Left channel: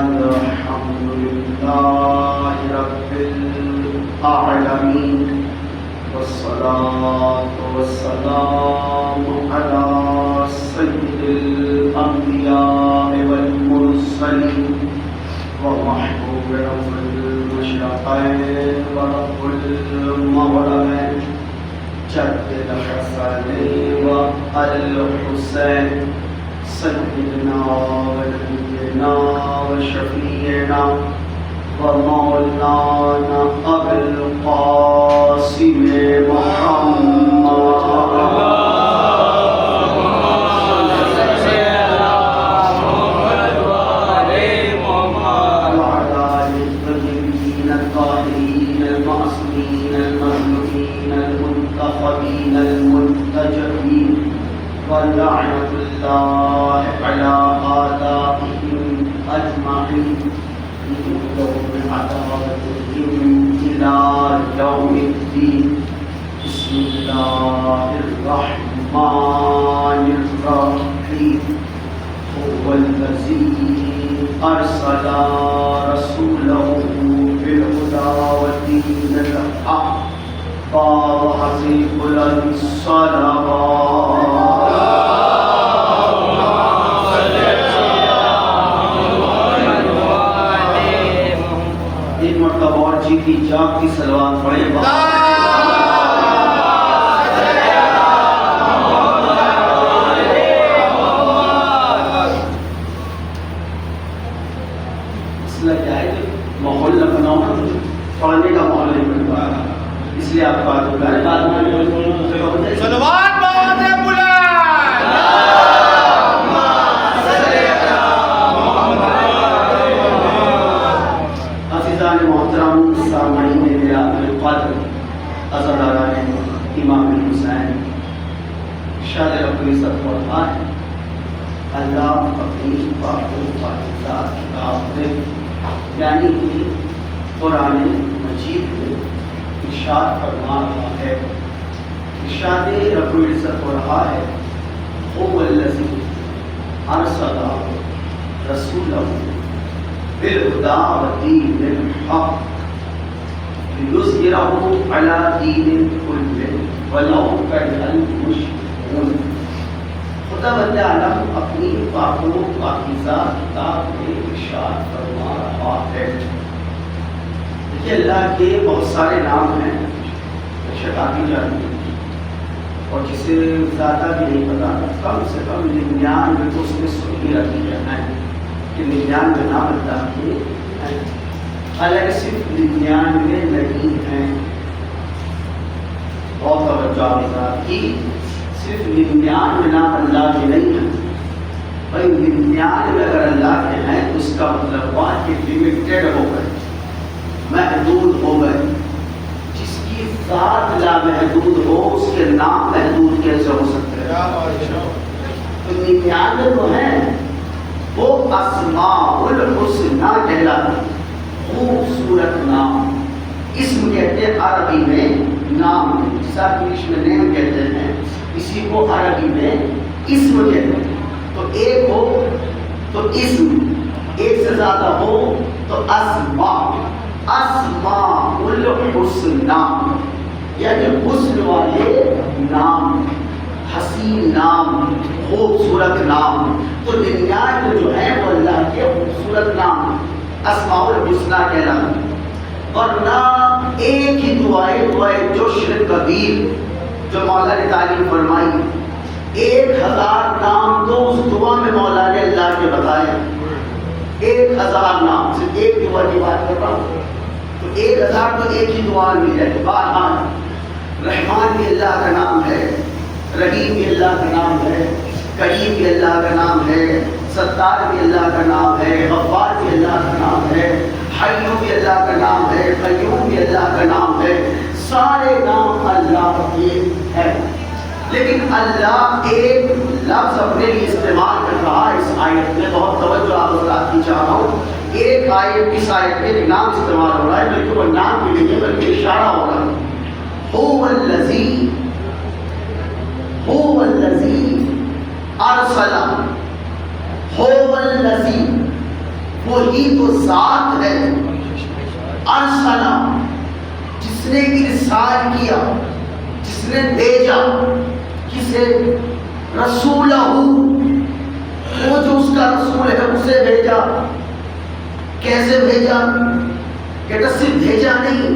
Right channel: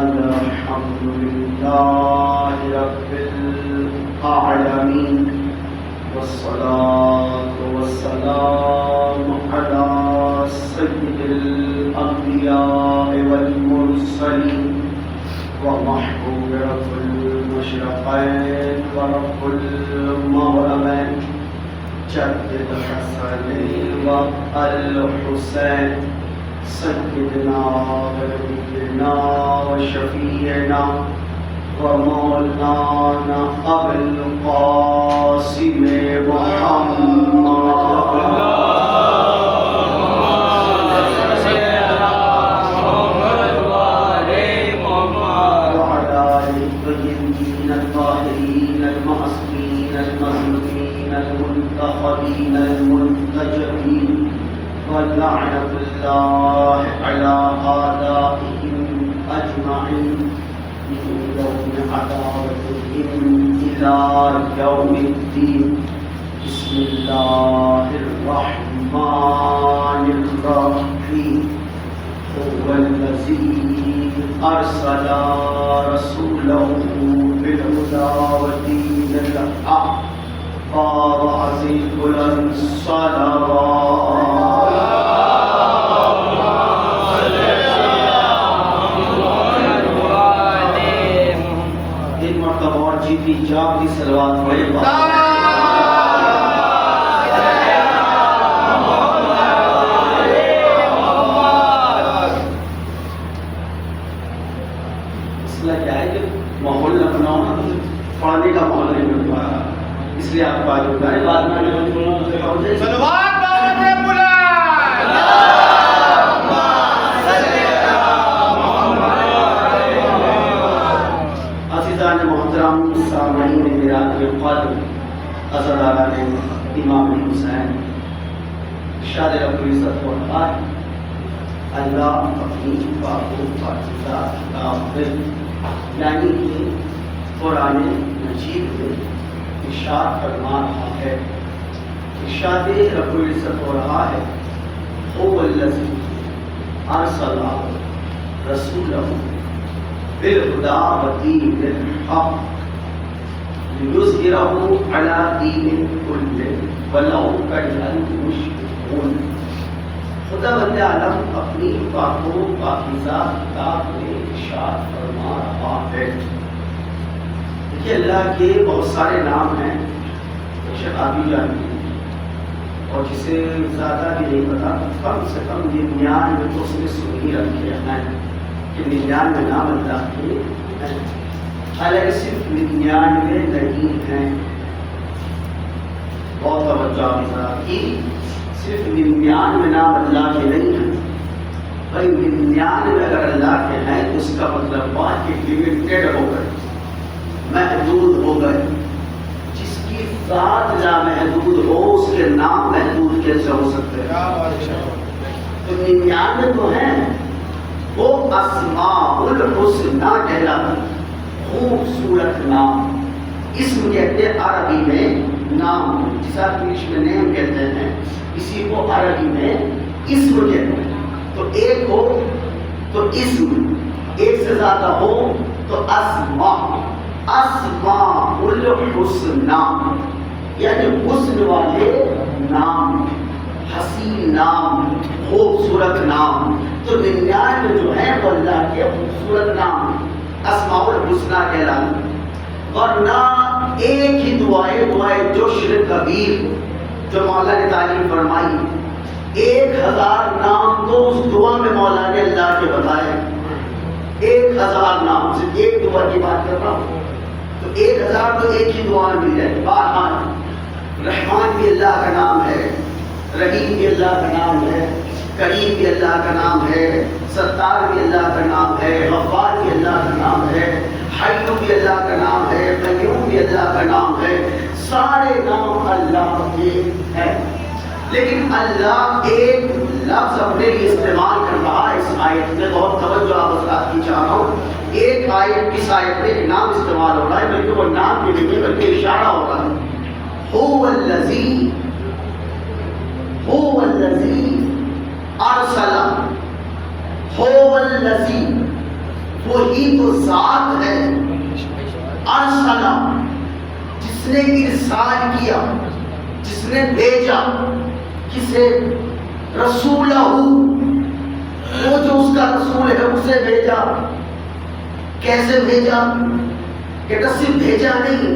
الحمد لله رب العالمين والصلاة والسلام على سيد الأنبياء والمرسلين ومحبوب رب المشرقين ورب المغربين جد الحسنين والحسين سيدنا ونبينا وشفيعنا ومولانا أبي القاسم محمد ولعنة الله على آبائهم أجمعين من يوم عداوتهم إلى يوم الدين. بسم الله الرحمن الرحيم. هو الذي أرسل رسوله بالهدى ودين الحق وعزيز الصلوات. کی جاب کی سلوات پڑھیں. مسئلہ کیا ہے کہ ماحول لکھنؤ میں پڑھنے کا ماحول نہیں ملتا، اس لیے آپ بات ہوتا ہے بعد میں سلوات بہت ہے امام حسین شاد ربی صفحات اللہ اپنی پاک و پاکیزہ کتاب میں یعنی کہ قرآن مجید میں ارشاد فرما رہا ہے. ارشاد رب العزت ہو رہا ہے هو الذی ارسل رسولہ بالہدی ودین الحق لِيُظْهِرَهُ عَلَى دِينِ كُلِّهِ وَلَوْ كَرِهَ الْمُشْرِكُونَ. خدا بند عالم اپنی پاک و پاکیزہ کتاب میں ارشاد فرما رہا ہے. دیکھیے اللہ کے بہت سارے نام ہیں، شکاتی جانتی اور جسے زیادہ بھی نہیں پتا کم سے کم 99 تو اس نے سن ہی رکھ لیا ہے کہ 99 نام اللہ کے ہیں. حالانکہ صرف 99 نہیں ہیں. بہت توجہ کی، صرف 99 نام اللہ کے نہیں ہیں. بھائی 99 اگر اللہ کے ہیں تو اس کا مطلب بات کہ لمیٹڈ ہو گئے، محدود ہو گئے. جس کی ذات لا محدود ہو اس کے نام محدود کیسے ہو سکتے ہیں؟ تو 99 تو ہیں، وہ اسماء الحسنی کہلاتے ہیں، خوبصورت نام. اسم کہتے ہیں عربی میں نام، جیسا انگلش میں نیم کہتے ہیں، اسی کو عربی میں اسم کہتے ہیں. تو ایک ہو تو اسم، ایک سے زیادہ ہو تو اسماء. اسماء الحسنی یعنی حسن والے نام، حسین نام، خوبصورت نام. تو 99 جو ہیں وہ اللہ کے خوبصورت نام اسماء الحسنی کہلاتے. ورنہ ایک ہی دعائے جوشر کبیر جو مولا نے تعلیم فرمائی، 1000 نام تو اس دعا میں مولا نے اللہ کے بتائے. 1000 نام، صرف ایک دعا کی بات کر رہا ہوں تو 1000 تو ایک ہی دعا مل جائے. بہرحال رحمان بھی اللہ کا نام ہے، رحیم بھی اللہ کا نام ہے، کریم بھی اللہ کا نام ہے، ستار بھی اللہ کا نام ہے، غفار بھی اللہ کا نام ہے، حی بھی اللہ کا نام ہے، قیوم بھی اللہ کا نام ہے. سارے نام اللہ کے ہیں. لیکن اللہ ایک لفظ اپنے لیے استعمال کر رہا ہے اس آیت میں. بہت توجہ آپ حضرات کی چاہ رہا ہوں. ایک آیت اس آیت میں نام استعمال ہو رہا ہے، بلکہ وہ نام بھی نہیں ہے بلکہ اشارہ ہو رہا ہے. هو الذی ارسل، هو الذی وہی تو ذات ہے ارسلہ، جس نے ارسال کیا، جس نے بھیجا، کسے؟ رسولہ، وہ جو اس کا رسول ہے اسے بھیجا۔ کیسے بھیجا؟ کہ صرف بھیجا نہیں،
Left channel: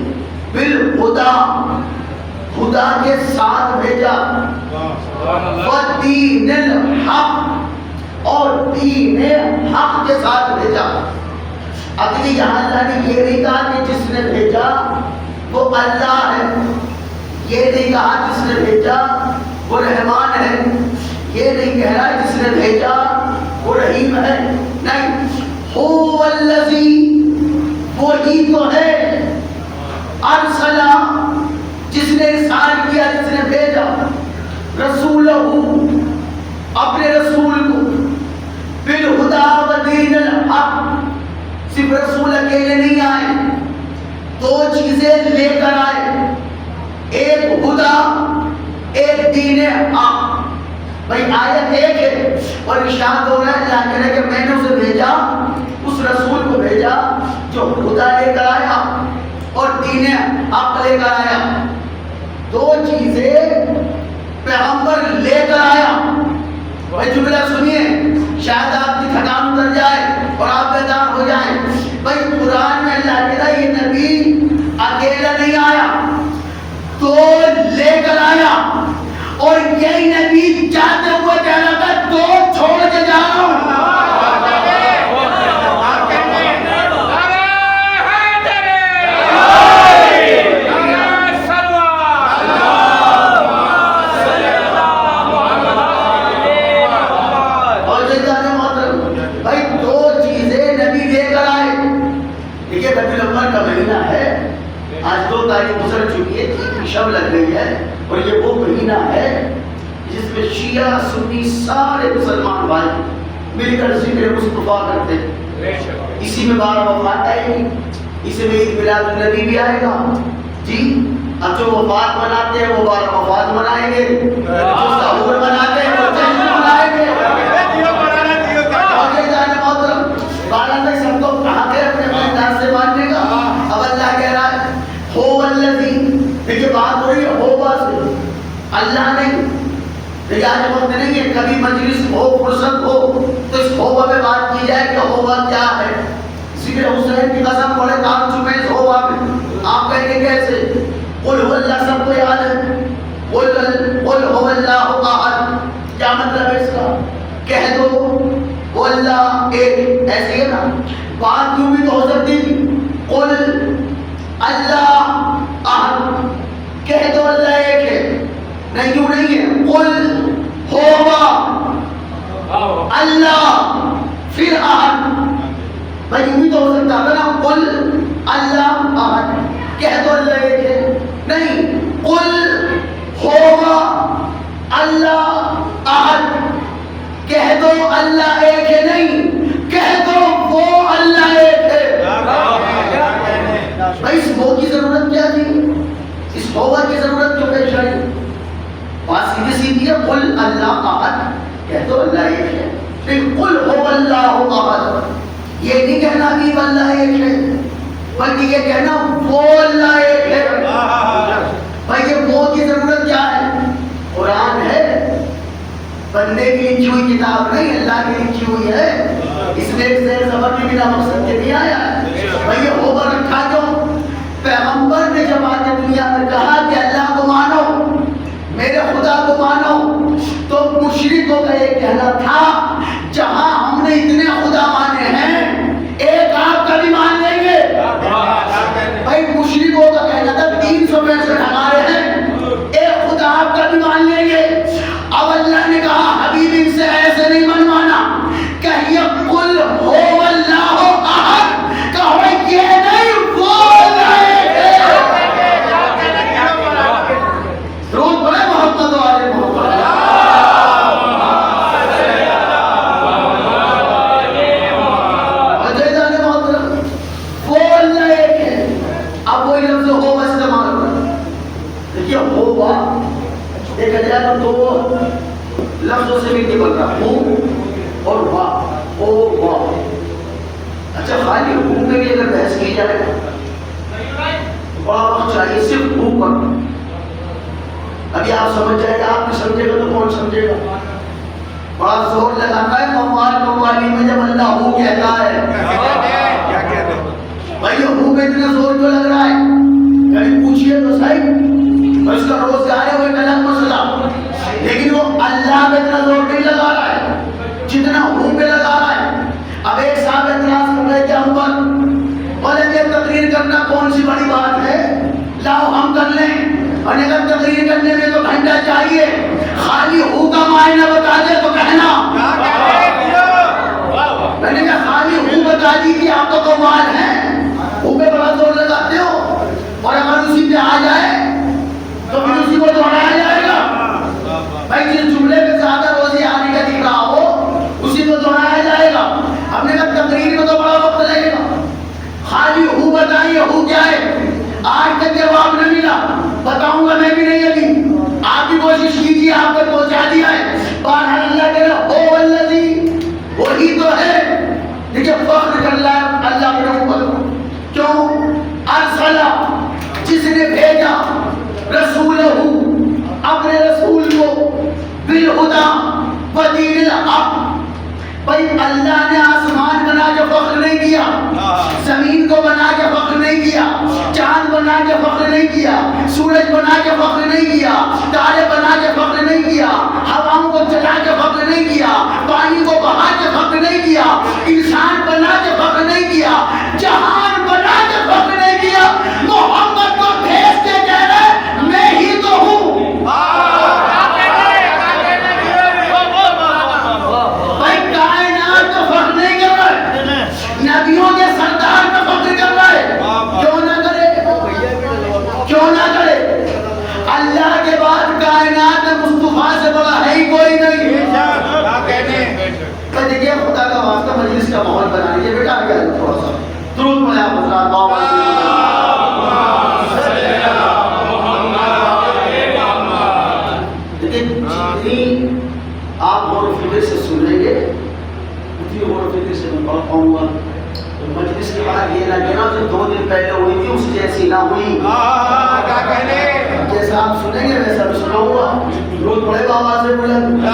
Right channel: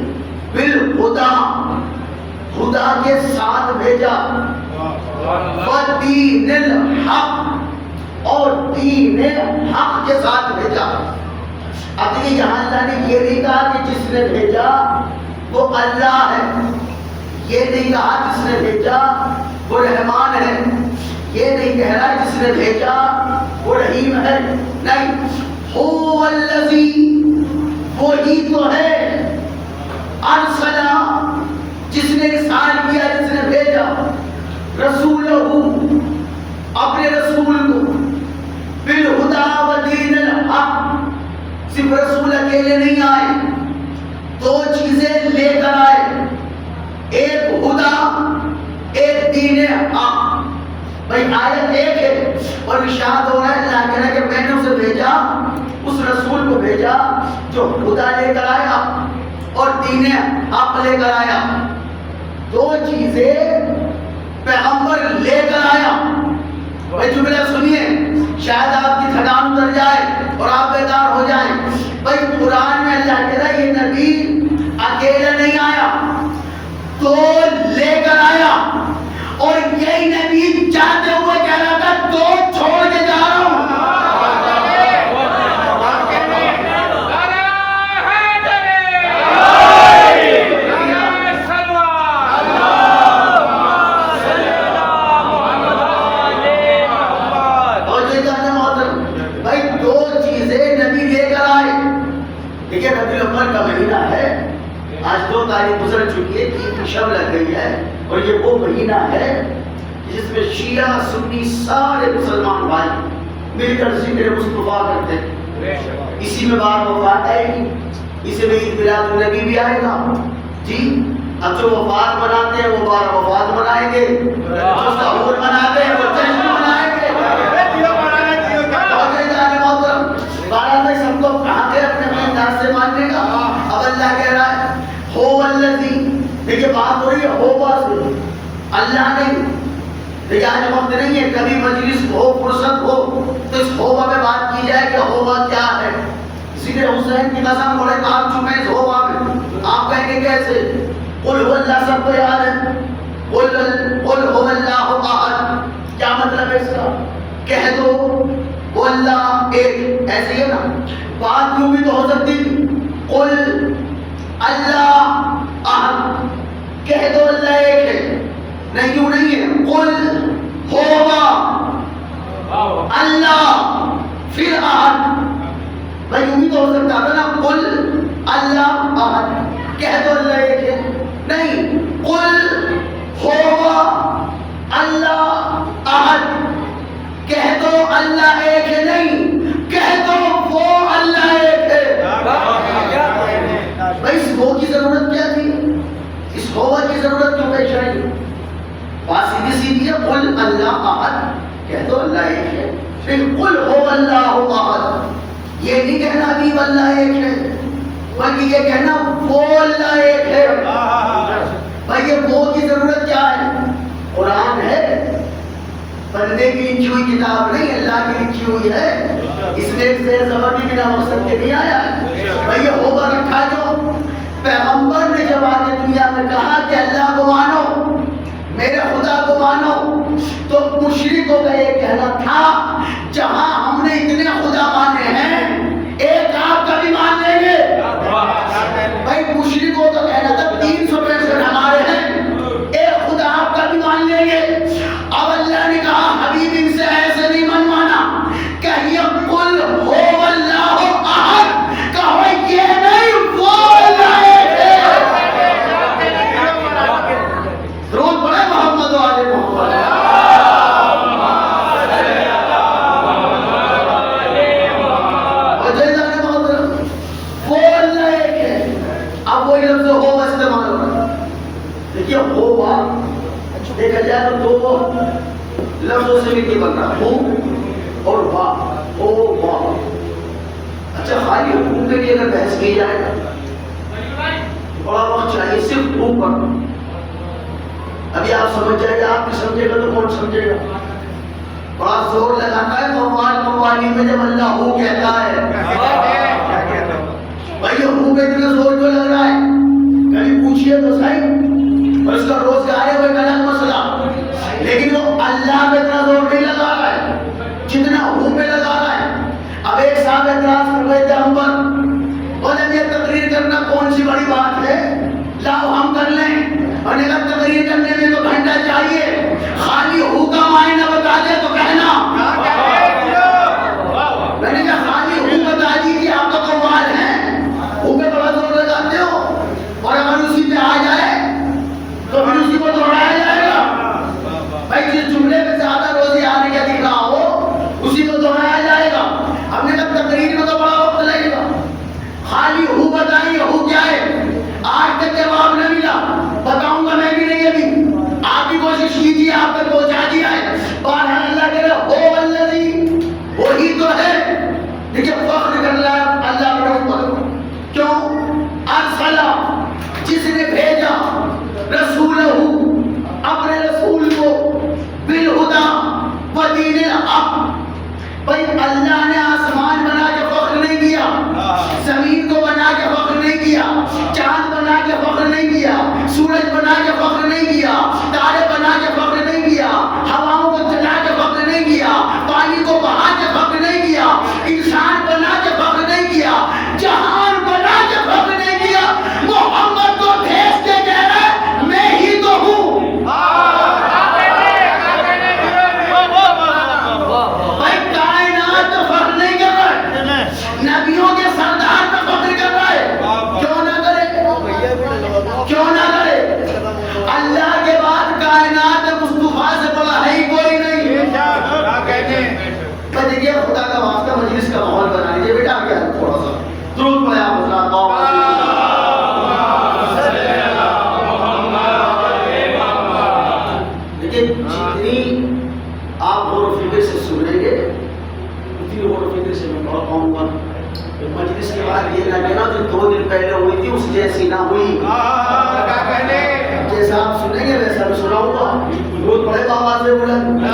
بالہدا، خدا کے ساتھ بھیجا، ودین الحق، اور دین حق کے ساتھ بھیجا۔ اب دیکھیں یہاں اللہ نے یہ نہیں کہا کہ جس نے بھیجا وہ اللہ ہے، یہ نہیں کہا جس نے بھیجا وہ رحمان ہے، یہ نہیں کہہ رہا جس نے بھیجا وہ رحیم ہے، نہیں، هو الذی، وہی تو ہے، ارسلہ، جس نے ارسال کیا، جس نے بھیجا، رسولہ، اپنے رسول کو، بالہدا ودین الحق، صرف رسول اکیلے نہیں آئے، دو چیزیں لے کر آئے، ایک ہدا، ایک دین حق۔ بھائی آیت ایک ہے اور ارشاد ہو رہا ہے، اللہ کہہ رہا ہے کہ میں نے اسے بھیجا، اس رسول کو بھیجا جو خدا لے کر آیا اور دین حق لے کر آیا، دو چیزیں پیغمبر لے کر آیا۔ بھائی جملہ سنیے، شاید آپ کی تھکان اتر جائے اور آپ بیدار ہو جائیں۔ بھائی قرآن میں اللہ کہہ رہا ہے یہ نبی اکیلا نہیں آیا، تو لے کر آیا، اور یہی نبی جاتے ہوئے کہہ رہا تھا تو چھوڑ کے جا رہا ہوں۔ بھائی دو چیزیں نبی لے کر آئے۔ دیکھیے ربیع الاول کا مہینہ ہے، آج 2 تاریخ گزر چکی ہے، 3 شب لگ گئی ہے، اور یہ وہ مہینہ ہے جس میں شیعہ سنی سارے مسلمان بھائی مل کر ذکر مصطفیٰ کرتے ہیں۔ اسی میں بار وفات آئے گی، اسی میں عید میلاد النبی بھی آئے گا جی۔ اب جو وفات مناتے ہیں وہ بار وفات منائیں گے، جو سحور مناتے ہیں وہ جشن منائیں گے۔ بارہ سب کو کہا گیا اپنے انداز سے ماننے کا۔ اب اللہ کہہ رہا ہے هو الذی، دیکھیں بات ہو رہی ہے ہوبا سے، اللہ نہیں۔ دیکھیں آج وقت نہیں ہے، کبھی مجلس ہو، فرصت ہو تو اس ہوبا میں بات کی جائے کہ ہوبا کیا ہے۔ ذکر حسین کی قسم بڑے کام چکے اس ہوبا میں، آپ کہیں گے کیسے؟ قل هو اللہ سب کو یاد ہے، قل هو اللہ احد، کیا مطلب ہے اس کا؟ کہہ دو وہ اللہ ایک، ایسی ہے نا بات، یوں بھی تو ہو سکتی تھی، قل اللہ احد، کہہ دو اللہ ایک ہے، نہیں یوں نہیں ہے، قل ہوگا اللہ پھر احد، بھائی یوں بھی تو ہو سکتا تھا نا، قل اللہ احد، کہہ دو اللہ ایک ہے، نہیں، قل ہوگا اللہ احد، کہہ دو اللہ ایک ہے، نہیں کہہ دو وہ اللہ ایک ہے۔ بھائی اس وہ کی ضرورت کیا تھی؟ اس ہوا کی ضرورت کیوں پیش آئی؟ بات سیدھی سیدھی ہے، قل اللہ احد، کہہ دو اللہ ایک ہے، لیکن قل هو اللہ احد، یہ نہیں کہنا ابھی اللہ ایک ہے، بلکہ یہ کہنا وہ اللہ ایک ہے۔ بھائی یہ وہ کی ضرورت کیا ہے؟ قرآن ہے، بندے کی لکھی ہوئی کتاب نہیں، اللہ کی لکھی ہوئی ہے، اس میں ایک زیر زبر بھی بنا مقصد کے نہیں آیا ہے۔ بھئی یہ ہوگا رکھا جو پیغمبر نے جب آج دنیا میں کہا کہ اللہ کو مانو، میرے خدا کو مانو، تو مشرکوں کا یہ کہنا تھا جہاں ہم نے اتنے خدا مانے ہیں ایک آپ کا بھی مان لیں گے۔ بھئی مشرکوں کا کہنا تھا 365 ہمارے ہیں، ایک خدا آپ کا بھی مان لیں گے۔ اب اللہ نے کہا حبیب ان سے ایسے نہیں منوانا، کہیے قل هو اللہ احد، کہو یہ نہیں وہ اللہ ایک ہے۔ درود پڑھے محمد و آل محمد۔ وجیدان محترم، وہ اللہ ایک ہے۔ اب وہی لفظ ہو استعمال ہو رہا، دیکھیے ہوا دیکھا جائے تو دو لفظوں سے بھی نکل رہا، ہو اور وا، او وا۔ پر بحث کی جائے بڑا وقت چاہیے صرف منہ پر. ابھی آپ سمجھ جائے گا, آپ بھی سمجھے گا تو کون سمجھے گا. بڑا زور لگاتا ہے موالی میں جب اللہ ہو کہتا ہے. بھائی یہ ہو پہ اتنا زور کیوں لگ رہا ہے؟ کبھی پوچھئے تو صحیح. اور اس کا روزگار ہے وہ ایک الگ مسئلہ, لیکن وہ اللہ پہ اتنا زور نہیں لگا رہا ہے جتنا ہو پہ لگا رہا ہے. اب ایک صاحب اعتراض کر رہے تھے ہم پر, بولے یہ تقریر کرنا کون سی بڑی بات ہے, لاؤ ہم کر لیں. اور اگر تقریر کرنے میں تو گھنٹہ چاہیے, خالی ہو کا معنی بتا دے تو کہنا. میں نے کہا خالی ہو بتا دیجیے, آپ تو قوال ہیں, ہو پہ بڑا زور لگاتے ہو, اور اگر اسی پہ آ جائے تو پھر اسی کو دوہرایا جائے گا. بھائی جس جملے پہ زیادہ روزی آنے کا دکھ رہا ہو اسی کو دوہرایا جائے گا. ہم نے کہا تقریر میں تو بڑا وقت لگے گا, خالی ہو بتائیے ہو کیا ہے. آج تک جواب نہ ملا, بتاؤں گا میں بھی نہیں. ابھی آپ بھی کوشش کیجیے, آپ کو پہنچا دیا ہے. بہرحال اللہ کہہ رہا ہو والذی, وہی تو ہے. دیکھیے فخر کر رہا ہے اللہ کے رحمت کو. کیوں؟ ارسلہ, جس نے بھیجا, رسولہ, اپنے رسول کو, بالہدی ودین الحق. بھائی اللہ نے آسمان بنا کے فخر نہیں کیا, زمین کو بنا کے فخر نہیں کیا, چاند بنا کے فخر نہیں کیا, سورج بنا کے فخر نہیں کیا, تارے بنا کے فخر نہیں کیا, ہواؤں کو چلا کے فخر نہیں کیا, پانی کو بہا کے فخر نہیں کیا, انسان بنا کے فخر نہیں کیا, جہان بنا کے فخر نہیں کیا. محمد کو بھیج کے کہہ رہے میں ہی تو ہوں. نبیوں کے سردار پر فخر کر رہا ہے. کیوں نہ کرے, کیوں نہ کرے. اللہ کے بعد کائنات میں مصطفیٰ سے بڑا ہے ہی کوئی نہیں. دیکھیے خدا کا واسطہ مجلس کا ماحول بنا لیجیے بیٹا. کیا تھوڑا سا درود پڑھیں آپ حضرات. دیکھیے جتنی آپ غور و فکر سے سنیں گے اتنی غور و فکر سے میں پڑھ پاؤں گا. مجلس کے بعد یہ نہ کہنا جو 2 دن پہلے ہوئی تھی اس جیسی نہ ہوئی. جیسا آپ سنیں گے ویسا بھی سناؤں گا. درود پڑھے گا آواز سے بلند.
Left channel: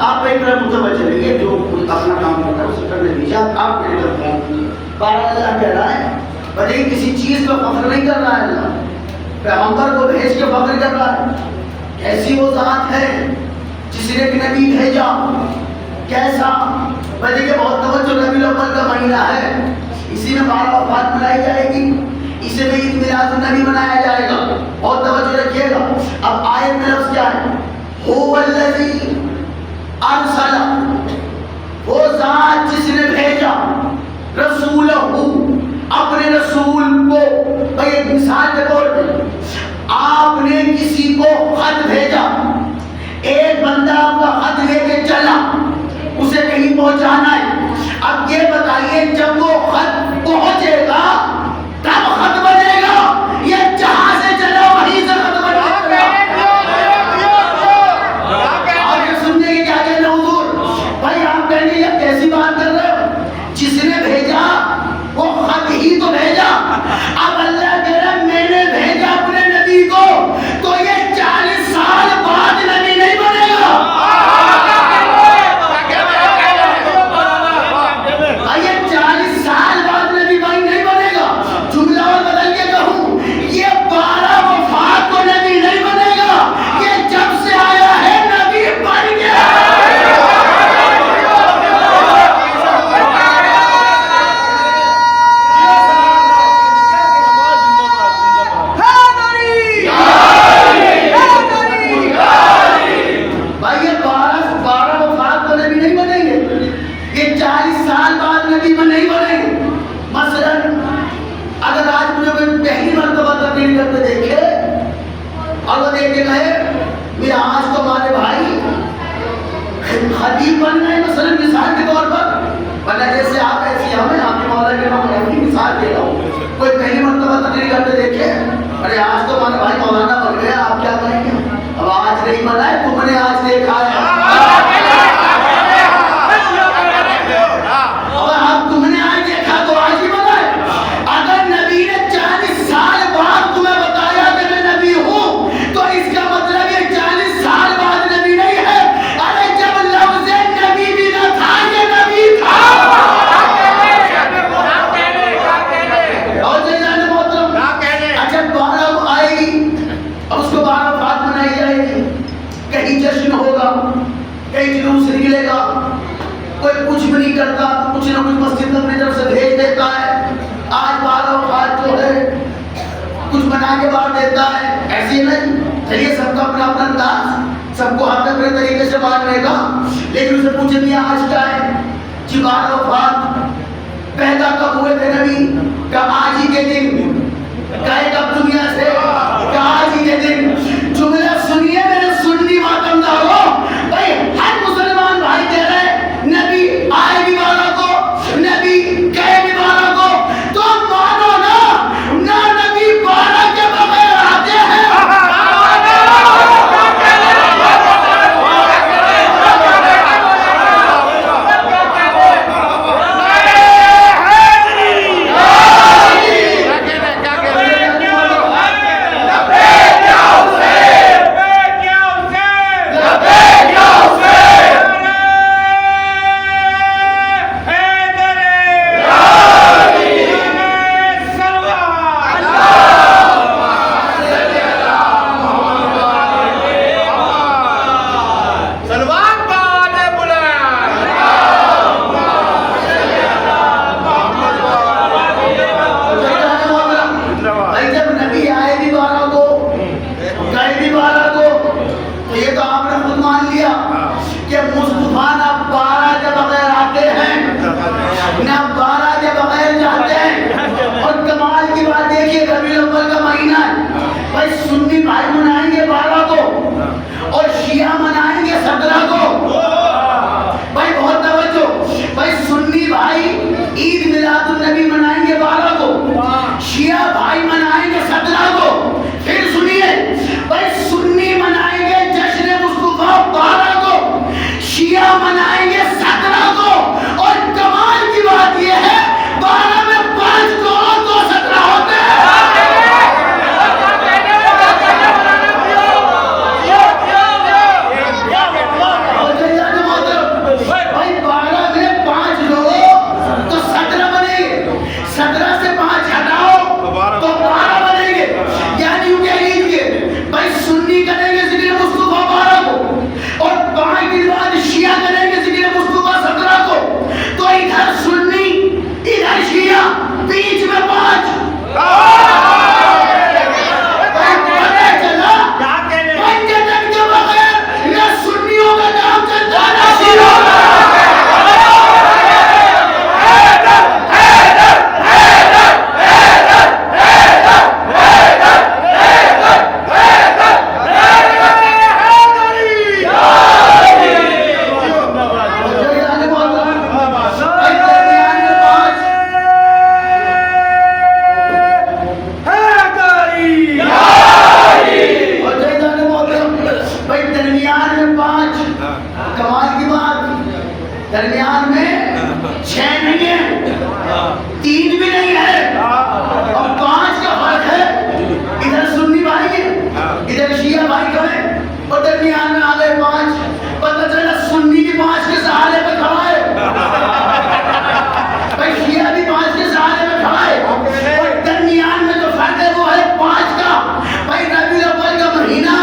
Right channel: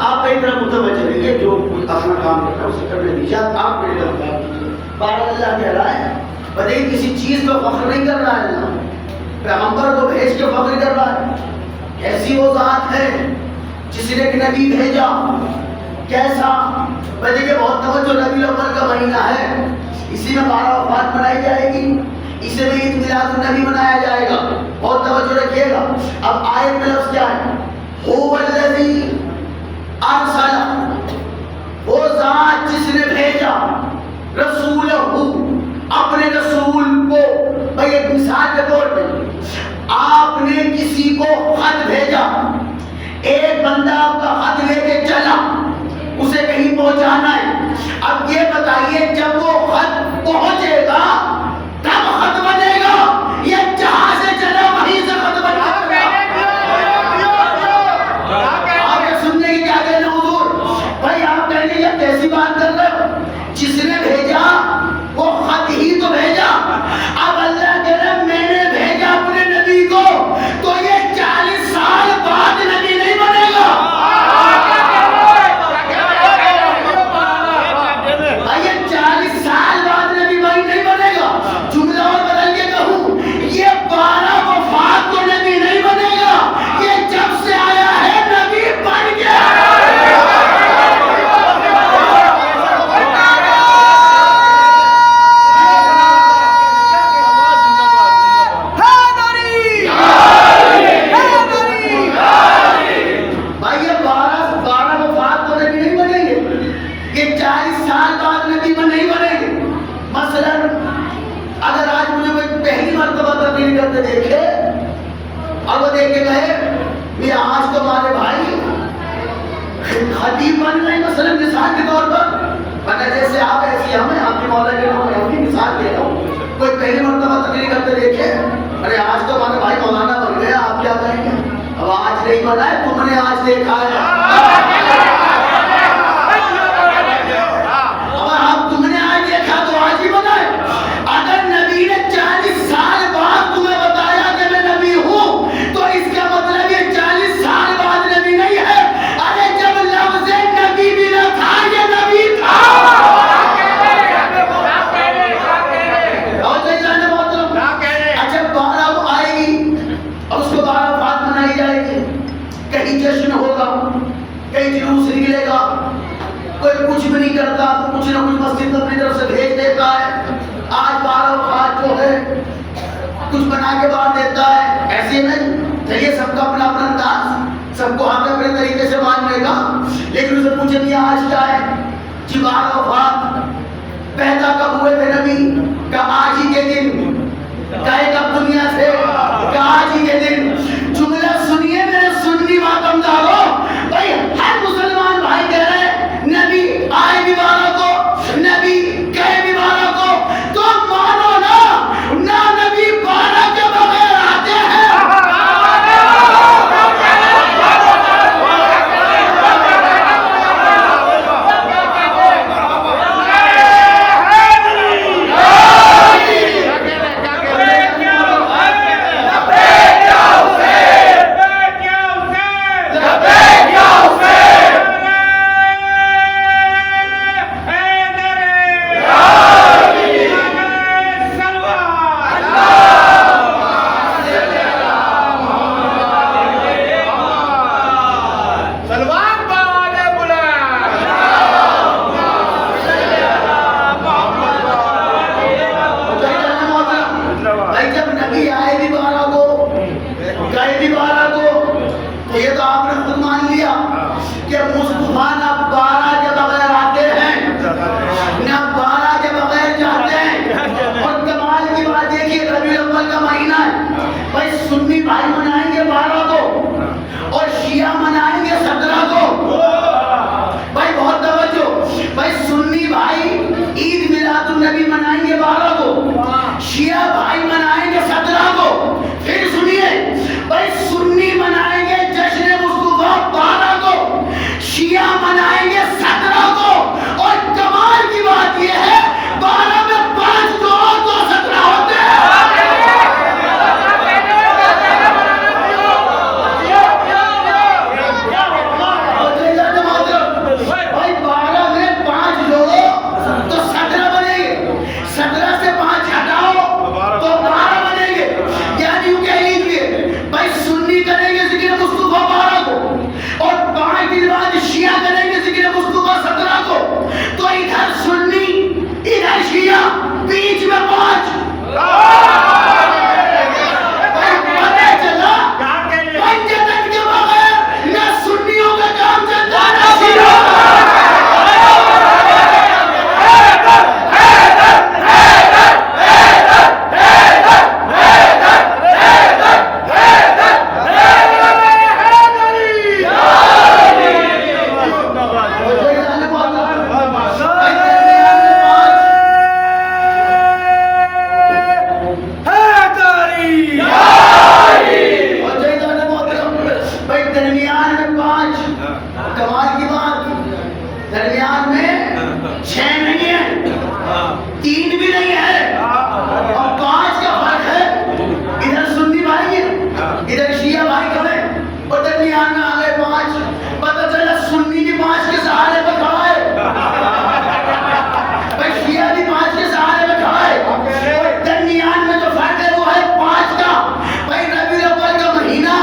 آپ ایک طرح متوجہ رہیے, جو اپنا کام کرتا ہے اسے کرنے دیجیے, آپ میری طرف خیال کیجیے. بارہ اللہ کہہ رہا ہے بلکہ کسی چیز پہ فخر نہیں کر رہا ہے. اللہ پیغمبر کو بھیج کے فخر کر رہا ہے. ایسی وہ ذات ہے جس نے ایک نبی بھیجا. کیسا؟ بلکہ کہ بہت توجہ, نبی الاول کا مہینہ ہے, اسی میں 12 وفات منائی جائے گی, اسی میں عید میلاد النبی منایا جائے گا. بہت توجہ رکھیے گا. اب آیت میں لفظ کیا ہے؟ هو الذی ارسل, وہ ذات جس نے بھیجا, رسولہ, اپنے رسول کو. بھائی ایک مثال کے طور پہ آپ نے کسی کو خط بھیجا, ایک بندہ آپ کا خط لے کے چلا, اسے کہیں پہنچانا ہے. اب یہ بتائیے جب وہ خط پہنچے گا تب خط بنے گا یا جہاں سے چلا وہیں سے خط بنے گا؟ آپ یہ سننے کی کیا کہنا حضور؟ بھائی آپ کہنے یہ کیسی بات کر رہے ہو؟ جس نے بھیجا وہ خط ہی تو بھیجا. اب اللہ کہہ رہا ہے میں نے بھیجا اپنے نبی کو, تو یہ 40 سال بعد نبی نہیں بنے گا. یہ 40 سال بعد نبی بھائی نہیں بنے گا. جملہ اور بدل کے کہوں, یہ 12 وفات کو نبی نہیں بنے گا. یہ جب سے آیا ہے نبی بن گیا. خطیب بن گئے مثلا مثال کے طور پر, ورنہ جیسے آپ ایسی ہمیں آپ کے مولا کے نام میں مثال دے رہا ہوں. کوئی پہلی مرتبہ تقریر کرتے دیکھے, ارے آج تو ہمارے بھائی مولانا بن گئے, آپ کیا کہیں گے؟ اب آج نہیں بنا ہے, تم نے آج دیکھا ہے. نہیں. کہیں جشن ہوگا, کہیں جلوس نکلے گا, کوئی کچھ بھی نہیں کرتا تو کچھ نہ کچھ مسجد میں اپنی طرف سے بھیج دیتا ہے. آج 12 وفات جو ہے کچھ بنا کے باہر دیتا ہے. ایسے نہیں, چلیے سب کا اپنا اپنا انداز, سب کو حق اپنے طریقے سے بانٹنے کا. لیکن اسے پوچھے میاں آج کیا ہے جی 12 وفات, پیدا کب ہوئے تھے نبی؟ کہ آج ہی کے دن. گئے کب دنیا سے؟ کہ آج ہی کے دن. جملہ سنیے میرے سنی ماتمدارو, بھائی ہر مسلمان بھائی کہہ رہے نبی آئے بھی 12 کو, نبی گئے بھی 12 کو, تو مانو نا نبی 12 کے بغیر آتے ہیں. سنی بھائی منائیں گے 12 کو اور شیعہ منائیں گے 17 کو. بھائی بہت توجہ, بھائی سنی بھائی عید میلاد النبی منائیں گے 12 کو, شیعہ بھائی منائیں گے 17 کو. پھر سنیے, بھائی سنی منائیں گے جشن مصطفیٰ 12 کو, شیعہ منائیں گے 17 کو. اور کمال کی بات یہ ہے 12 میں 5 کو اور 2 17 ہوتے ہیں. بیچ میں 5 پنجتن کے بغیر نہ سنیوں کا کام چلتا نہ شیعوں کا. درمیان میں 6 نہیں ہے, 3 بھی نہیں ہے, اور 5 کا فرق ہے. ادھر سنی بھائی ہے, ادھر شیعہ بھائی کم ہے, اور درمیان میں آ گئے 5. پتہ چلا سنی بھی 5 کے سہارے پہ کھڑا ہے, بھائی شیعہ بھی 5 کے سہارے پہ کھڑا ہے, اور درمیان میں جو فرق ہے وہ ہے 5 کا. بھائی ربیع الاول کا مہینہ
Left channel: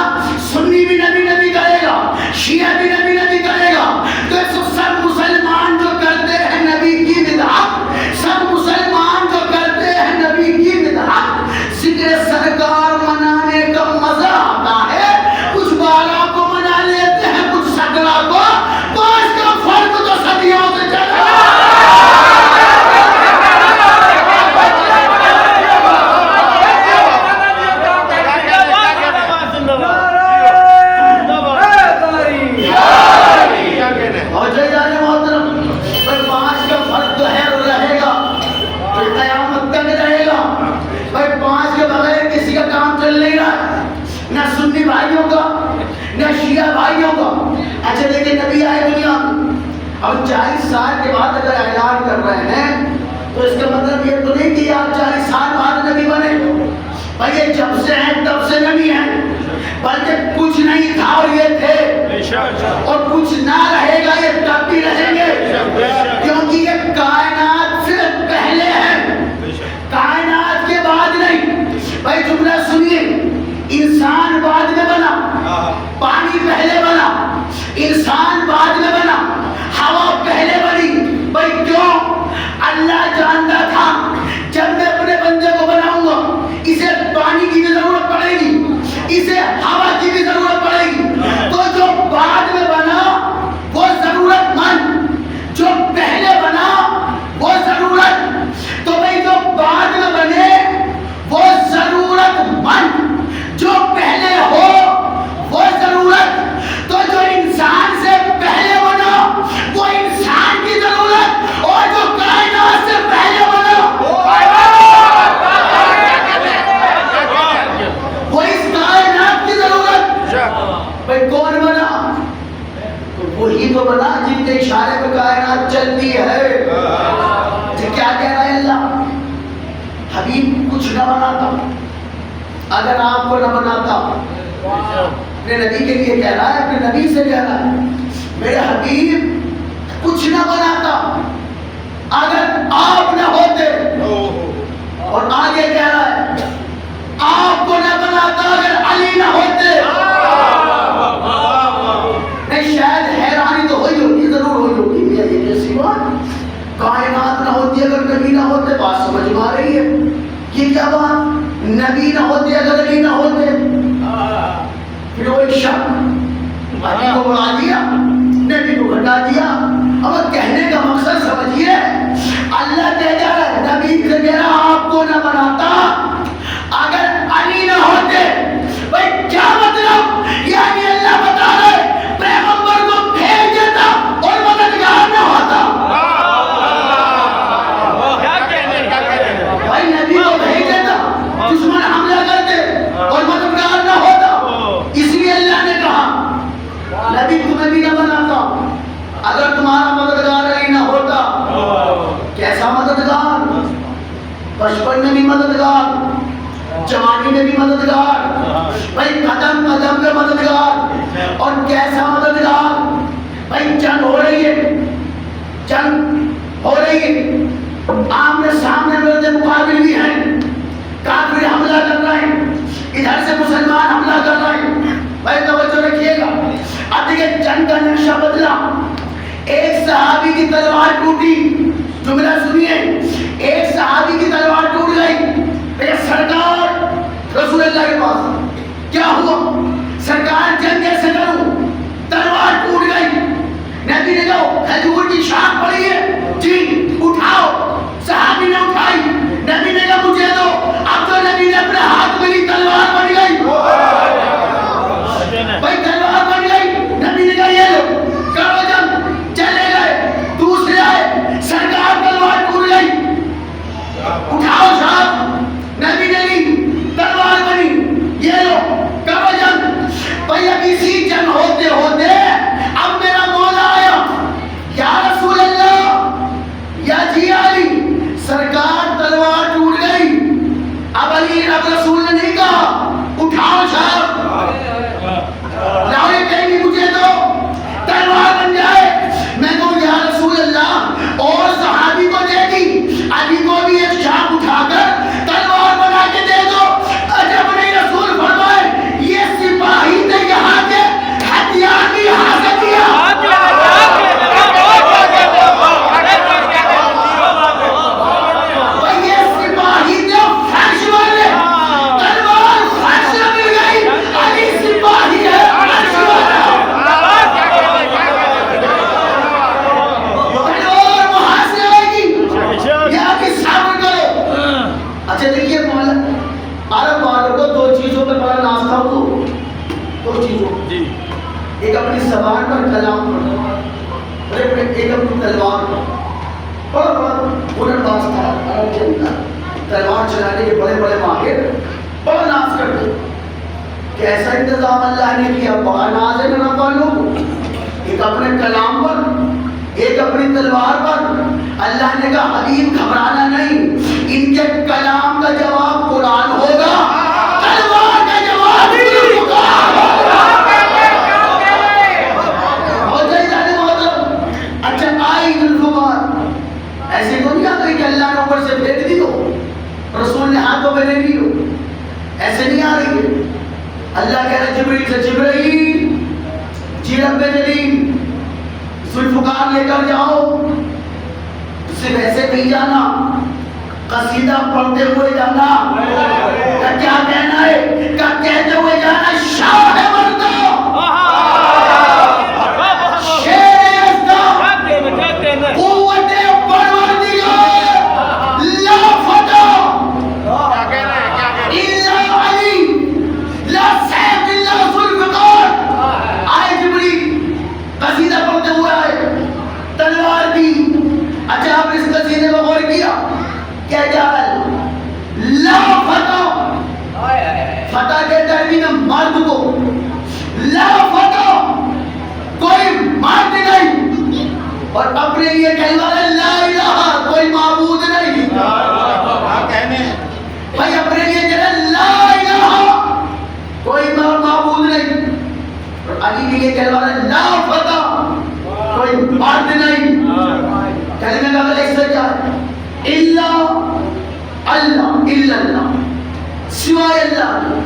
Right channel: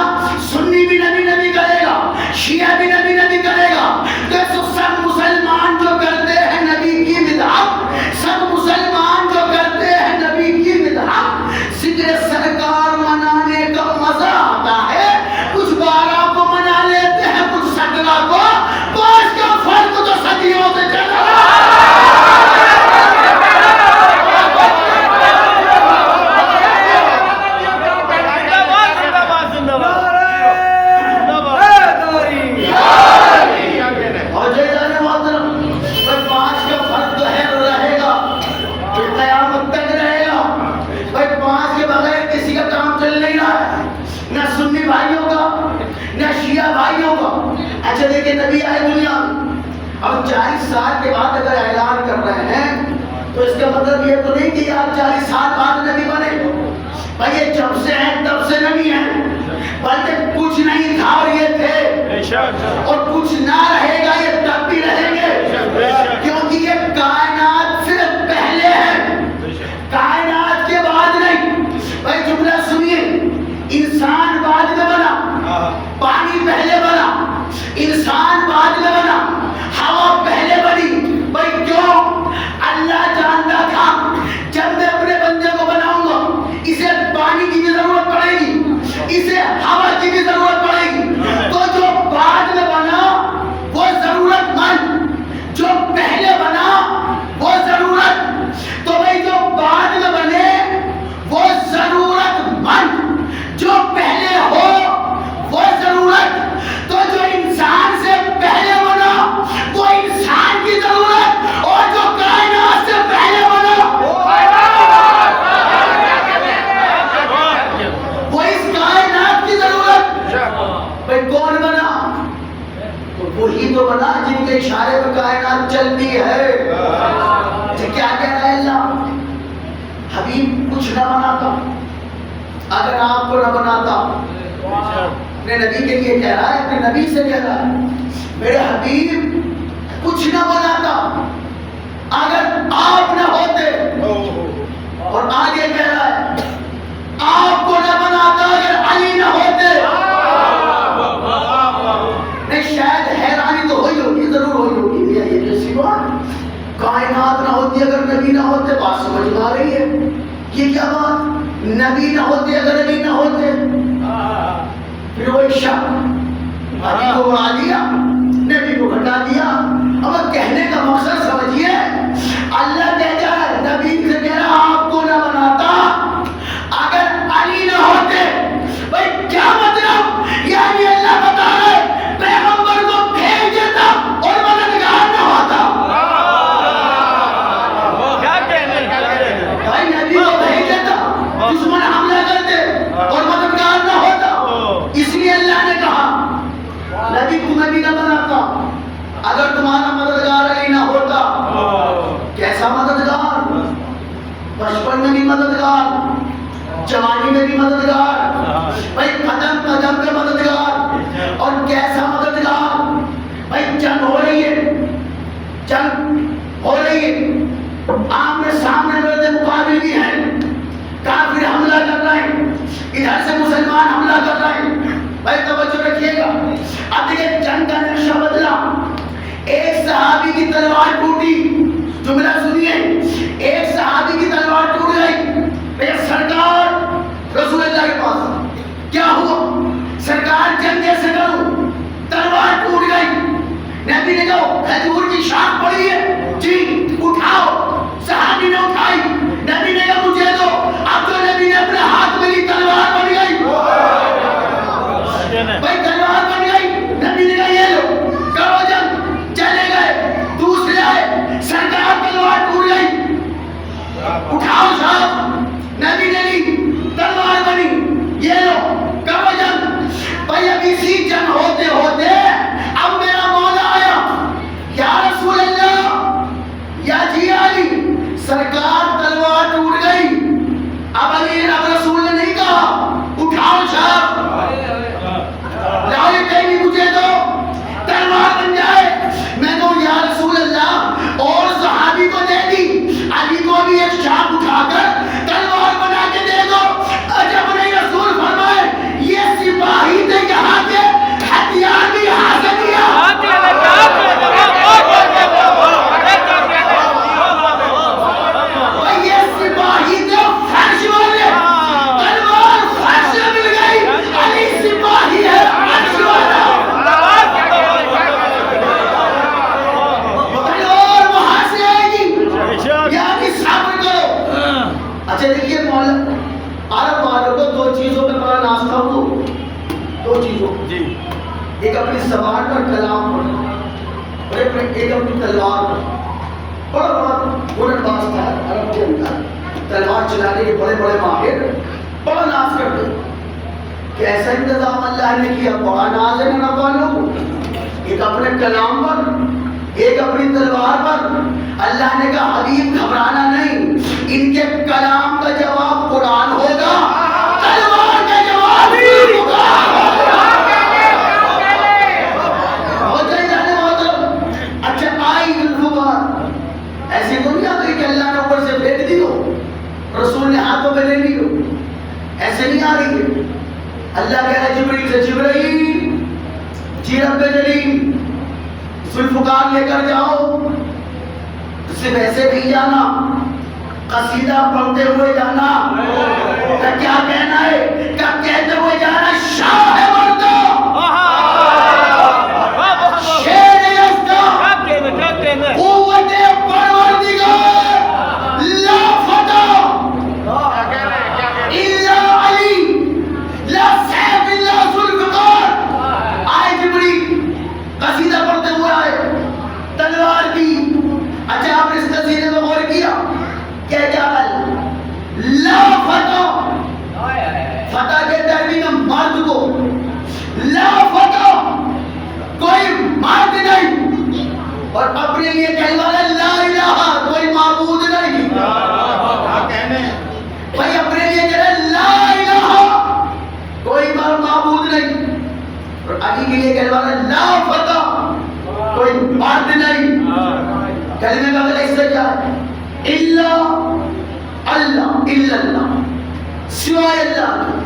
سنی بھی نبی نبی کرے گا, شیعہ بھی نبی نبی کرے گا. تو سب مسلمان جو کرتے ہیں نبی کی بدعت, سب مسلمان جو کرتے ہیں نبی کی بدعت, ذکر سرکار منانے کا مزہ آتا ہے. کچھ 12 کو منا لیتے ہیں, کچھ 17 کو. 5 کا فرق تو صدیوں سے چلا. اچھا دیکھیں نبی آئے دنیا, اب 40 سال کے بعد اگر اعلان کر رہے ہیں تو اس کا مطلب یہ تو نہیں کہ آپ 40 سال بعد نبی بنے. بھائی یہ جب سے ہیں تب سے نبی ہیں, بلکہ کچھ نہیں تھا اور یہ تھے, اور کچھ نہ رہے گا یہ تب بھی رہیں گے, کیونکہ یہ کائنات سے پہلے ہیں, کائنات کے بعد نہیں. بھائی جملہ سنیے, انسان بعد میں بنا, بھائی کون بنا؟ تو وہی تو بنا جن کے اشارے پر کائنات چلتی ہے۔ تو کیا کہہ رہا ہے اللہ؟ حبیب کچھ نہ بناتا اگر آپ کو نہ بناتا۔ اپنے نبی کے لیے کہہ رہا ہے، اپنے نبی سے کہہ رہا ہے میرے حبیب کچھ نہ بناتا اگر آپ نہ ہوتے۔ اور آگے کہہ رہا ہے آپ کو نہ بناتا اگر علی نہ ہوتے۔ نہیں شاید حیرانی تو ہوئی ہوگی، ضرور ہوئی ہوگی، یہ کیسی بات؟ کائنات نہ ہوتی اگر نبی نہ ہوتے، بات سمجھ میں آ رہی ہے؟ یہ کیا بات؟ نبی نہ ہوتے اگر علی نہ ہوتے۔ پھر وہی شک، علی کو بڑھا دیا، نبی کو گھٹا دیا۔ اب کہنے کا مقصد سمجھیے، اللہ کہتا ہے نبی سے کہہ رہا آپ کو نہ بناتا اگر علی نہ ہوتے۔ بھائی کیا مطلب؟ یعنی اللہ بتا رہا ہے پیغمبر کو بھیج دیتا اور مددگار نہ ہوتا۔ بھائی نبی کو بھیج دیتا، دشمن حملہ کرتے اور مددگار نہ ہوتا۔ اس لیے اللہ نے کہا نبی تمہیں بھی نہ بناتا اگر تمہارا مددگار علی نہ ہوتا۔ کیسا مددگار؟ بچپن میں بھی مددگار، جوانی میں بھی مددگار، بھائی قدم قدم پہ مددگار۔ اور کیسا مددگار؟ بھائی جنگ ہو رہی ہے، جنگ ہو رہی ہے، آمنے سامنے میرے مقابل بھی ہیں، کافر حملہ کر رہے ہیں، ادھر سے مسلمان حملہ کر رہے ہیں۔ بھائی توجہ رکھیے گا، اب دیکھیں جنگ کا نقشہ بدلا۔ ایک صحابی کی تلوار ٹوٹی، جملہ سنیے، ایک صحابی کی تلوار ٹوٹ گئی۔ میرے سرکار رسول اللہ کے پاس کیا ہوا؟ سرکار جنگ کیسے کروں؟ تلوار ٹوٹ گئی۔ نبی نے کہا کھجور کی شاخ پڑی ہے، جی اٹھاؤ۔ صحابی نے اٹھائی، نبی نے کہا مجھے دو۔ اب تو نبی نے اپنے ہاتھ میں لی، تلوار بن گئی۔ بھائی تلوار بن گئی، نبی نے کہا یہ لو کرو جنگ۔ چلے گئے، دوسرے آئے، سرکار تلوار ٹوٹ گئی، اٹھاؤ صاحب۔ نبی نے لی، تلوار بنی، یہ لو کرو جنگ۔ بھائی اب اسی جنگ ہوتے ہوتے اب میرا مولا آیا، یا رسول اللہ، یا جی علی، سرکار تلوار ٹوٹ گئی۔ اب علی اب رسول نے نہیں کہا اٹھاؤ صاحب، لاؤ کہیں بھی مجھے دو، تلوار بن جائے۔ میں کہوں یا رسول اللہ، اور صحابی کو دے دی، علی کو بھی ایک شاخ اٹھا کر تلوار بنا کے دے دو۔ جب نہیں رسول فرمائے یہ سپاہی تھے یہاں کے، ہتھیار بھی حاصل کیا۔ یہ سپاہی تھے فرش والے، تلوار فرش مل گئی، علی سپاہی ہے فرش والا۔ تلوار وہاں سے آئے گی، یہاں کی صبر کرو۔ اچھا دیکھیے مولا عرب والوں کو دو چیزوں پہ بڑا ناز تھا، وہ دو چیزوں، ایک اپنی زبان پر کلام پر، اور ایک اپنی تلوار پر۔ بڑا بڑا ہنر باز تھا عرب کے اندر، تلوار چلانے کے بڑے بڑے ماہر، بڑا ناز کرتے۔ کیسا انتظام اللہ نے کیا، بڑا ناز ہے عرب والوں، ایک اپنے کلام پر، ایک اپنی تلوار پر۔ اللہ نے کہا حبیب گھبرانا نہیں، ان کے کلام کا جواب قرآن ہوگا، تلوار کا جواب ذوالفقار ہوگا۔ ہو جائے جانے محترم۔ اچھا آئی ذوالفقار، ایسے تو نہیں آ گئی کہ اللہ نے اوپر سے پھینک دی ہو، رسول نے ہاتھوں میں لے لی ہو، ایسے نہیں آ رہی ہے۔ اللہ کہہ رہا جبریل سے جبریل جی رب جلیل ذوالفقار لے کر جاؤ، صرف ایسے نہیں جانا، قصیدہ پڑھتے ہوئے جانا۔ کیا کہنا ہے؟ کہتے ہوئے جانا شاہ ہے مردہ، شیر یزدہ، قوت پروردگار، لا فتح الا علی، لا سیف الا ذوالفقار۔ آئے جبریل، قصیدہ پڑھتے ہوئے آئے، تلوار بھی۔ اچھا آپ نے اس قصیدے کو غور کیا، کیا جعل لا فتح، فتح کے ترمیم مرد کو، علی کے لیے کہنے والا لا فتح، کوئی مرد نہیں. کلمے کا مطلب اس سے کیا ہے؟ الا اللہ، الا اللہ، سوائے اللہ کے.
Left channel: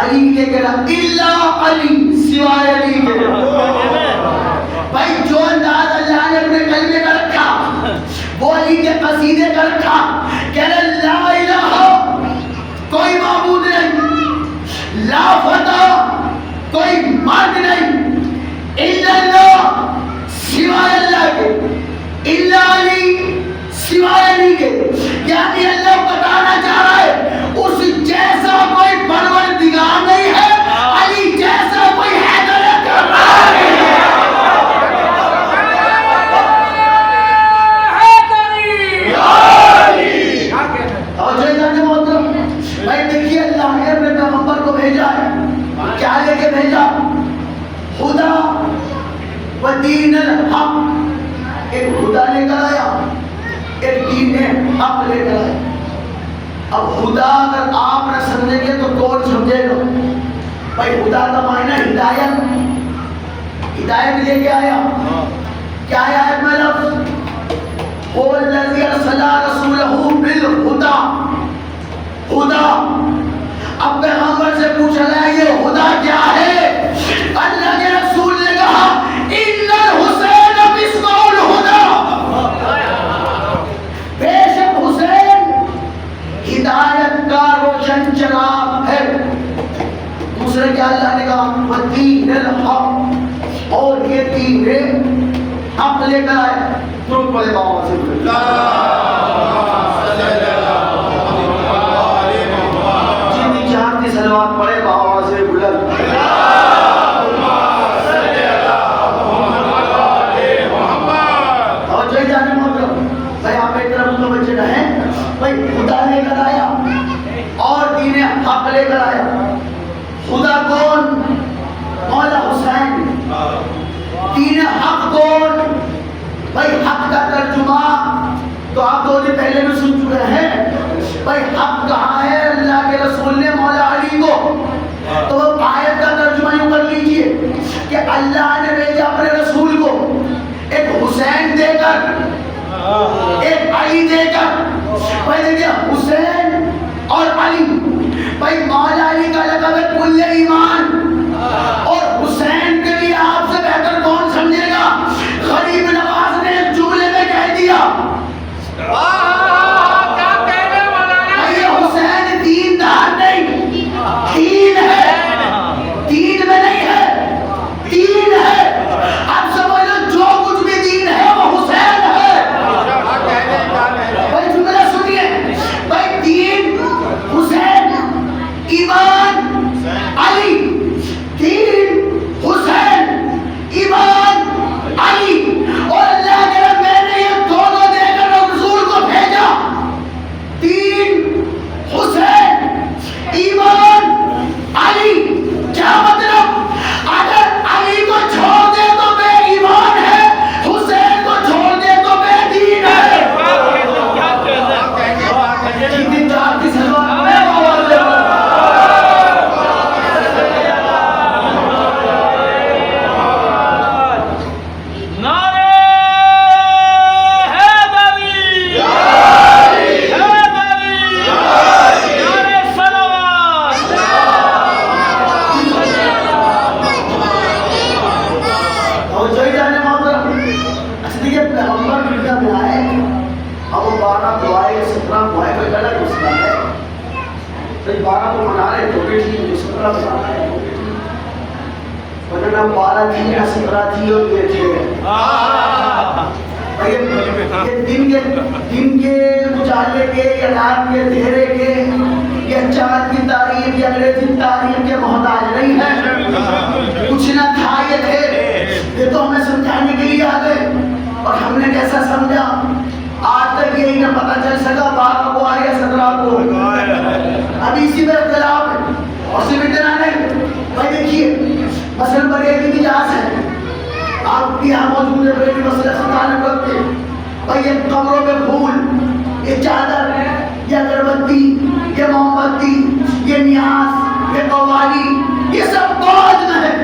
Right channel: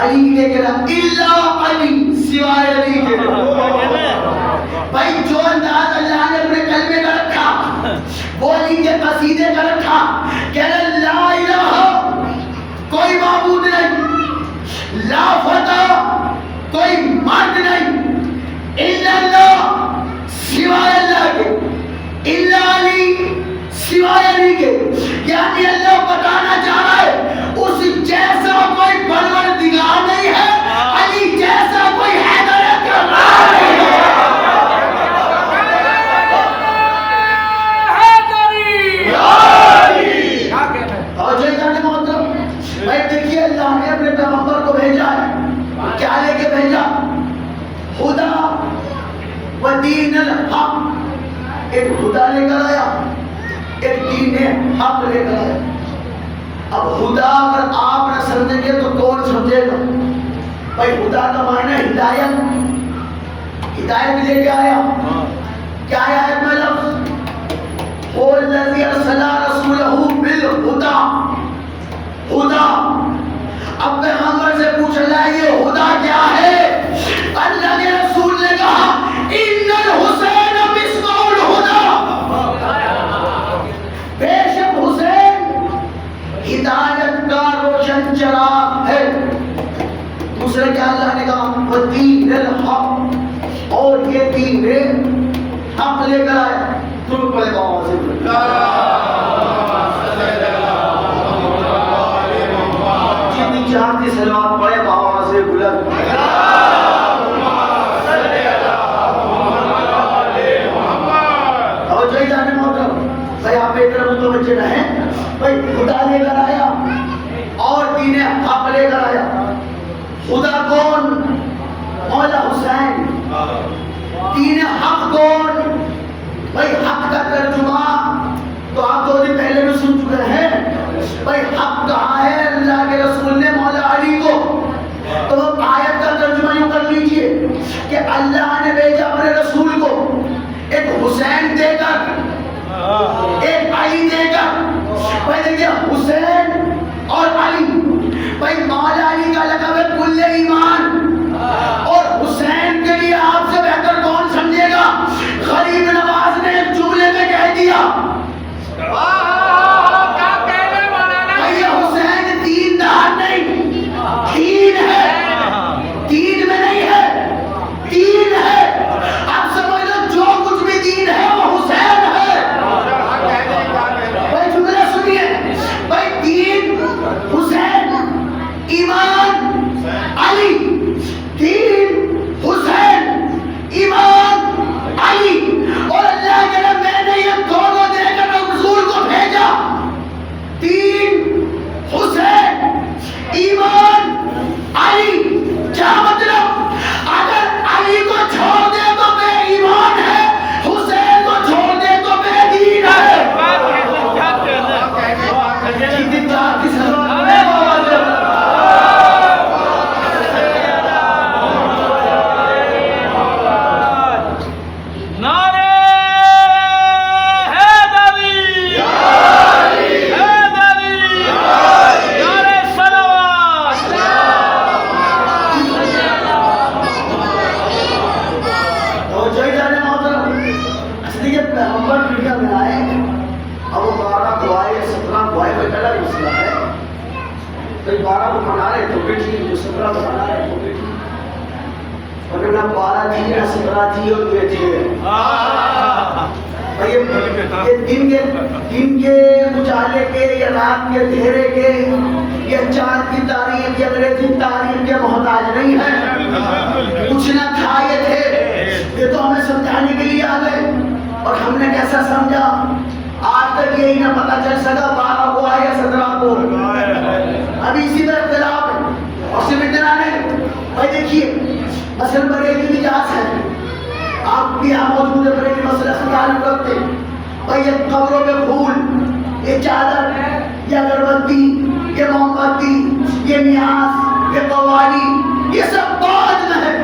علی کے لیے کہنا الا علی، سوائے علی کے. بھائی جو انداز اللہ نے اپنے کلمے کا رکھا وہ علی کے قصیدے کا رکھا. کہنا لا الہ، کوئی معبود نہیں، لا فتح، کوئی مرد نہیں، الا اللہ، سوائے اللہ کے، الا علی، سوائے علی کے. یعنی اللہ بتانا چاہ رہا ہے اس جیسا کوئی پروردگار نہیں ہے، علی جیسا کوئی حیدر کرار نہیں ہے. اور جو جانے محترم بھائی دیکھیے اللہ نے اپنے پیغمبر کو بھیجا ہے، کیا لے کے بھیجا؟ خدا و دین الحق. ایک خدا لے کر آیا، ایک دین حق لے کر آیا. اب خدا اگر آپ نہ سمجھیں گے تو کون سمجھے گا؟ بھائی خدا کا معنی ہدایت، ہدایت لے کے آیا. کیا آیت میں لفظ هو الذي ارسل رسوله بالهدى، خدا. اب پیغمبر سے پوچھا گیا یہ خدا کیا ہے؟ اللہ کے رسول نے کہا ان الحسین مصباح الہدی، بے شک حسین ہدایت کا روشن چراغ ہے. دوسرے کیا اللہ نے کہا ودین الحق، اور یہ دین حق لے کر آیا. درود پڑھے بابا سے جتنی چاہتی صلوات پڑھے بابا سے بلند. اور جو جانے محترم بھائی آپ ایک طرف متوجہ رہیں. بھائی خدا لے کر آیا اور دین حق لے کر آیا. خدا کون؟ مولا حسین. دین حق کون؟ بھائی حق کا ترجمہ تو آپ 2 دن پہلے بھی سن چکے ہیں. بھائی حق کہاں ہے؟ اللہ کے رسول نے مولا علی کو. تو وہ آیت کا ترجمہ یوں کر لیجئے کہ اللہ نے بھیجا اپنے رسول کو ایک حسین دے کر، ایک علی دے کر. بھائی دیکھیے حسین اور علی، بھائی مولا علی کا لقب ہے کل ایمان، اور حسین کے لیے آپ سے بہتر کون سمجھے گا؟ غریب نواز نے ایک جملے میں کہہ دیا یہ حسین دیندار نہیں، دین ہے، دین میں نہیں ہے، دین ہے. اب سمجھ لو جو کچھ بھی دین ہے وہ حسین ہے. بھائی جملہ سنیے، بھائی دین حسین، ایمان علی، دین حسین، ایمان علی. اور اللہ کے رب میں نے یہ دونوں دے کر رسول کو بھیجا، دین حسین، ایمان علی. کیا مطلب؟ اگر علی کو چھوڑ دے تو بے ایمان ہے، حسین کو چھوڑ دے تو بے دین ہے. جتنی چاہتی سلوات میں آواز دے دن کے مچالے کے یا رات کے دھیرے کے یا چاند کی تعریف یا انگریزی تعریف کے محتاج نہیں ہے. کچھ نہ تھا یہ تھے، یہ تو ہمیں سمجھانے کے لیے آ گئے اور ہم نے کیسا سمجھا آج تک یہی نہ پتہ چل سکا 12 کو آئے یا 17 کو. ابھی اسی میں اختلاف ہے. اور صرف اتنا نہیں، بھائی دیکھیے مثلا بریلی مجاز ہے، آپ بھی یہاں موجود ہے بریلی مسئلہ سے تعلق رکھتے ہیں. بھائی یہ قبروں میں پھول، یہ چادر، یہ اگربتی، یہ موم بتی، یہ نیاز، یہ قوالی، یہ سب بعد میں ہے.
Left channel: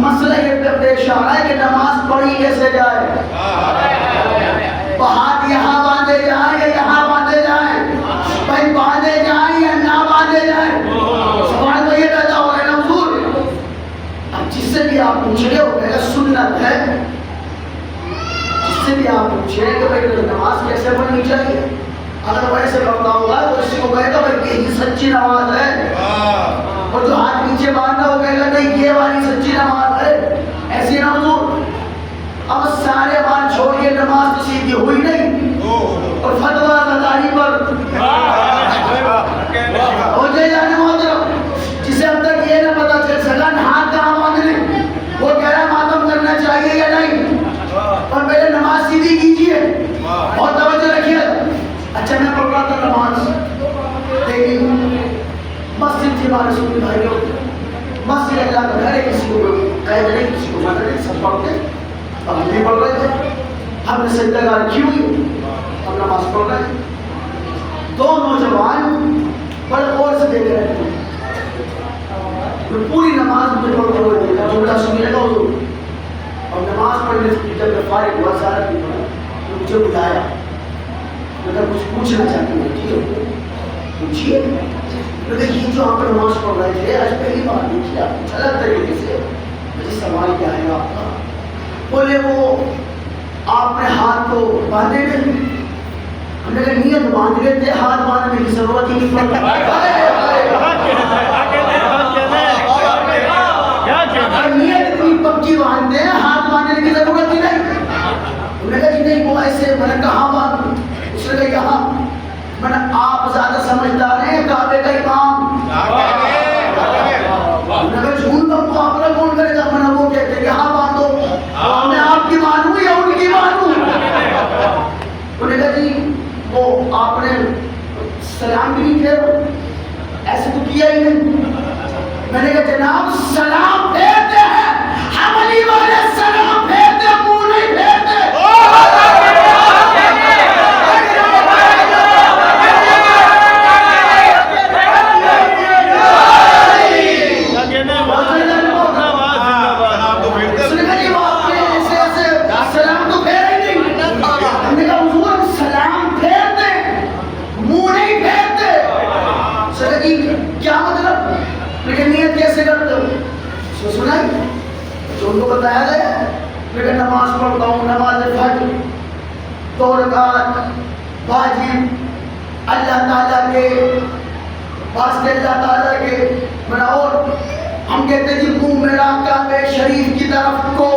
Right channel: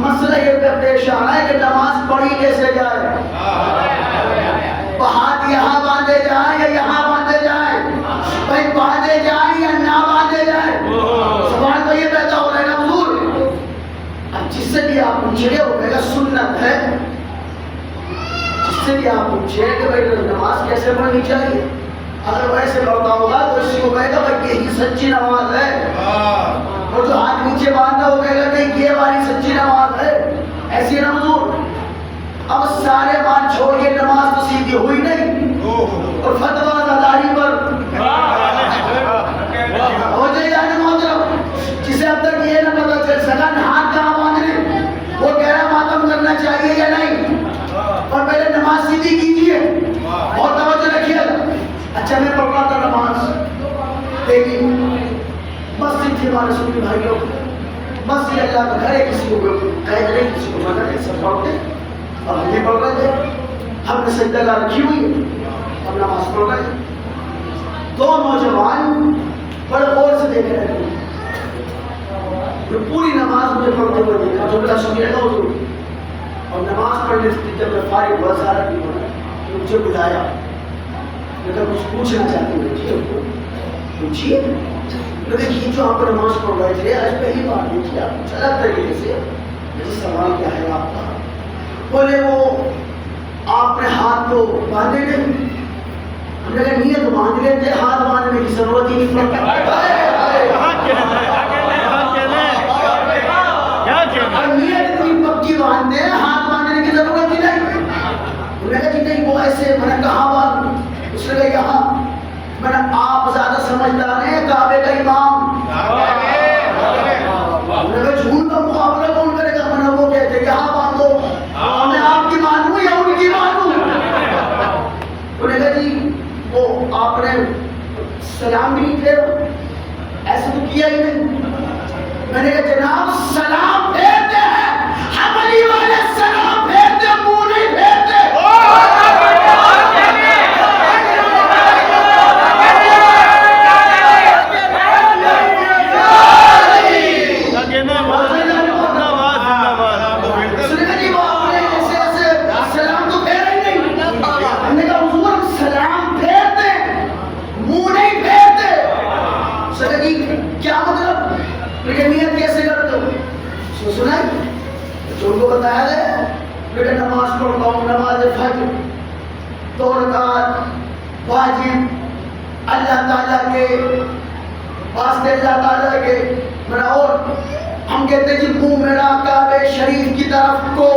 مسئلہ یہ پیش آ رہا ہے کہ نماز پڑھی کیسے جائے، ہاتھ یہاں باندھے جائیں یا یہاں باندھے جائیں، بھائی باندھے جائیں یا نہ باندھے جائیں، سوال تو یہ پیدا ہو رہا ہے نا حضور۔ اب جس سے بھی آپ پوچھیں گے وہ کہے گا سنت ہے، جس سے بھی آپ پوچھیں کہ بھائی نماز کیسے پڑھنی چاہیے، اگر ویسے پڑھتا ہوگا تو اس کو کہے گا بھائی یہی سچی نماز ہے، اور جو ہاتھ نیچے باندھا وہ کہے گا نہیں یہ والی سچی نماز ہے، ایسی نا حضور۔ اب سارے بات چھوڑیے، نماز تو سیدھی ہوئی نہیں، اور فتویٰ داری پر ہو جائے جانے محترم، جسے اب تک یہ نہ پتا چل سکا ہاتھ کہاں باندھنے، وہ کہہ رہا ہے ماتم کرنا چاہیے یا نہیں، اور پہلے نماز سیدھی کیجیے، بہت توجہ رکھیے۔ اچھا میں پڑھ رہا تھا نماز، دیکھیے مسجد تھی ہمارے سنی بھائیوں، مسجد اللہ کا گھر ہے، کسی کو قید نہیں، کسی کو منع نہیں، سب پڑھتے ہیں، اور ہم بھی پڑھ رہے تھے، ہم نے سجدہ گاہ رکھی ہوئی اور نماز پڑھ رہے ہیں، دو نوجوان بڑے غور سے دیکھ رہے تھے، پوری نماز مجھے پڑھتے ہوئے دیکھا، جملہ سنیے گا حضور، اور نماز پڑھنے سے جب میں فارغ ہوا سارا بھی پڑھا تو مجھے بلایا، اگر کچھ پوچھنا چاہتے ہیں پوچھیے، تو دیکھیے جو آپ نماز پڑھ رہے تھے آج پہلی بار دیکھیے، آپ کچھ الگ طریقے سے، مجھے سوال کیا ہے آپ کا، بولے وہ آپ نے ہاتھ کو باندھے نہیں، ہم نے کہا نیت باندھ لیتے، ہاتھ باندھنے کی ضرورت ہی نہیں پڑتا، نیت اتنی پکی باندھتے ہیں ہاتھ باندھنے کی ضرورت ہی نہیں، ہم نے کہا جی نہیں وہ ایسے، میں نے کہاں باندھوں، اس نے کہا یہاں، میں نے آپ زیادہ سمجھدار ہیں، کعبے کا امام، میں نے کہا جھوٹ کا مقابلہ کون کرے گا، میں نے وہ کہتے ہیں یہاں باندھو، میں آپ کی مانوں یا ان کی مانوں، انہوں نے کہا جی وہ آپ نے سلام بھی نہیں پھیرا، ایسے تو کیا ہی نہیں، میں نے کہا جناب سلام پھیرتے ہیں، حملی والے سلام پھیرتے ہیں، منہ نہیں پھیرتے، نیت کیسے کرتے ہو، سنائی جو ان کو بتایا ہے، میں نماز پڑھتا ہوں، نماز فجر 2 رکعت واجب اللہ تعالیٰ کے واسطے، اللہ تعالیٰ کے میرا، اور ہم کہتے ہیں جی منہ میرا کعبے شریف کی طرف کو،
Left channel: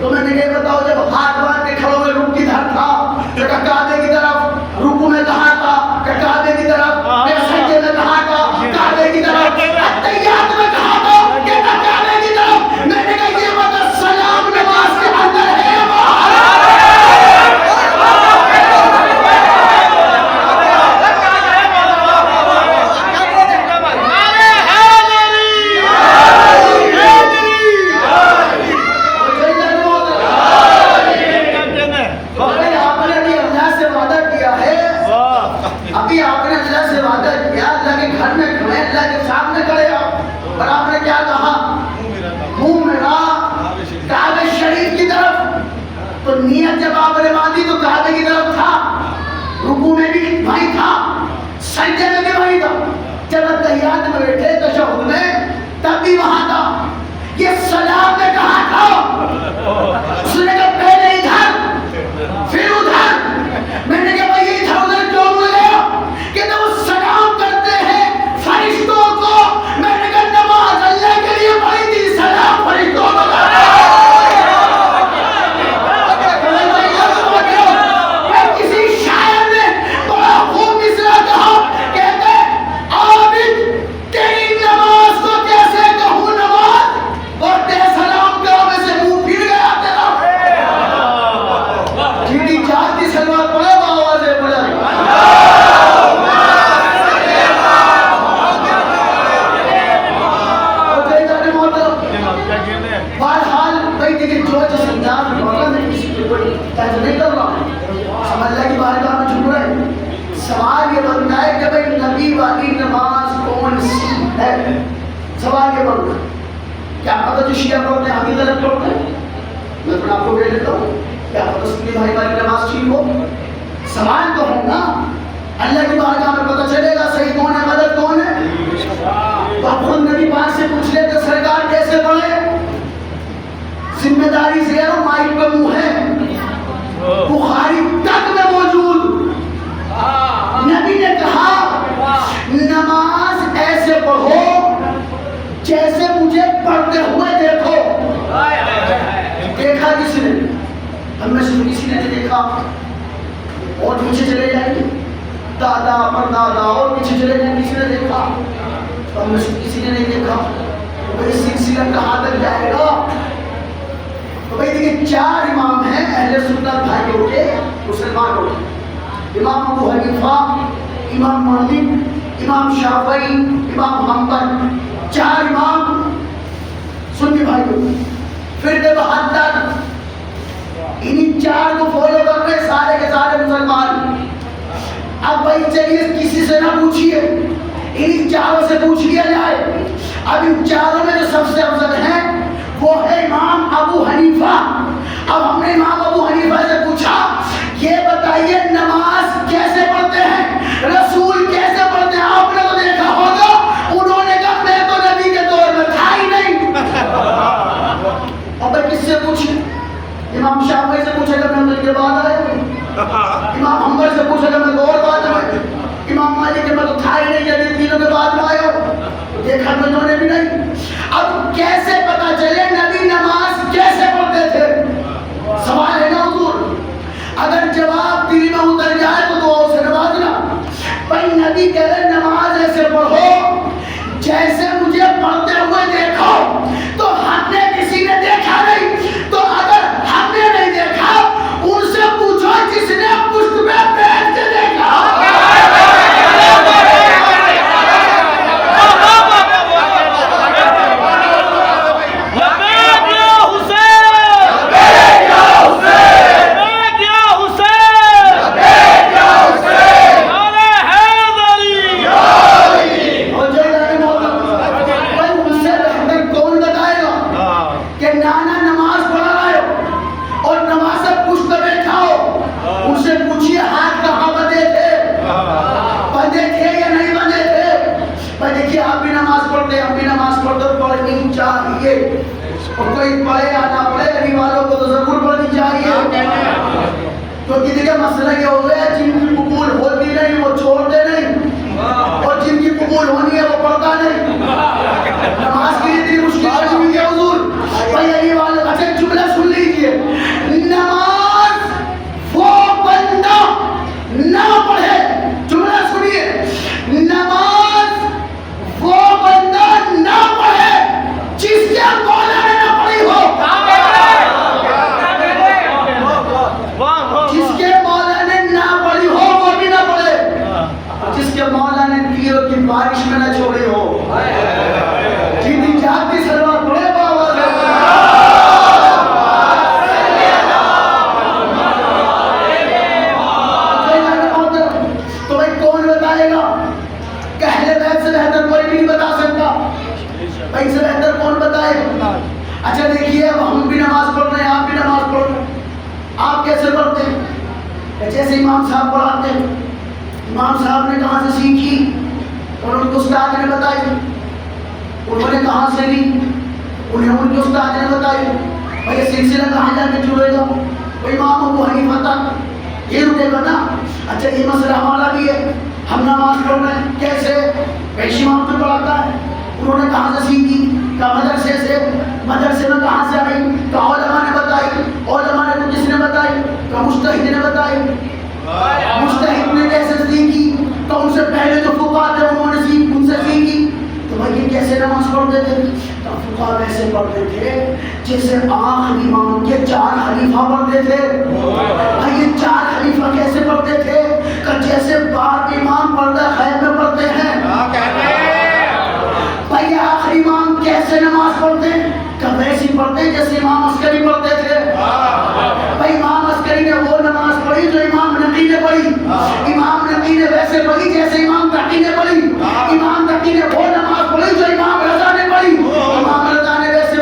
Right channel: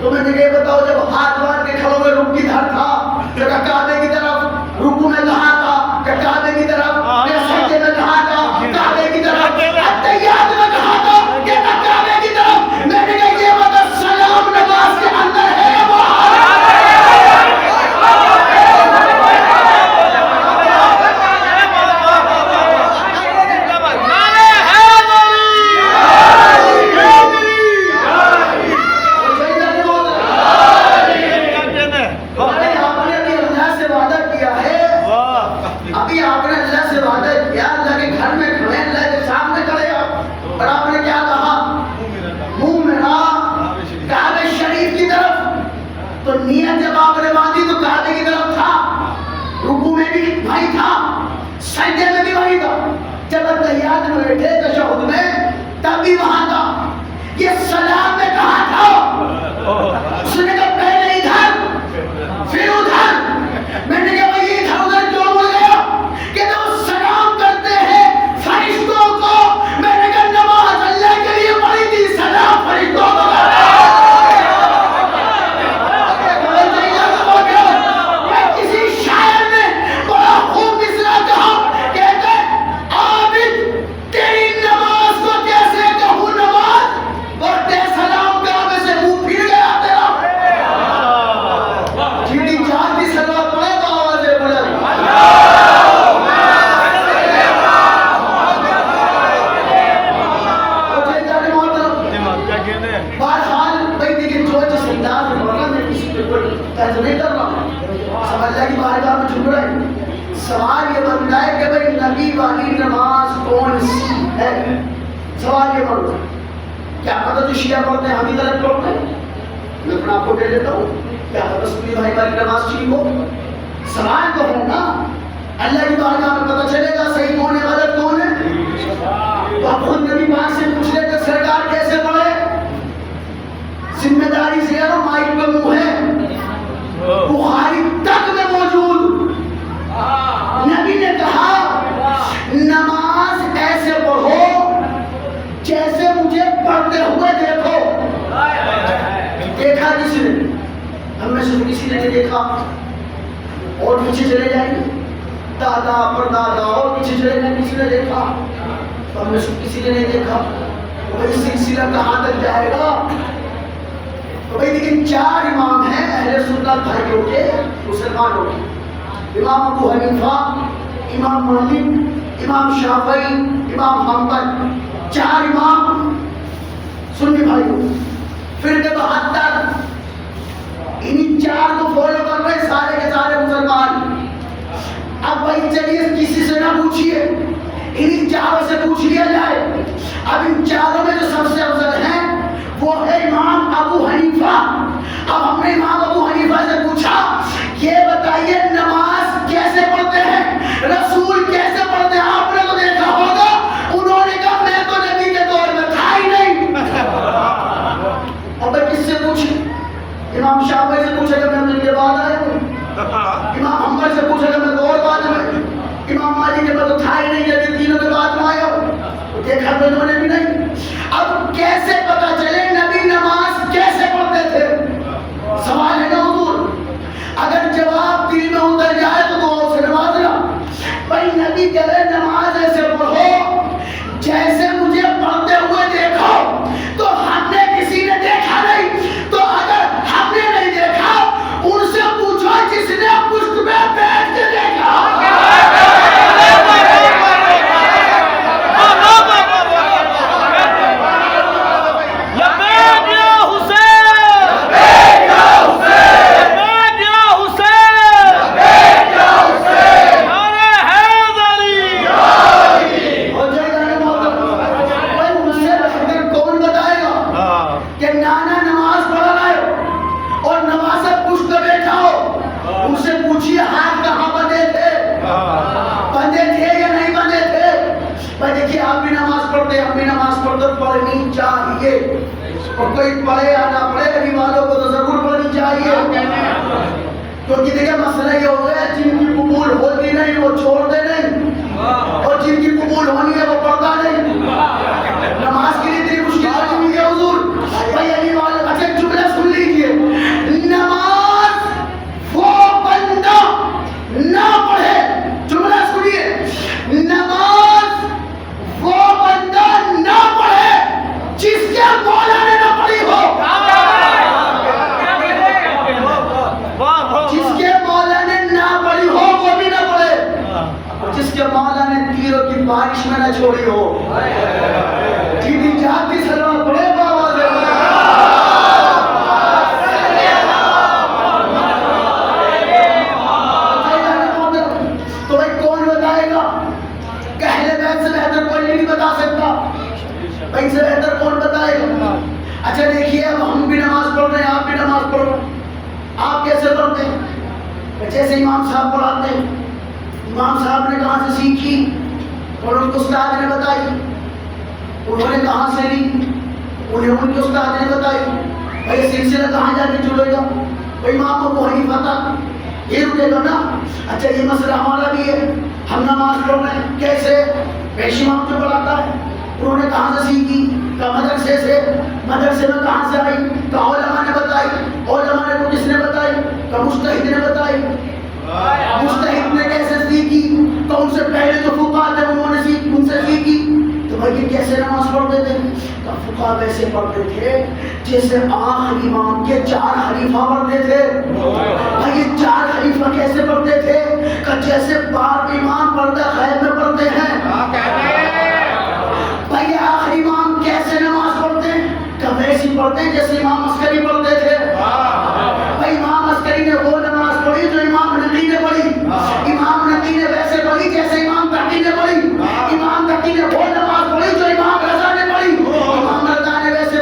تو میں نے یہ بتاؤ جب ہاتھ باندھ کے کھڑے ہوئے رکوع کدھر تھا، کہ کعبے کی طرف، رکوع میں کہاں تھا، کہ کعبے کی طرف، سجدے میں کہاں تھا، کعبے کی طرف، اتحیات میں کہاں تھا، کہ کعبے کی طرف، میں نے کہا یہ بتا سلام نماز کے اندر ہے یا باہر نیت جب آپ نے باندھی تو کعبے کی طرف تھا، رکوع میں بھی وہی تھا، سجدے میں بھی وہی تھا، جب اتحیات میں بیٹھے تشہد میں تب بھی وہاں تھا، یہ سلام میں کہاں تھا، اس نے کہا پہلے ادھر پھر ادھر، میں نے کہا بھائی ادھر ادھر کیوں بول رہے ہو، کہ تو وہ سلام کرتے ہیں فرشتوں کو، میں نے کہا نماز اللہ کے لیے پڑھی تھی، سلام فرشتوں کو کرنا ہے، سوال یہ بنتا ہے کہ بھئی نبی والی نماز کون سی ہے، سوال یہ بنتا ہے، کیا پتہ جو شیعہ پڑھتے ہیں ہم ہی غلط پڑھتے ہیں؟ میں اپنا آپ کو کہہ دیتا ہوں، کیا پتہ سنی بھائی ہماری نماز ٹھیک ہو؟ سوال تو ہے نا، اللہ کی بارگاہ میں پتہ چلے گا صحیح کون ہے غلط کون ہے۔ تو اب خود نبی پاک سے پوچھ لیتے سرکار کیسے پڑھے؟ ذمہ داری سے ہے، مائک پہ منہ ہے، بخاری تک میں موجود، نبی نے کہا نماز ایسے پڑھو جیسے مجھے پڑھتے ہوئے دیکھو۔ دیکھا کسی نے؟ ہم میں سے کسی نے نہیں دیکھا، اور پیچھے چلے جائیں گے، دادا پردادا اور پیچھے چلے جائیں، کسی نے دیکھا؟ ہم میں سے کسی نے نہیں دیکھا۔ بھائی سلسلہ کہاں تک جائے گا؟ تو بھائی دیکھیں 4 امام ہیں اہل سنت بھائیوں کے، مسلمانوں کے، امام ابو حنیفہ، امام مالک، امام شافعی، امام حنبل، 4 امام سنی بھائیوں، پھر 72، انہی 4 کو فالو کر رہے سارے کے سارے مسلمان۔ اب بھائی چلیے کسی سے نہ پوچھئے، انہی 4 سے پوچھ لیا جائے۔ اب ان 4 میں جو سب سے افضل ہیں وہ ہے امام ابو حنیفہ۔ اب ہم نے امام ابو حنیفہ سے پوچھا یہ بتائیے نماز کیسے پڑھتے ہیں، رسول کیسے پڑھتے ہیں؟ آپ نے تو دیکھا ہوگا۔ انہوں نے کہا میں تو نبی کے دور میں تھا ہی نہیں۔ اب کس سے پوچھیں؟ امام شافعی سے پوچھے گا میں کے بعد آیا ہوں، امام حنبل سے پوچھے گا میں تو اور بعد میں، امام مالک کے میں تو تھا ہی نہیں، جب تینوں کے بعد میں آیا ہوں، دیکھا تو انہوں نے بھی نہیں۔ اب کیسے پتا چلے نبی نماز کیسے پڑھتے تھے؟ سوال ہے نا حضور، اگر جواب دل میں اتر جائے تو دعا سے نوازنا۔ بھائی نبی کہہ رہے نماز ایسے پڑھو جیسے مجھے پڑھتے ہوئے دیکھو، تو ہم نے کسی نے دیکھا نہیں، تو اگر ہم نے نہیں دیکھا ان سے پوچھو جس نے پشت پہ بیٹھ کے دیکھا۔ اور کوئی پڑھے یا نہ پڑھے ابھی والوں کو تو ضرور پڑھنی چاہیے، کیونکہ دیکھیں مسئلہ یہ ہو گیا جن کی قبول ہوتی نہیں وہ چھوڑتے نہیں، اور جن کی قبول ہونی ہے وہ پڑھتا نہیں۔ نماز کے لیے اتنی مشکل بنی ہوئی ہے حضور۔ بھائی علی والے اچھا جملہ سن لیجئے، نماز وہ بندہ نہ پڑھے، جملہ سنیے، نماز وہ بندہ نہ پڑھے جس کے مولا نے نہ پڑھی ہو، جس کے مولا نے نہ پڑھی ہو وہ بھی نہ پڑھے، جس کے مولا نے تیروں کی بارش میں نہ چھوڑی ہو، جتنی جاتی سلوات پڑھے بابا تو بھائی کون بتائے گا؟ اہل بیت سے بہتر کوئی بھی نہیں بتا سکتا، بھائی سے بہتر کون بتائے گا؟ اچھا دیکھیے اب ہم بھی نماز پڑھ رہے ہیں، آپ بھی نماز پڑھ رہے ہیں، آپ کیسے پڑھتے ہیں؟ جیسے امام صاحب پڑھاتے ہیں، امام صاحب نے کہاں سے سیکھی اور ان کے استاد نے بتائی، انہوں نے کہاں سے لی انہیں ان کے استاد نے بتائی، بھائی یہ سلسلہ کہاں جا کے چلے گا؟ بھائی امام ابو حنیفہ تک یہ رکے گا نا۔ اچھا یہ مسئلہ ہمارا بھی ہے، ہم نماز پڑھ رہے ہیں کیسے؟ پیش امام جو پڑھاتا ہے انہوں نے کہاں سے سیکھی؟ کہ مدرسے سے، مدرسے میں کہاں سے آئی؟ کہ علماء نے بتائی، علماء نے کس نے بتائی؟ کہ مجتہد نے بتائی، مجتہد نے کیسے سیکھی؟ کہ ان سے پہلے جو فقہاء تھے انہوں نے ان سے سیکھی۔ تو بھائی یہ کیسے نماز پڑھتے تھے؟ کہ فقہاء ویسے پڑھتے تھے جیسے آخری امام کے 4 خلیفہ پڑھتے تھے۔ بھائی یہ 4 خلیفہ کیسے پڑھتے تھے؟ کہ جیسے بار امام پردہ خیر میں پڑھتے ہیں۔ بھائی آخری امام کیسے نماز پڑھتے ہیں؟ کہ ویسی پڑھتے ہیں جیسے امام عسکری پڑھتے تھے۔ بھائی امام عسکری نے وہ نماز پڑھی جو امام نقی نے پڑھی، امام نقی نے ویسے پڑھی جیسے امام تقی نے پڑھی، امام تقی نے وہ نماز پڑھی جو امام رضا نے پڑھی، امام رضا نے ویسے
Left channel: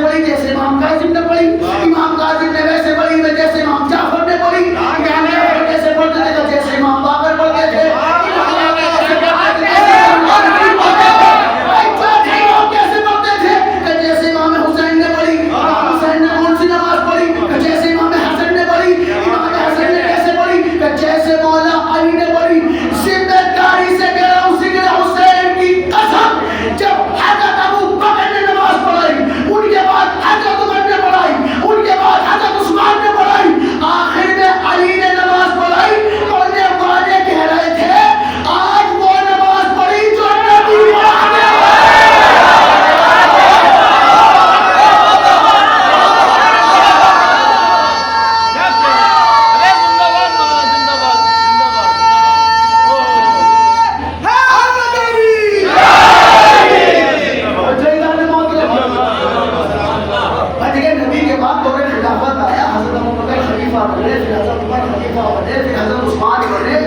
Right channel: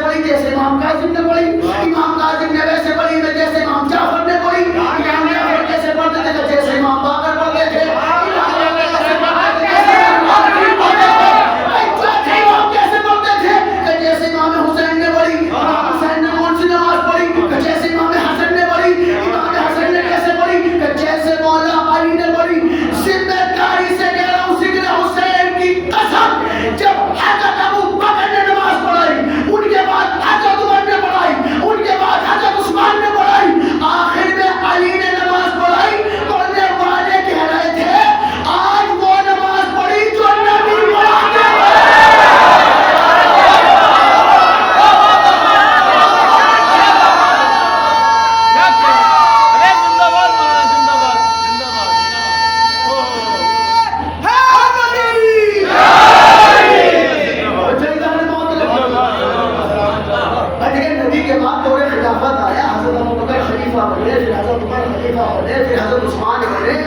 بنے، پھر حضرت عثمان بنے،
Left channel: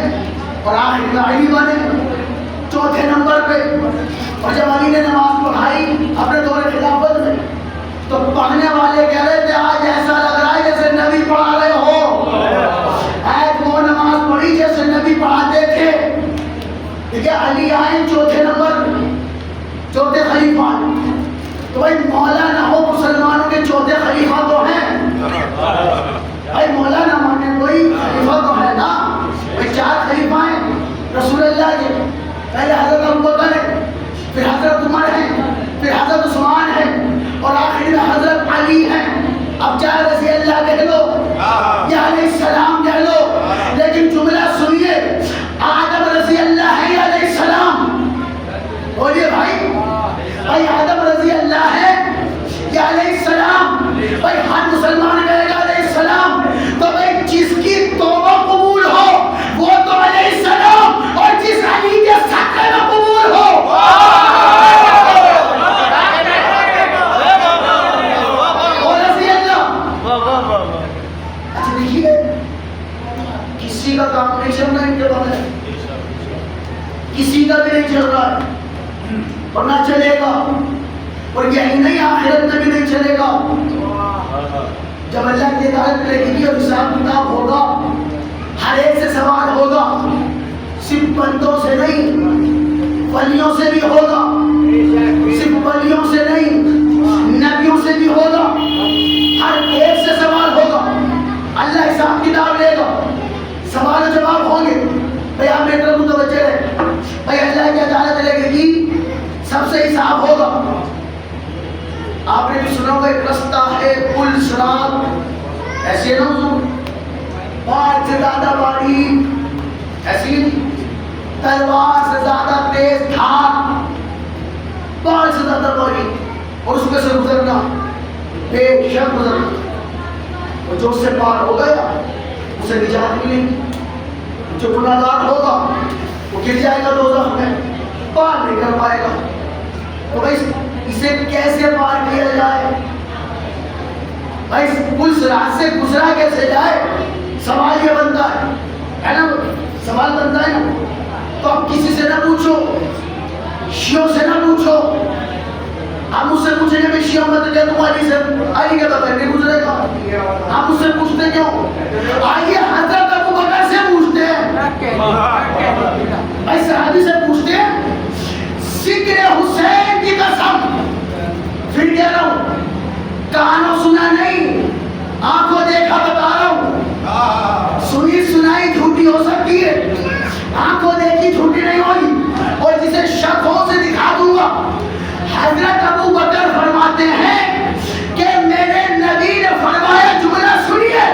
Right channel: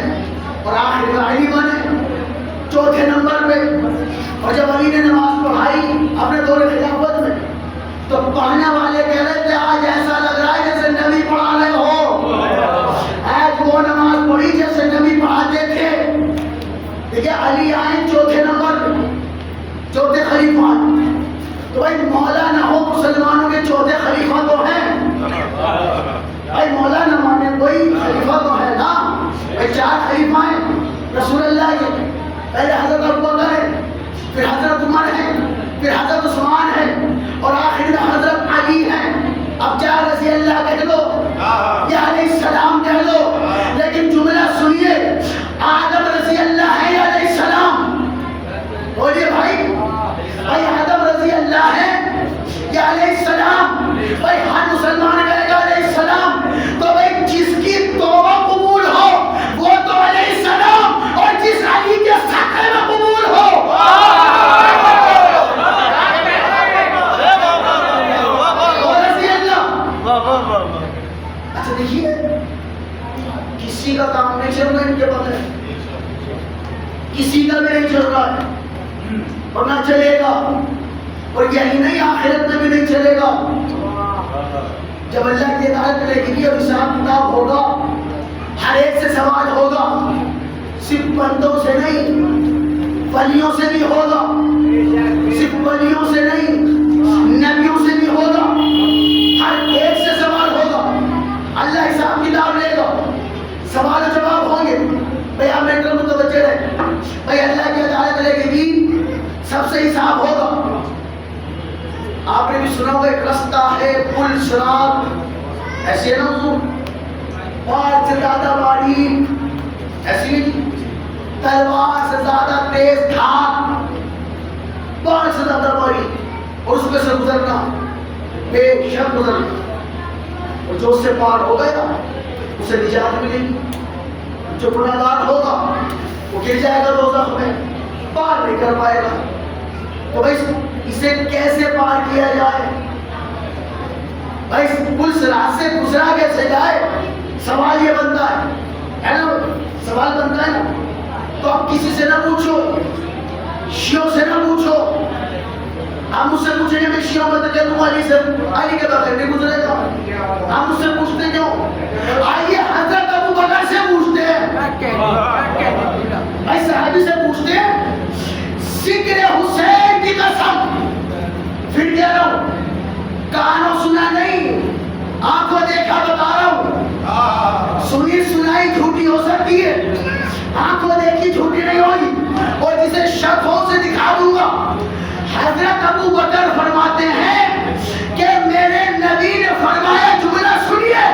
اور آخر میں علی بنے چوتھے نمبر پہ۔ اور جب علی نے نماز پڑھائی اپنے دور خلافت میں، تو پڑھنے والے کہہ رہے تھے آج ایسا لگ رہا ہے جیسے نبی پڑھا رہے ہو، آج وہ نماز پڑھی جیسے نبی پڑھاتے تھے۔ دیکھیے علی آئے چوتھے نمبر پہ، چوتھے خلیفہ۔ تو بھائی مولا نہ ہو مسلمانوں کے چوتھے خلیفہ تو ہیں، بھائی مولا نہ مانے کوئی خلیفہ تو ہے نا۔ بھائی 4 خلیفہ ہیں رسول اللہ کے، پہلے حضرت ابوبکر ہے، پھر حضرت عمر ہے، پھر حضرت عثمان ہے، اور آخر میں حضرت علی ہے۔ اب چاہے رضی اللہ کہہ لو یا علیہ السلام کہہ لو، لیکن جملہ سنیے، آدم رضی اللہ ہے یا علیہ السلام؟ بولیے بھائی، بھائی آدم رضی اللہ ہے یا علیہ السلام؟ بھائی ہر مسلمان کہے گا علیہ السلام۔ تو بھائی جس کی توبہ قبول ہو وہ تو علیہ السلام، اور جس علی کے صدقے میں قبول ہو وہ رضی اللہ۔ اچھا دیکھیے، کسی کا کام نہیں چل رہا ان کے بغیر، کسی کا بھی نہیں چل رہا ہے اور نہ چلے گا، اور یہی نہیں آخرت میں بھی نہیں چلے گا۔ جب اللہ کی عدالت لگے گی اور حساب کتاب ہوگا، ہر ایک سے سوال ہوگا، صرف بندوں سے نہیں ولیوں سے بھی ہوگا، صرف ولیوں سے نہیں نبیوں سے بھی ہوگا، ہر ایک سے سوال ہوگا۔ اللہ حساب کتاب لے گا، سوال و جواب ہوں گے۔ بھئی آپ میری طرف متوجہ رہے، بھئی اللہ کی عدالت لگے گی، سب سے حساب ہوگا۔ آپ نے بھی سنا ہوگا ایک رستہ ہے پل صراط، ایسے نہ ہو بال سے زیادہ باریک، ایسی تلوار سے زیادہ تیز دھار، بال سے زیادہ باریک، اور اس میں سے گزرنا بے شک گزرنا، اور جو اس سے پار ہو گیا اسے نجات ملے گی، جو گناہگار ہوگا وہ گر جائے گا دوزخ میں، پار نہیں کر پائے گا۔ تو بھائی اسے کیسے پار کیا جائے؟ بھائی پل صراط سے گزرا کیسے جائے؟ سوال یہ بنتا ہے نا، سوال بنتا ہے نا۔ تو آپ کسی سے نہ پوچھو، شیعوں سے نہ پوچھو، آپ مجھ سے پوچھیں گے میں شیعہ مت کہ تم علی کے بغیر نہیں گزرے گا، آپ مجھ سے پوچھتے کیوں؟ آئیے حضرت ابوبکر سے پوچھتے ہیں، بھائی صحابی سے پوچھتے ہیں، ذکر حسین کی قسم، پھر کہہ رہا ہوں کانوں سنا نہیں آنکھوں دیکھا بتا رہا ہوں، سنی سنائی جھوٹی ہو سکتی ہے، آنکھوں دیکھی جھوٹی نہیں ہوئی، اور جسے شک ہو سے دکھا دوں گا۔ حضرت ابوبکر فرماتے ہیں کہ میرے نبی نے فرمایا، جملہ سنیے،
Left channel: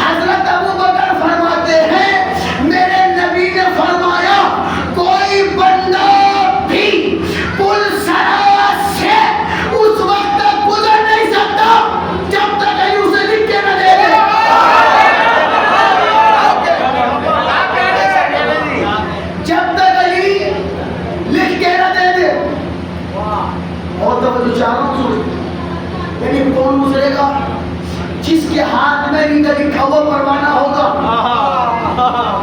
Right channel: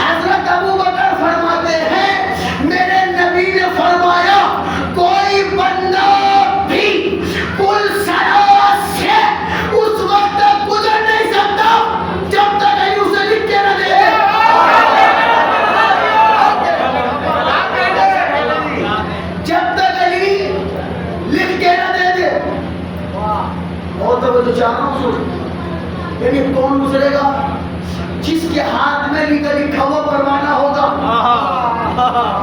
حضرت ابوبکر فرماتے ہیں میرے نبی نے فرمایا کوئی بندہ بھی پل صراط سے اس وقت تک گزر نہیں سکتا جب تک علی اسے لکھ کے نہ دے دے، جب تک علی لکھ کے نہ دے دے۔ اور توجہ چاہ رہا ہوں سوچ، لیکن کون گزرے گا؟ جس کے ہاتھ میں علی کا لکھا ہوا پروانہ ہوگا۔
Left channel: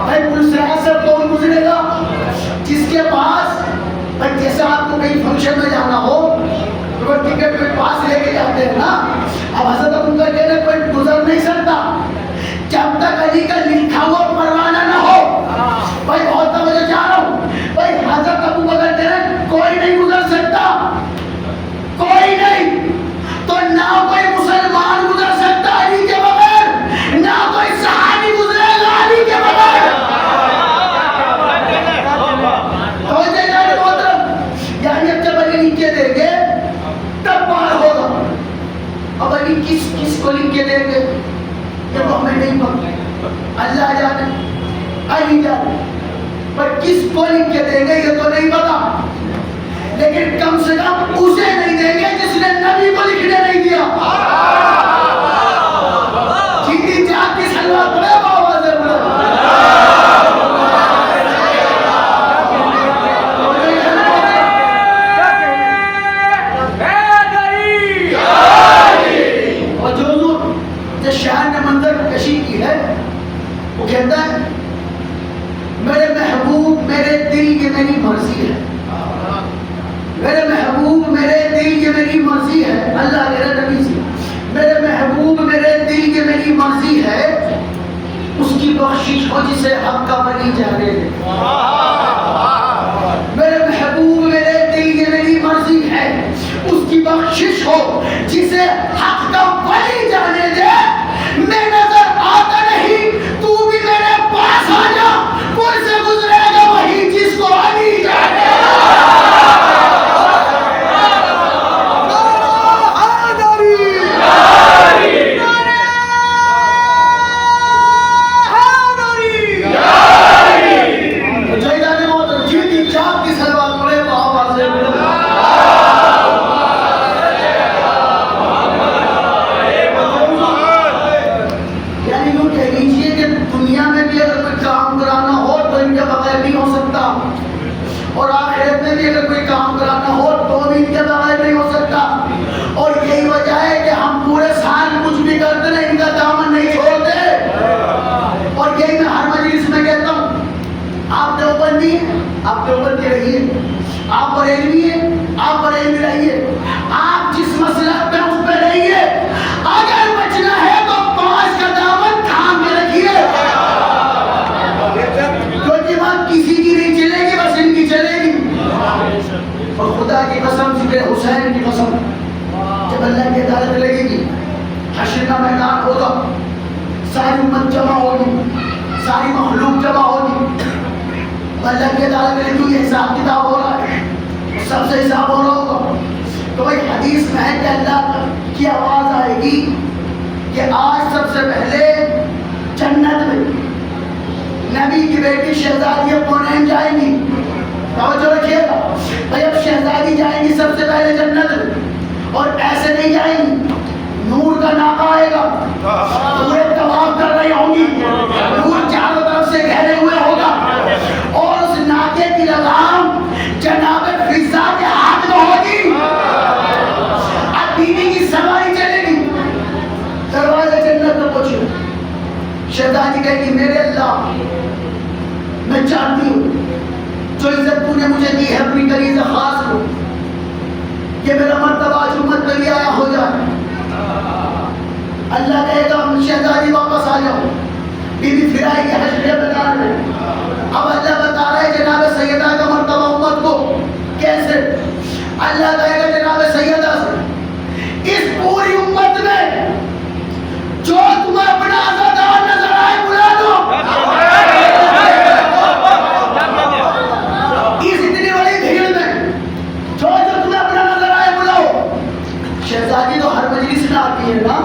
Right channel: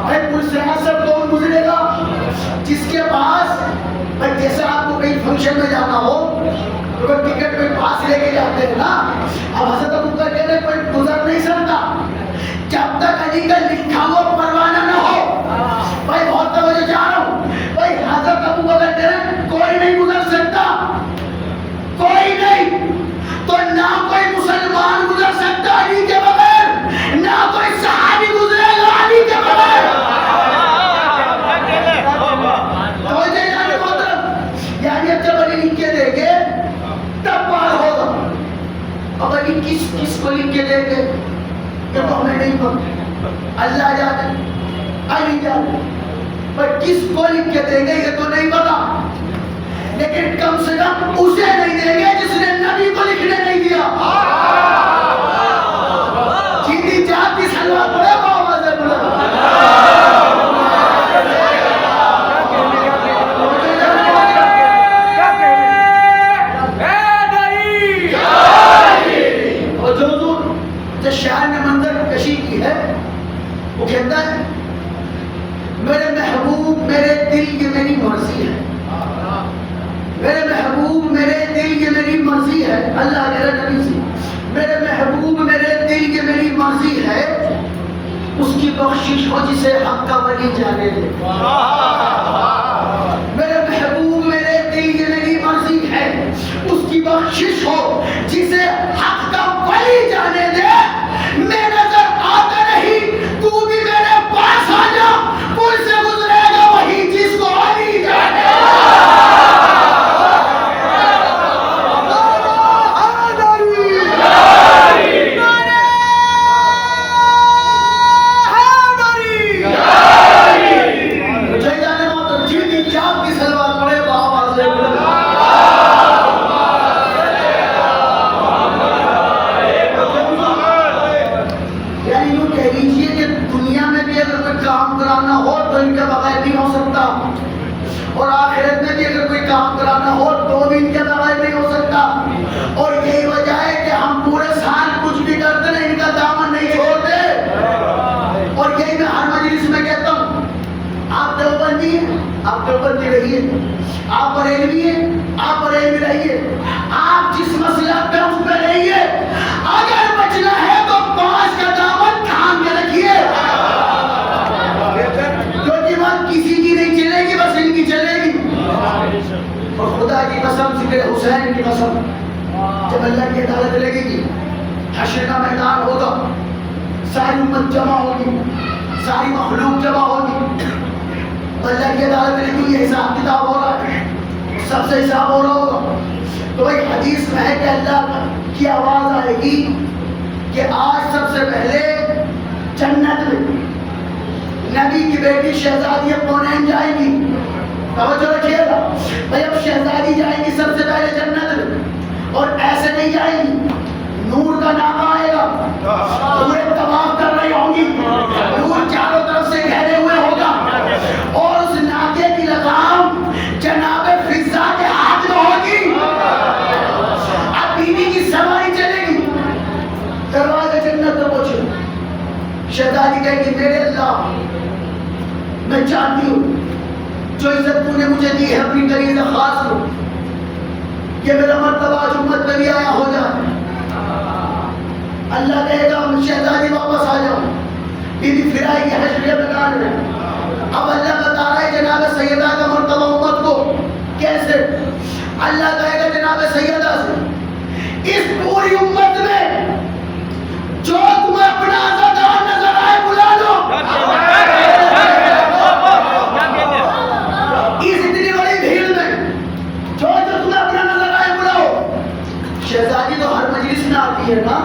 بھائی پل صراط سے کون گزرے گا؟ جس کے پاس، بھائی جیسے آپ کو کہیں فنکشن میں جانا ہو تو وہ ٹکٹ پہ پاس لے کے جاتے ہیں نا، اب حضرت ابوبکر کہتے ہیں کوئی گزر نہیں سکتا جب تک علی کا لکھا ہوا پروانہ نہ ہو۔ بھائی بہت توجہ چاہ رہا ہوں، بھائی حضرت ابوبکر کہتے ہیں کوئی نہیں گزر سکتا، کوئی نہیں، تو نہ کوئی مسلمان گزر سکتا علی کے بغیر، نہ کوئی صحابی گزرے گا علی کے بغیر۔ یعنی اب جب علی لکھ کے دیں گے تب پار ہوگا۔ اب علی کس کو لکھ کے دیں گے یہ تو ہمیں نہیں پتا، اللہ جانے، علی جانے، پر کس کو لکھ کے دیں گے یہ تو نہیں پتا، لیکن کم سے کم اسے نہیں دیں گے جس نے نبی کو لکھنے نہیں دیا۔ جیتی جات کی سلوات پڑے بابا سے بڑا، شاہ نے منظر کشی کی ہے وہ کہتا ہے میرے محبوب میرے دل یہ میری مرضی ہے، میرے محبوب میرے دل یہ میری مرضی ہے، اللہ کہہ رہا نبی سے میرے محبوب میرے دل یہ میری مرضی ہے، اس کی بخشش ہو جسے حق کا ولی جانے دے۔ میرے محبوب میرے دل یہ میری مرضی ہے، اس کی بخشش ہو جسے حق کا ولی جانے دے۔ میں نظر آتا نہیں تو بھی میرے پاس آ جا، پل سے گزرے گا وہی جس کو علی جانے دے۔ آپ دیوبندی رہیے، آپ بریلوی ہیں، آپ بریلوی رہیے، آپ جس مسلک پہ اس پہ رہیے، اگر بچنا ہے تو 5 کا دامن تھام کے رکھیے، کیونکہ بات کسی کی نہیں چلے گی، بس ان کی چلے گی۔ اور خدا کی قسم، ذکر حسین کی قسم، جب اللہ کی عدالت لگے گی، حشر کا میدان ہوگا، ساری امت جمع ہوگی، ساری مخلوق جمع ہوگی، اللہ کی عدالت میں کیوں یہ حساب کتاب ہو رہا ہے، سب سے حساب ہو رہا ہوگا۔ تو ایک حدیث میں ہے کہ اللہ کی آواز آئے گی کہ آج سب سے پہلے جنت میں نبی کی بیٹی شہزادی کونین جائے گی۔ توجہ رکھیے گا بھائی، اب شہزادی جائے گی سب سے پہلے جنت میں، اور ایسے نہیں جائیں گی، نور کا ناکہ آئے گا، پورے طواف کر رہی ہوں گی، نور چاروں طرف سے گھیرے ہوئے ہوگا، اور اس ناکے کی لگام جناب فضا کے ہاتھ میں ہوگی۔ اب بیوی کی سواری چلے گی، دروازے جنت میں پہنچے، شہزادی کہے گی میرے اللہ، میں چاہتی ہوں جو عزت تو نے مجھے دی ہے اپنی غریض خاص کو، کہ میرا مرتبہ آج امت پہ بھی آیا ہو جائے۔ اللہ کہے گا شہزادی واپس آ جاؤ، بیوی پھر آئے گی حشر کے میدان میں۔ اب اللہ بتا رہا ہے جناب سیدہ کا مرتبہ امت کو کیسے، اللہ کہے گا جناب سیدہ سے اس پوری امت میں جو تمہیں اپنا آزادار نظر آئے بلا دو، اس اتنی بڑی بھیڑ میں جو تمہیں اپنا نظر آئے بلاؤ۔ شہزادی تو ہر مجلس میں آتی ہے نا،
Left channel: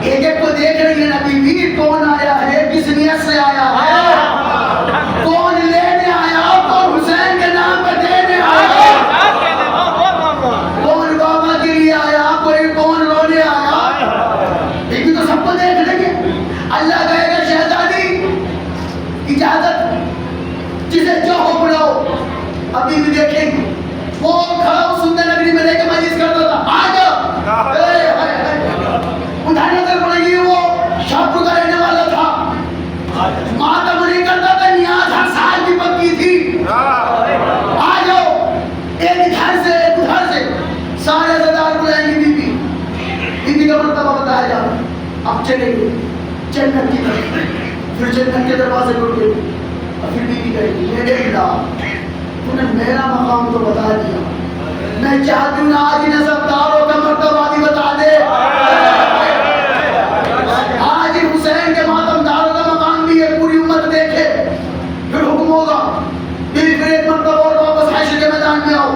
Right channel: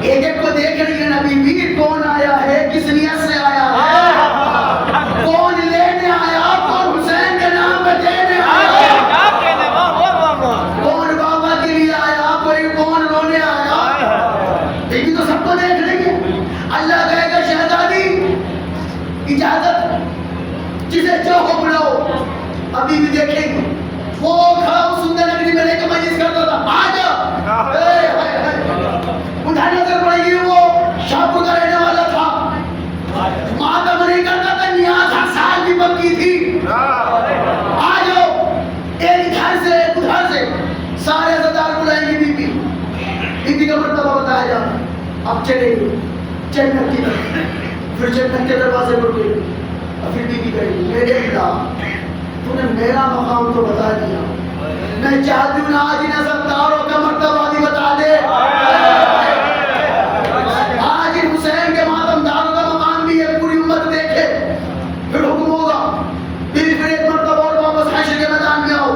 ایک ایک کو دیکھ رہی ہے نا بیوی، کون آیا ہے، کس نیت سے آیا ہے، کون لینے آیا، کون حسین کے نام پہ دینے آیا، کون بابا کے لیے آیا، کوئی کون رونے آیا، بیوی تو سب کو دیکھ رہی ہے۔ اللہ کہے گا شہزادی اجازت، جسے جو ہو بلاؤ۔ ابھی بھی دیکھیں گے وہ کھڑا سندر نگری میں رہ کے مجلس کرتا تھا، آ جاؤ، اٹھانے نظر پڑے گی، وہ شاہپور کا رہنے والا تھا، ماتم نہیں کرتا تھا، نیاز ہر سال بھی پکی تھی، آ جاؤ، ایک ادھر سے ایک ادھر سے، سارے عزادار بلائیں گے بیوی، بیوی کا مرتبہ بتایا جا رہا ہے۔ اب چلیں گے جنت کی طرف، پھر جنت کے دروازے پر گئے، اور پھر بیوی کہے گی میرے اللہ تو نے میرا مقام تو بتا دیا، میں چاہتی ہوں آج نظرداروں کا مرتبہ بھی بتا دے، آج حسین کے ماتم داروں کا مقام بھی ہے، پوری امت دیکھے۔ پھر حکم ہوگا بیوی پھر ایک مرتبہ اور واپس حشر کے میدان میں آؤ،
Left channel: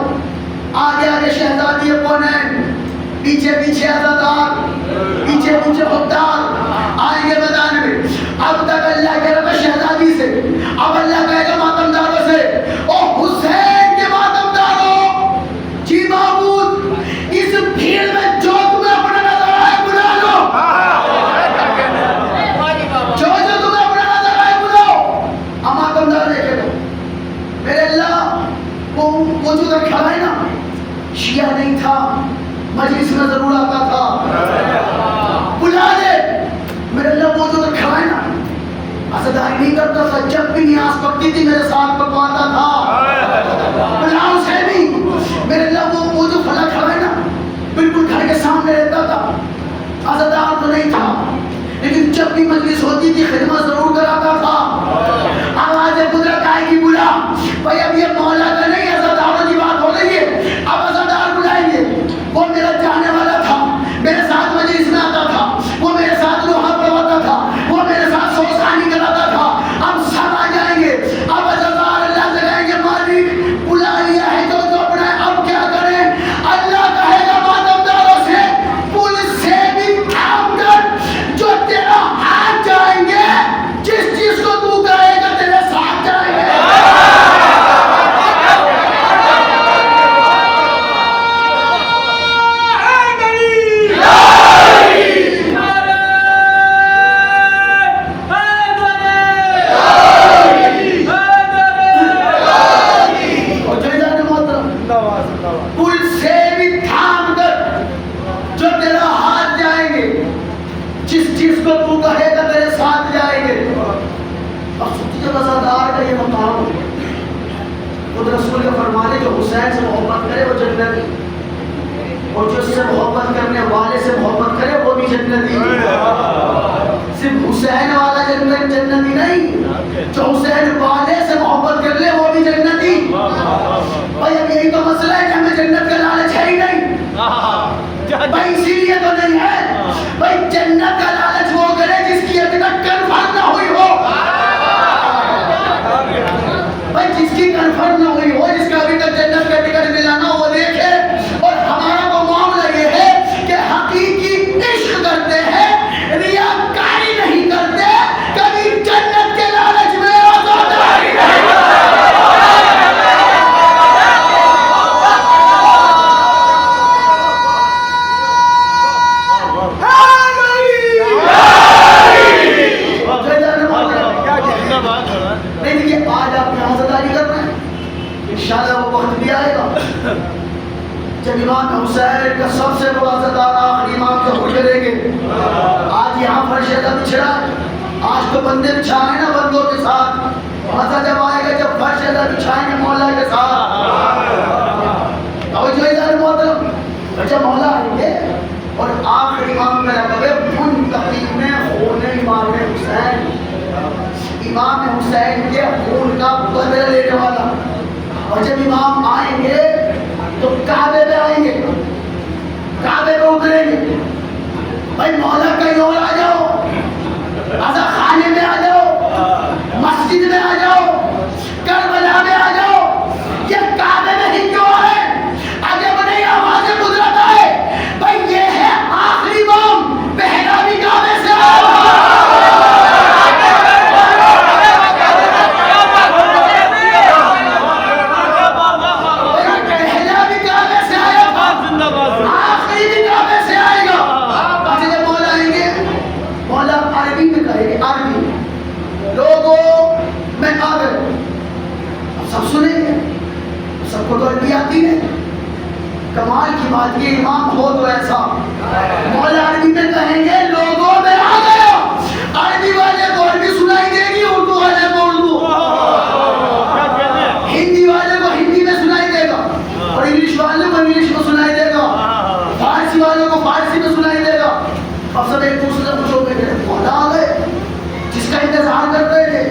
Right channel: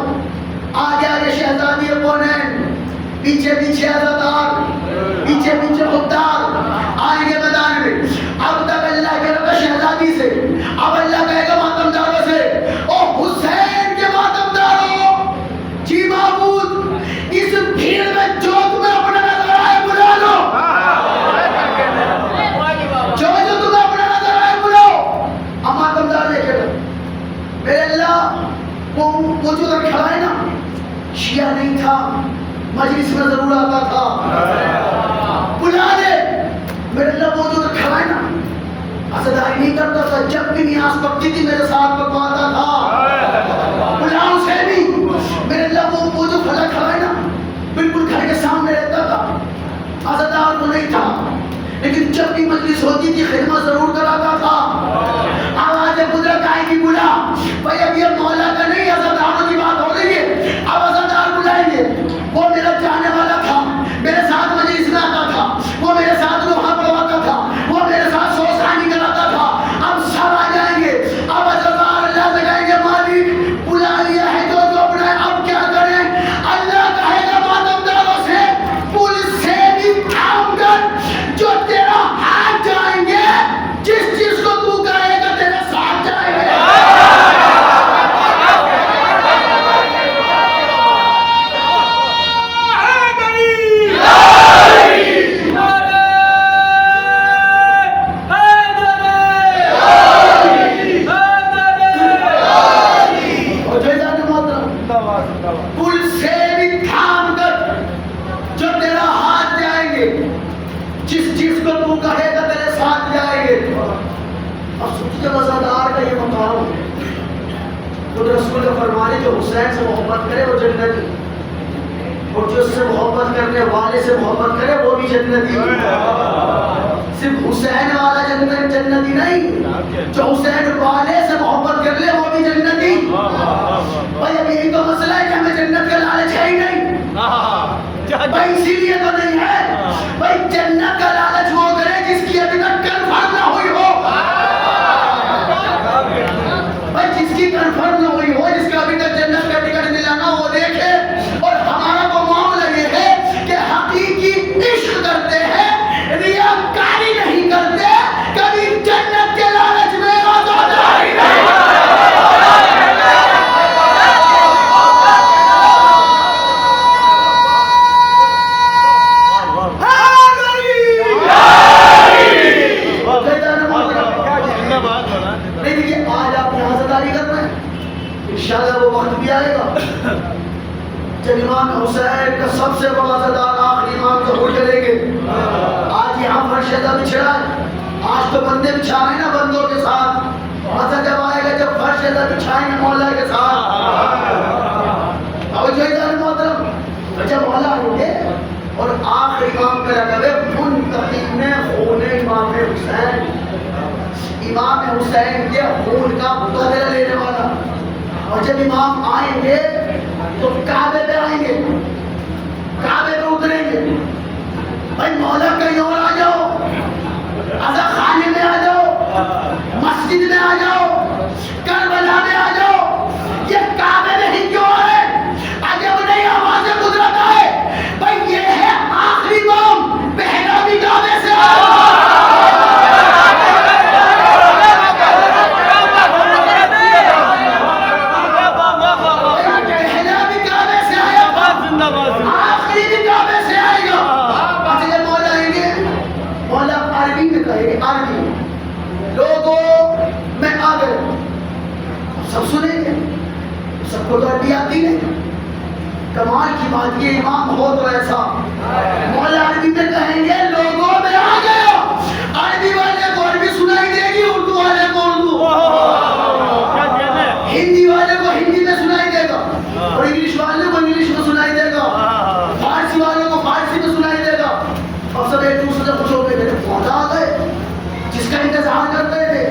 آگے آگے شہزادی کونین، پیچھے پیچھے عزادار، پیچھے پیچھے خوددار آئیں گے میدان میں۔ اب تک اللہ کہہ رہا تھا شہزادی سے، اب اللہ کہے گا ماتم داروں سے، او حسین کے ماتم داروں، جی معبود اس بھیڑ میں جو تمہیں اپنا نظر آئے بلا لو، جو تمہیں اپنا نظر آئے بلاؤ۔ اب ماتم دار دیکھے گا میرے اللہ، وہ جو ادھر کھڑا ہے نا شیعہ نہیں تھا، مجلس میں ضرور آتا تھا، بلا دے میرے اللہ، وہ جو ادھر کھڑا ہے نا ظاہر نہیں کرتا تھا، جب بھی نیاز پکتی تھی میرے ساتھ پکواتا تھا، غلام سے بھی میرے لبوں کو جو پھلا کھڑا ہے نا بالکل گھر کے سامنے رہتا تھا، عزادار تو نہیں تھا لیکن جب بھی مجلس ہوتی تھی خدمت ضرور کراتا تھا۔ آواز قدرت آئے گی بلا بھائی اب یہ مولا کا نہیں عزاداروں کی بات ہو رہی ہے، اب عزادار بلائیں گے۔ وہ میرا جانے والا تھا، میرے ساتھ مجلس میں آتا تھا، وہ میرے ساتھ لوہا پڑھواتا تھا، وہ میرے ساتھ سوز خانی کراتا تھا، اب سب آ جائیں گے، اب عزادار اللہ سے کہیں گے مالک بلا لیا ہے جو جو اپنا ہے، اب کیا کریں؟ اللہ کہے گا ماتمداروں سے پولیس سے بھی کام کر، جو تیرا ہاتھ جائیں گے، جس چیز کو تو کہے گا تیرے ساتھ جائیں گے۔ پل سے بھی تھام کر جو تیرا ہاتھ جائیں گے، جس چیز کو تو کہے گا تیرے ساتھ جائیں گے۔ اب سچی جب عزادار کا یہ مقام ہے، خود رسول کا فرمانے جو حسین سے محبت کرے وہ جنتی، اور جو اس سے محبت کرنے والے سے محبت کرے وہ بھی جنتی۔ صرف حسین والا جنتی نہیں، جو حسین والے سے محبت کر لے وہ بھی جنتی۔ بھائی اب یہی تو مسئلہ ہے کہ ہمیں جنت کا لالچ ہے ہی نہیں، بھائی اسی لیے تو نہیں ہے۔ بھائی جنت کا لالچ وہ کرے جس کی ابھی تک کنفرم نہ ہوئی ہو، بھائی جس کی کنفرم نہ ہوئی ہو، جس کا ابھی تک جنت کا ٹکٹ ملا نہ وہ دیکھے۔ اور ہمارا وہ معاملہ یہ ہے کہ حقیقی عشق کرتے ہیں، ریاکاری نہیں کرتے، کبھی جنت کے لالچ میں عزاداری نہیں کرتے۔ نہیں دیکھیے آج آپ یہاں عزاداری کر رہے ہیں، انشاءاللہ وہ وقت بھی آئے گا جب امام حسین کا سب سے بڑا عزادار آخری امام ظہور کریں گے۔ آج یہاں فرش ادا بچھڑا ہے، آج تو بندے بچھائیں نا بندوں کے ساتھ، مزہ جب آئے گا جب فرش ادا بچھائیں گے مولا کے ساتھ۔ اور جو ادھر محترم جب مولا آئیں گے اور آخری امام کا لقب ہے منتقم خون امام حسین، امام حسین کے خون کا بدلہ لینے والا۔ اور جب امام آئیں گے تو کعبے پہ آئیں گے، کعبے پہ اتریں گے، بھائی مولا کہیں اور آ جاؤ، عزا خانے میں آ جاؤ، مسجد میں آ جاؤ، کربلا میں آ جاؤ، یہ کعبے میں ہی کیوں ہے؟ عجب نہیں آواز قدرت آئے، بھائی یہ ہے آخری امام، پہلا بھی کعبے سے آیا۔ سب سنیں گے، سب کو تو عربی آتی ہے۔ کمال کی بات یہ امام ہو تو ایسا، مولا عربی میں کہیں گے لوگوں میں آ گیا، عربی والے کو عربی سنائی دے گی، اردو والے کو اردو، ہندی والے کو ہندی میں سنائی دے گا، اور انگلش والے کو انگلش میں سنائی دے گا، فارسی والوں کو فارسی میں سنائی دے گا۔ اب سب ایک دوسرے سے پوچھو گے مولا آ گئے، جس کا انتظار کر رہے تھے،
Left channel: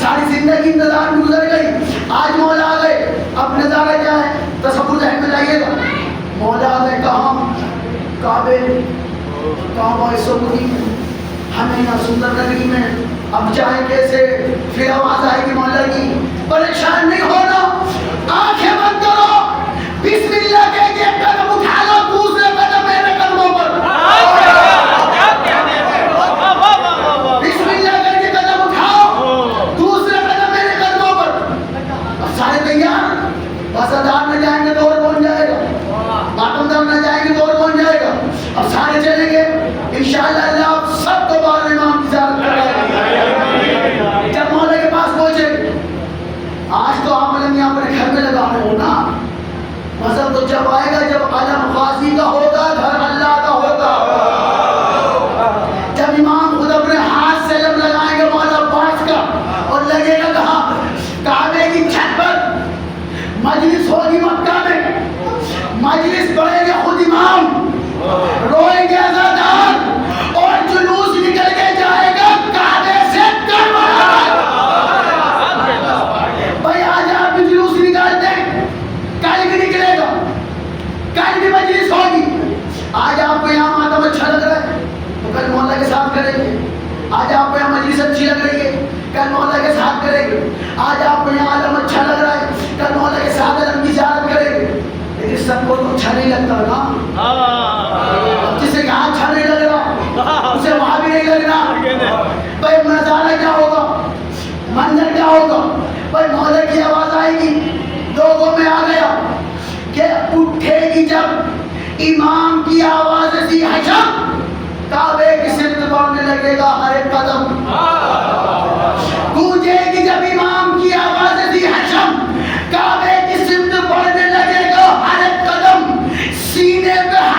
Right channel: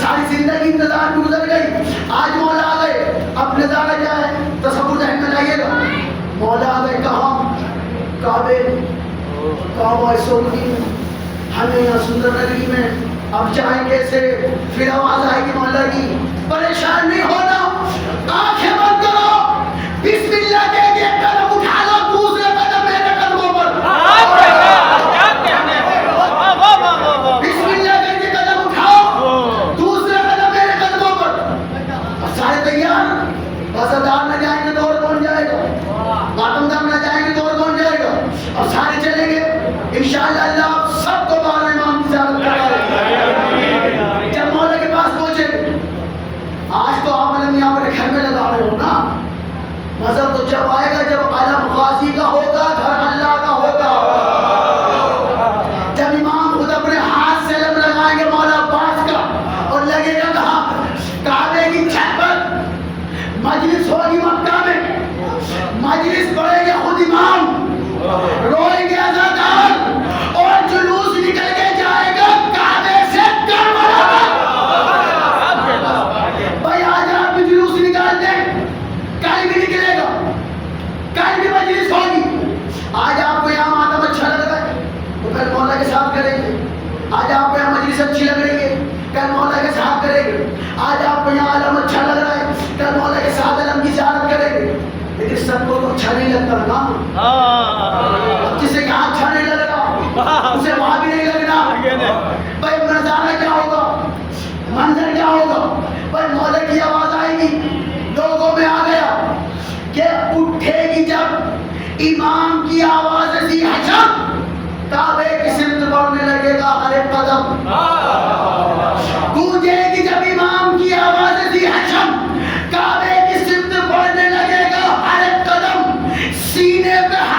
ساری زندگی انتظار میں گزر گئی، آج مولا آ گئے، اب نظارہ کیا ہے؟ تصور ذہن میں لائیے گا، مولا آ گئے کہاں؟ کعبے، کعبہ سعودی، ہمیں یہاں سندر نگری میں، اب جائیں کیسے؟ پھر آواز آئے گی مولا کی، پریشان نہیں ہونا، آنکھیں بند کرو، بسم اللہ کہہ کے قدم اٹھا لو، دوسرے قدم میرے قدموں پر، بسم اللہ کہہ کے قدم اٹھاؤ، دوسرے قدم میرے قدموں پر۔ اب سارے تیار، عزادار نہ جائیں گے تو اور کون جائے گا؟ ماتمدار نہ جائیں گے تو اور کون جائے گا؟ اب سارے چلیں گے، انشاءاللہ اللہ آپ سب کو بار امام کی زیارت کرائے۔ جب مولا کے پاس پہنچے، آج تو آپ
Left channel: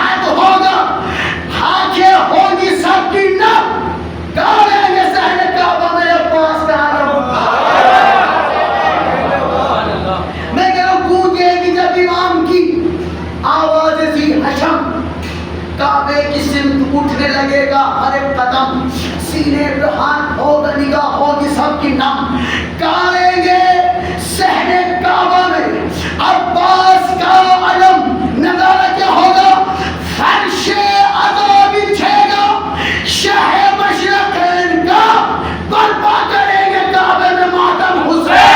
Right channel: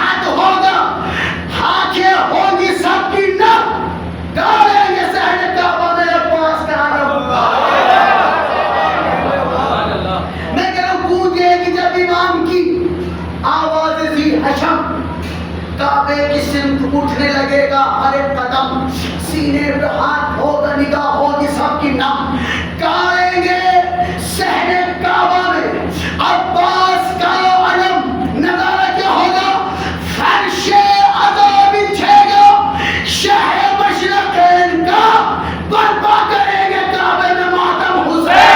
جہاد ہوگا، آنکھیں ہوگی سب کی نم، گاڑیں گے صحن کعبہ میں عباس کا علم، میں کہہ رہا ہوں گونجے گی جب امام کی آواز ذی حشم، کعبے کی سمت اٹھنے لگے گا ہر ایک قدم، سینے پہ ہاتھ ہوگا، نگاہ ہوگی سب کی نم، گاڑیں گے صحن کعبہ میں عباس کا علم، نظارہ کیا ہوگا؟ فرش عطا بچھے گا، شہ مشرقین کا برپا کریں گے کعبے میں ماتم حسین،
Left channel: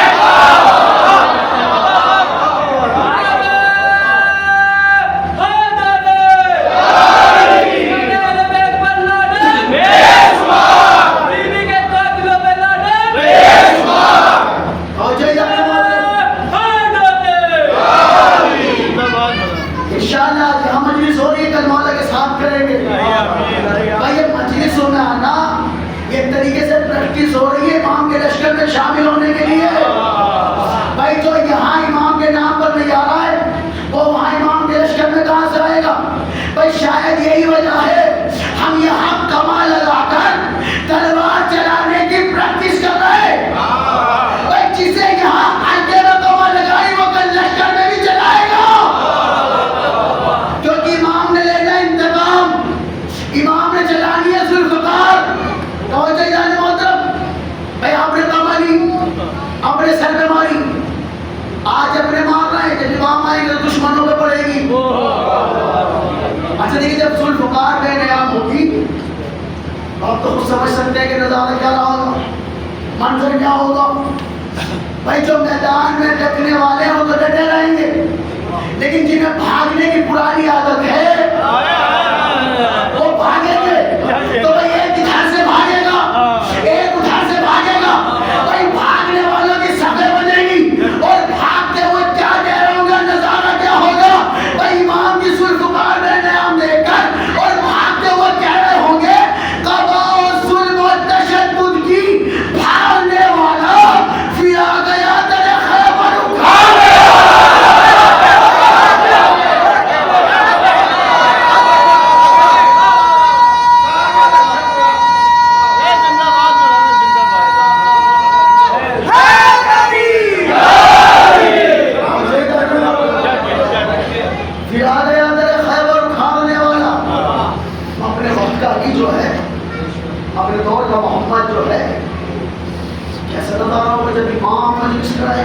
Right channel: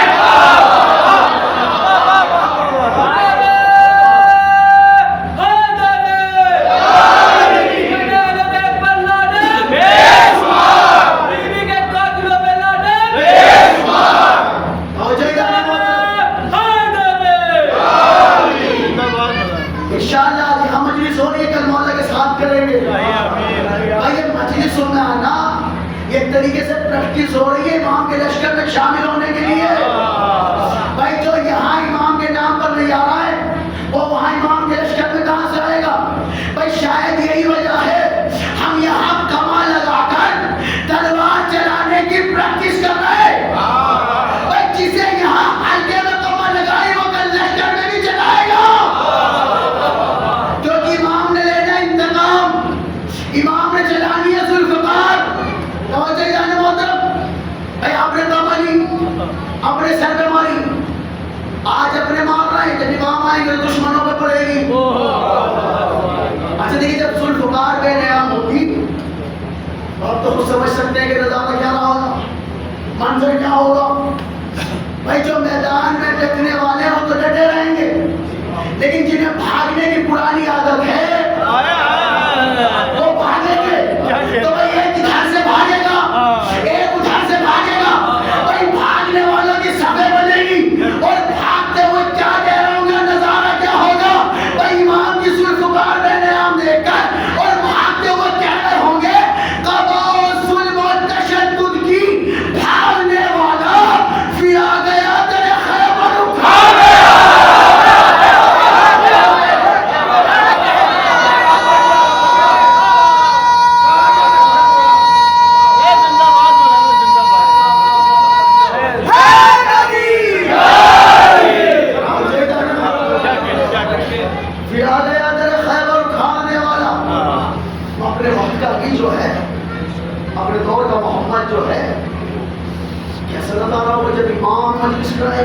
ہو رہی ہے امام کے لشکر میں شامل ہونے کے لیے۔ بھائی جو یہاں امام کے نام پر نہیں آ رہا ہے وہ وہاں امام کے لشکر میں کہاں سے آئے گا؟ بھائی شاید یہی وجہ ہے ہم یہاں کما لگا کر تلوار چلانے کی پریکٹس کر رہے ہیں۔ بھائی جسے یہاں ہلکے میں کما لگائی وہ کل لشکر میں بھی چلائے گا، کیونکہ امام نے لینا انتقام، امام نے چلانی ہے ذوالفقار۔ توجہ جانے محترم، بھائی آپ نے ماری، اپنے سر پہ ماری، آج اپنے مار رہے ہیں، جب امام آئیں گے تو دشمنوں پہ پڑے گی۔ اچھا دیکھیں جب ذوالفقار بے نیام ہوگی آپ تو خود سمجھ سکتے ہیں کہ نظارہ کیا رہا ہوگا، منظر کیا ہوگا۔ بھائی جو میدان میں ڈٹنے والے ہوں تو ڈٹے رہیں گے، لیکن جنہیں بھاگنے کی پرانی عادت ہے وہ بھاگیں گے۔ تو بھائی ایک ادھر سے بھاگے گا، ایک ادھر سے بھاگے گا، بھائی بھاگنے والوں کی صفیں بنے گی اور بھاگتے ہوئے کیا کہہ رہے ہوں گے، نظارہ کیا ہوگا؟ بھائی امام کی ذوالفقار بے نیام دیکھ کر اور بھاگتے ہوئے کہہ رہے ہوں گے قضا و ظلم و تشدد کی بھاگنے والا پھر آ گیا در خیبر اٹھا اپنے دور کا محمد جو ہے کیسا نظارہ ہوگا جب امام مجلس کرائے،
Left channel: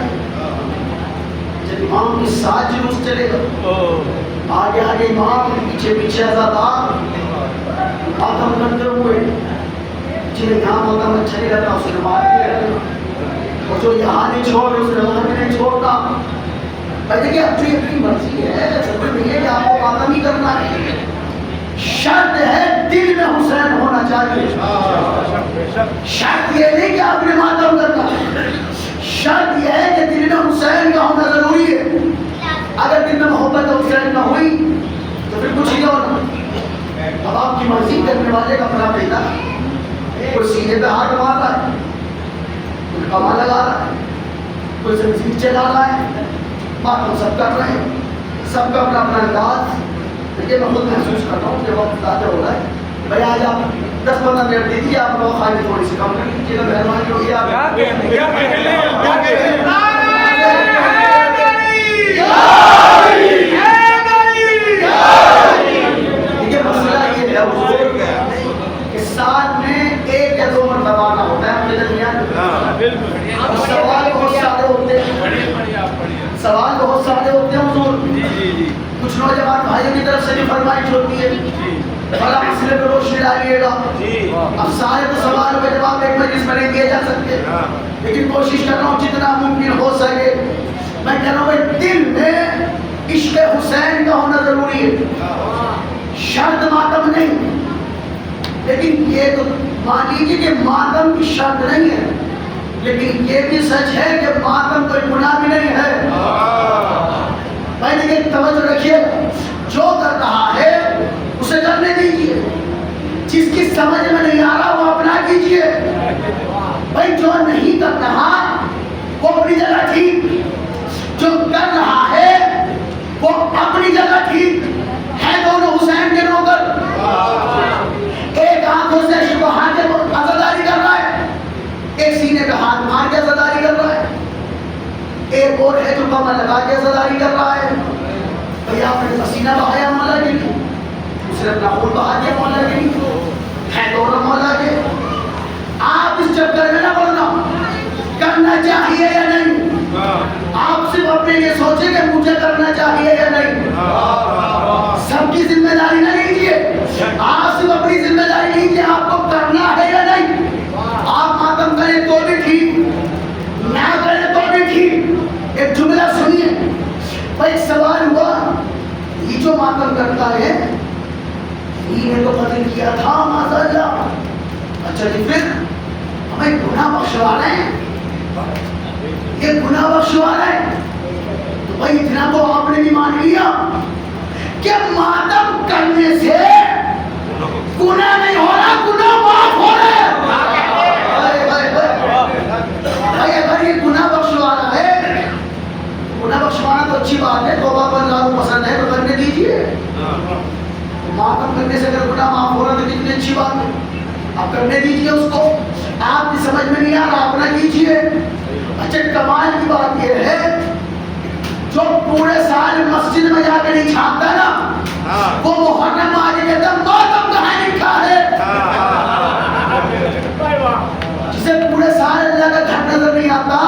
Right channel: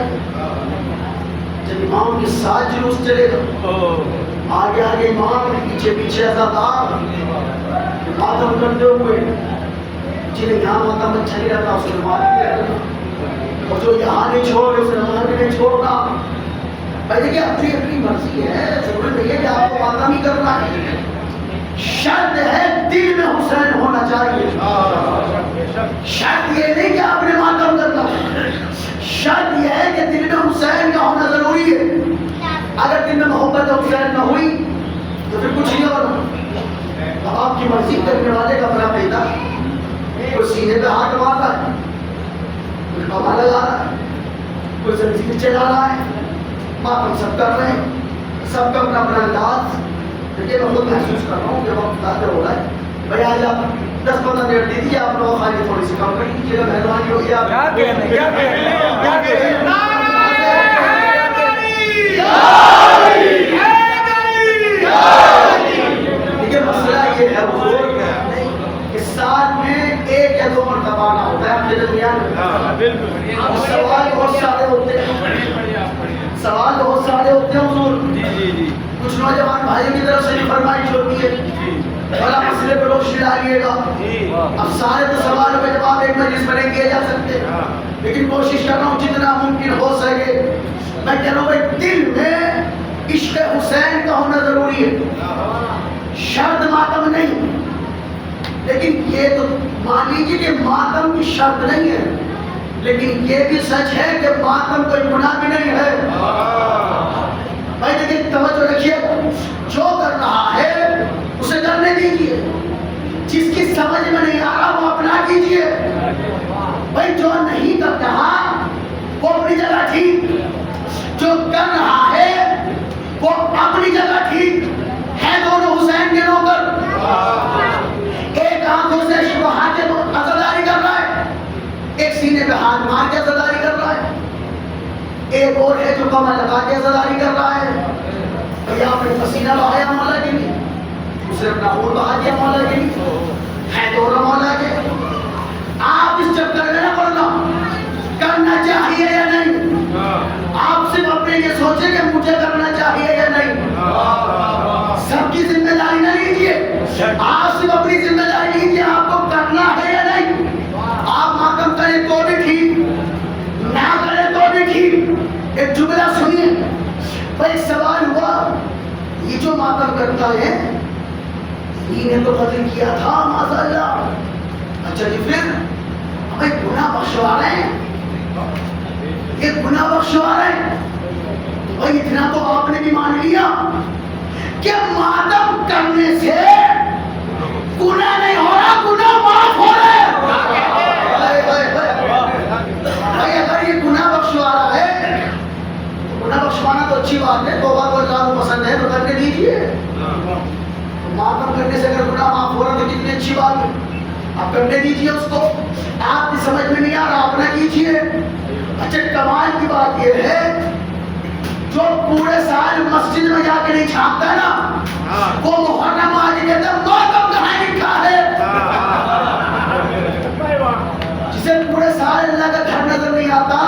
جب امام کے ساتھ جلوس چلے گا، آگے آگے امام، پیچھے پیچھے عزادار ماتم کرتے ہوئے، جنہیں یہاں ماتم اچھا نہیں رہتا اس نے مار بھی رہتا، اور جو یہاں نہیں چھوڑ رہے اس نے وہاں بھی نہیں چھوڑتا۔ بھائی دیکھیں اپنی اپنی مرضی ہے، ضروری نہیں ہے کہ آپ کو ماتم ہی کرنا ہے، شرط ہے دل میں حسین ہونا چاہیے، شرط یہ نہیں کہ آپ نے ماتم کرنا، شرط یہ ہے کہ دل میں حسین کا ہونا ضروری ہے۔ اگر دل میں محبت حسین نہ ہوئی تو پھر کچھ نہیں ہونا۔ اب آپ کی مرضی کرنے والے کا اپنا پیدا، کوئی سینے پہ ہاتھ مار رہا ہے، کوئی کما لگا رہا ہے، کوئی زنجیر چلا رہا ہے، ماتم سب کر رہے ہیں، سب کا اپنا اپنا انداز۔ یہ میں خود محسوس کر رہا ہوں کہ وقت زیادہ ہو رہا ہے۔ بھائی آج آپ 10-15 منٹ دے دیجیے، آپ لوگ خواہی تھوڑی سی کم کر لیجیے گا، مہربانی ہوگی آپ۔ دیکھیے مسئلہ یہ ہے حضور کہ سال میں 1 یا 2 مرتبہ آنا ہوتا ہے آپ کے درمیان، سوال بہت سارے ہوتے ہیں، سوال بہت سارے ہوتے ہیں حضور۔ کچھ نوجوان بھائیوں کی طرف سے بھی فرمائش ہوتی ہے بڑا مسئلے پہ روشنی ڈالیے گا۔ اب سارے تو سوالوں کے جواب ایک مجلس میں نہیں دیے جا سکتے، لیکن کوشش کر رہا ہوں جتنا ممکن ہو سکے۔ میں کہہ رہا ہوں بھائی دل میں عشق حسین کا ہونا ضروری ہے، شرط ماتم نہیں، لیکن یہ تو مان لیجیے کہ ماتم کی شرط نہیں ہے، لیکن یہ بھی سچ ہے کہ ماتم کوئی گناہ بھی نہیں ہے۔ بھائی دیکھیں توجہ رکھیے، جو کر رہا ہے اسے کرنے دیجیے، جس کی سمجھ میں نہیں آ رہا وہ اپنا کیجیے۔ بھائی جو نہیں کر رہا وہ اپنی جگہ ٹھیک، جو کر رہا ہے وہ اپنی جگہ ٹھیک ہے، دونوں حسین ایک اور ہے جو کمر لگا کے عزاداری کر رہا ہے. بھیا آپ نے پسینہ بہایا مولا کے لیے, دوسرے اپنا خون بہا دیا مولا کے لیے, ہے دونوں مولا کے. آپ اس چکر میں نہ پڑنا, کرنا چاہیے یا نہیں. آپ صرف اپنے لیے سوچیں کہ مجھے کرنا چاہیے یا نہیں. سب کی ذمہ داری نہ لیجیے, آپ صرف اپنی ذمہ داری لیجیے, آپ کو کرنا ہے یا نہیں. آپ ماتم کریں تو بھی ٹھیک, نہ کریں تو بھی ٹھیک. ایک جملہ سنیے. ایک سوال ہوا, یہ جو ماتم کرتا ہے یہ نے تو قتل کیا تھا معاذ اللہ, اچھا جی پھر ہمیں گناہ بخشوا رہے ہیں, یہ گناہ بخشوا رہے ہیں. تو بھائی اتنا تو آپ نے بھی مان لیا کہ ماتم کرنے سے گناہ نہیں ہو رہا, گناہ معاف ہو رہا ہے. بھائی اگر یہ گناہ بخشوا رہا ہے, گناہ بخشوانا تو اچھی بات ہے, توبہ کو اللہ کو پسند ہے تو کرنے دیجیے. ماتم کرنے سے اگر گناہ معاف ہو رہا تو کتنی اچھی بات ہے, آپ کرنے دیجیے اس کو. آپ کی سمجھ میں نہیں آ رہا, آپ نہ کیجیے. اچھا کمال کی بات یہ ہے, جو پورے سال مسجد میں جا کے نہیں چھاپتا نا, وہ محرم آ کے کہتا ماتم کہاں لکھا ہے. جسے پورے سال اللہ کا گھر نظر نہیں آتا,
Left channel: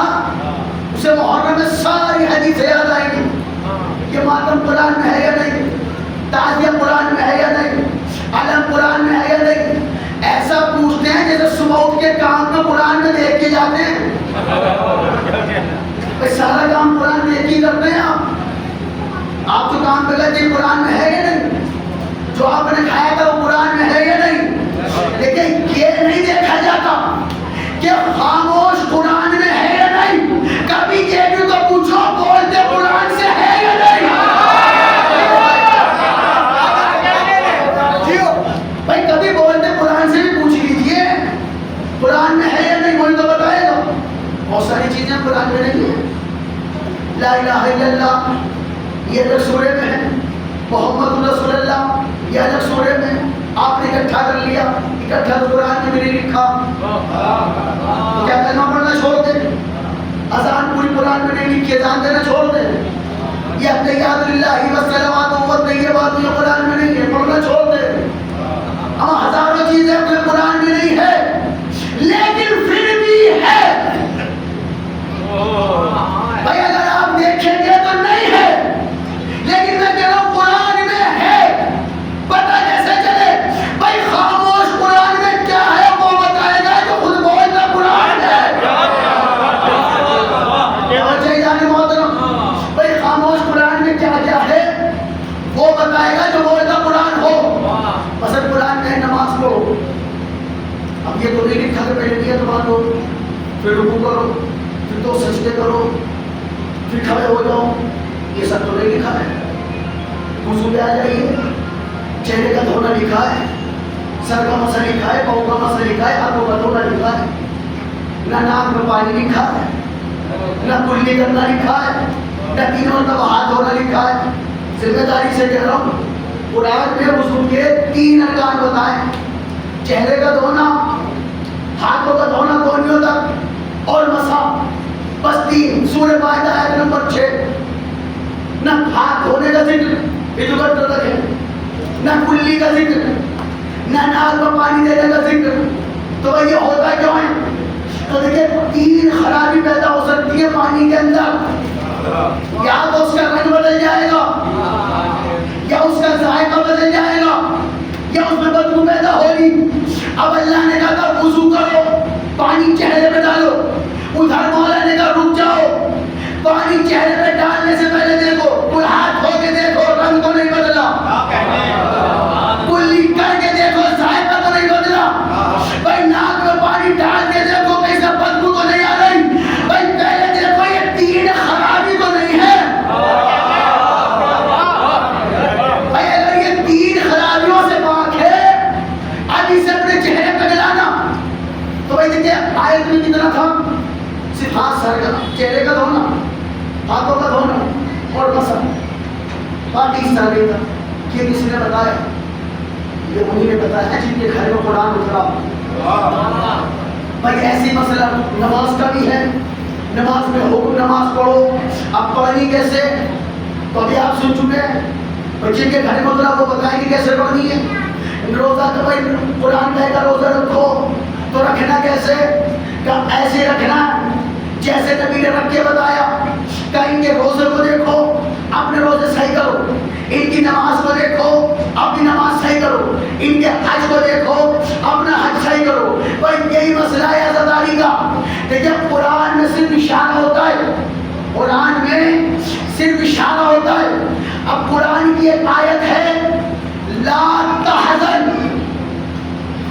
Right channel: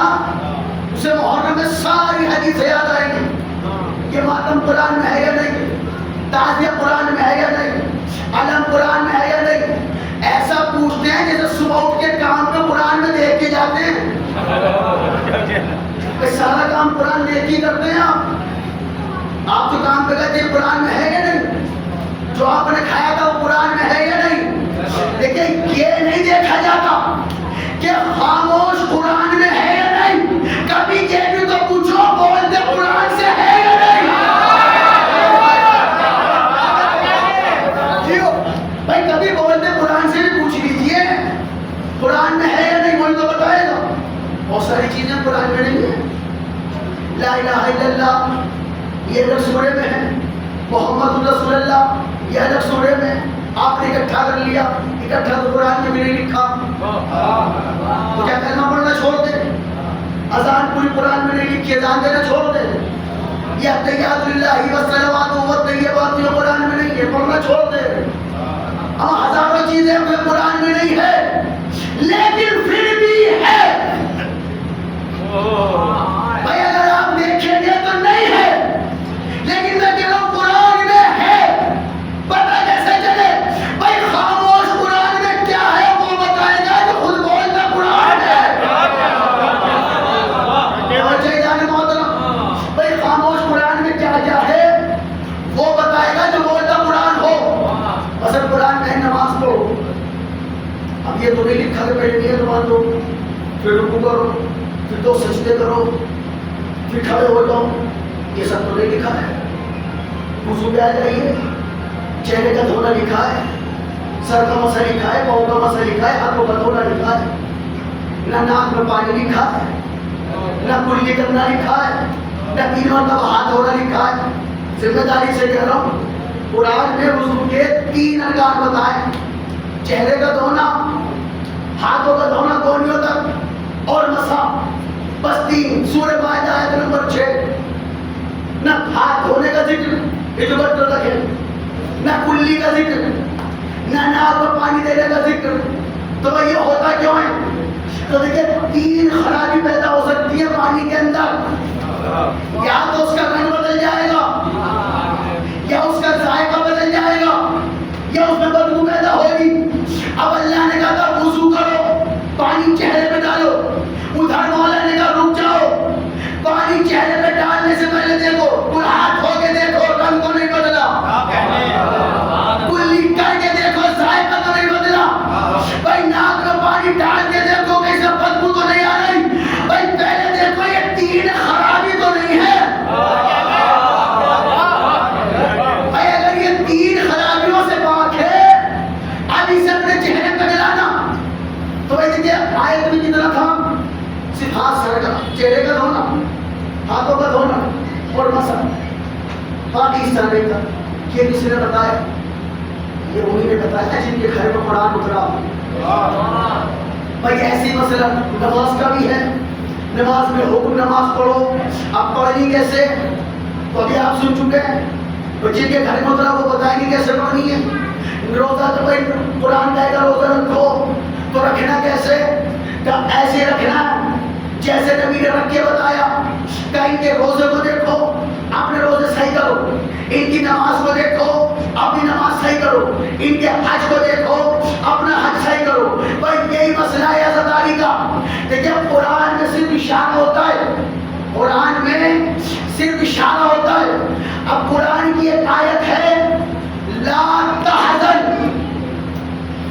اسے محرم میں ساری حدیثیں یاد آئیں گی. یہ ماتم قرآن میں ہے یا نہیں, تعزیہ قرآن میں ہے یا نہیں, علم قرآن میں ہے یا نہیں. ایسا پوچھتے ہیں جیسے صبح اٹھ کے کام پہ قرآن میں دیکھ کے جاتے ہیں. سارا کام قرآن دیکھ کے کرتے ہیں. آپ جو کام پہ گئے قرآن میں ہے یا نہیں, جو آپ نے کھایا تھا وہ قرآن میں ہے یا نہیں. لیکن یہ نہیں دیکھا جاتا کہ خاموش قرآن میں ہے یا نہیں. کبھی یہ بھی تو پوچھو بولتے قرآن سے ہے یا نہیں. بھائی کبھی بولتے قرآن سے بھی پوچھ لیجئے قرآن میں ہے یا نہیں, وہی تو بتائے گا. بہت ساری چیزیں قرآن میں نہیں ہیں. لا الہ الا اللہ یہ الگ سورے میں ہے, محمد رسول اللہ یہ الگ سورے میں. آپ نے اکٹھا کر لیا, اکٹھا تو قرآن میں بھی نہیں لکھا. تو کیا کلمہ پڑھنا چھوڑ دے, اذان پوری قرآن میں نہیں لکھی, اذان دینا چھوڑ دے. یہ التحیات للہ والصلوات والطیبات یہ قرآن میں نہیں ہے, پڑھنا چھوڑ دے. ہم ہزاروں چیزیں اپنے قرآن میں نہیں ہے, لیکن پھر بھی ہے. بھائی اگر آپ دیکھیں گے تو نہیں ہے, لیکن میں کہہ رہا ہوں قرآن میں ہے. پتہ کیسے چلے؟ بھائی خاموش قرآن میں کیا ہے وہ بتائے گا جو خود بولتا قرآن ہے. بھائی خاموش قرآن میں کیا کیا ہے وہ بتائے گا جو بولتا قرآن ہو. مثلا قرآن میں نماز پڑھو, اب یہ تو نہیں لکھا کہ پہلے نیت باندھو, پھر رکوع کرو, پھر دو سجدے کرو, پھر کھڑے ہو جاؤ. یہ سب تو نہیں لکھا ہے. وضو پہ آ جائیے, چہرے کا دھونا لکھا ہے, سر کا مسا لکھا ہے, پاؤں کا مسا لکھا ہے, ہاتھوں کا دھونا لکھا ہے. نہ ناک میں پانی لکھا ہے, نہ کلی کرنا لکھا ہے, نہ 3 مرتبہ ہاتھ دھونا لکھا ہے. ذمہ داری سے کہہ رہا ہوں قرآن میں وضو کے 3 ارکان بتائیں, چہرے کا دھونا, ہاتھوں کا دھونا کونیوں تک, اور مسا. بس 3. سورہ مائدہ آیت نمبر 6. نہ ہاتھ دھونے کا ذکر, یہ جو بٹر تک ہے, نہ کلی کا ذکر, نہ ناک میں پانی دینے کا ذکر. تو بھائی یہ ہوتا کیوں ہے؟ تو دیکھیں 3 خرابی پیدا ہو سکتی ہے پانی کے اندر. یا تو اس کا رنگ بدل جائے گا, یا اس کا ذائقہ بدل جائے گا, یا اس میں بدبو پیدا ہوگی. اب اللہ نے کہا تھا وضو کرو, پانی چہرے پہ ڈالو. ادھر مولا نے کہا رک جاؤ, پانی چہرے پہ ڈالنے سے پہلے دیکھو, کوئی ہاتھ دھو کے دیکھو رنگ تو نہیں بدلا, کلی کر کے دیکھو ذائقہ تو نہیں بدلا. بھائی ناک میں پانی ڈال کے دیکھو کہیں سے بدبو تو نہیں آ رہی. بھائی پہلے دیکھو یہ 3 خرابی تو نہیں ہے. بھائی اگر یہ 3 خرابیوں سے پاک ہے, اب اسے اپنے چہرے پہ ملانا. تو بھائی دیکھیے آیت میں کتنا تھا, صرف ہاتھ سر کا, چہرے کا دھونا, ہاتھوں کا دھونا اور مسا, باقی اس طرح نہیں تھا. یہ کسی نے بتایا, یہ انہی نے بتایا جن کے گھر میں قرآن اترا. بھائی ایسی مسئلہ نماز کا بھی ہے, نماز میں حکم نماز پڑھو، اب پڑھنی کیسے؟ تو ابھی آپ سن چکے ہیں، بچے کے گھر میں وہ بتائیں گے کیسے پڑھنی ہے۔ روزہ تو بھائی قرآن کہے گا روزہ رکھو، تو رکھنا کیسے؟ کہ ایسے رکھنا جیسے نبی نے رکھ کے بتایا۔ کہیں کے روزے کو دیکھو، اپنے روزے صحیح کرو، ان کی نماز کو دیکھو، اپنی نماز صحیح کرو، ان کے حج کو دیکھو، اپنا حج صحیح کرو۔ بھائی یہی مسئلہ ہے عزاداری کا۔ دیکھیں قرآن میں صرف اشارہ ہوتا ہے، قرآن میں صرف اشارہ ہوتا ہے۔ اب قرآن کی ایک آیت ہے لا تحزن،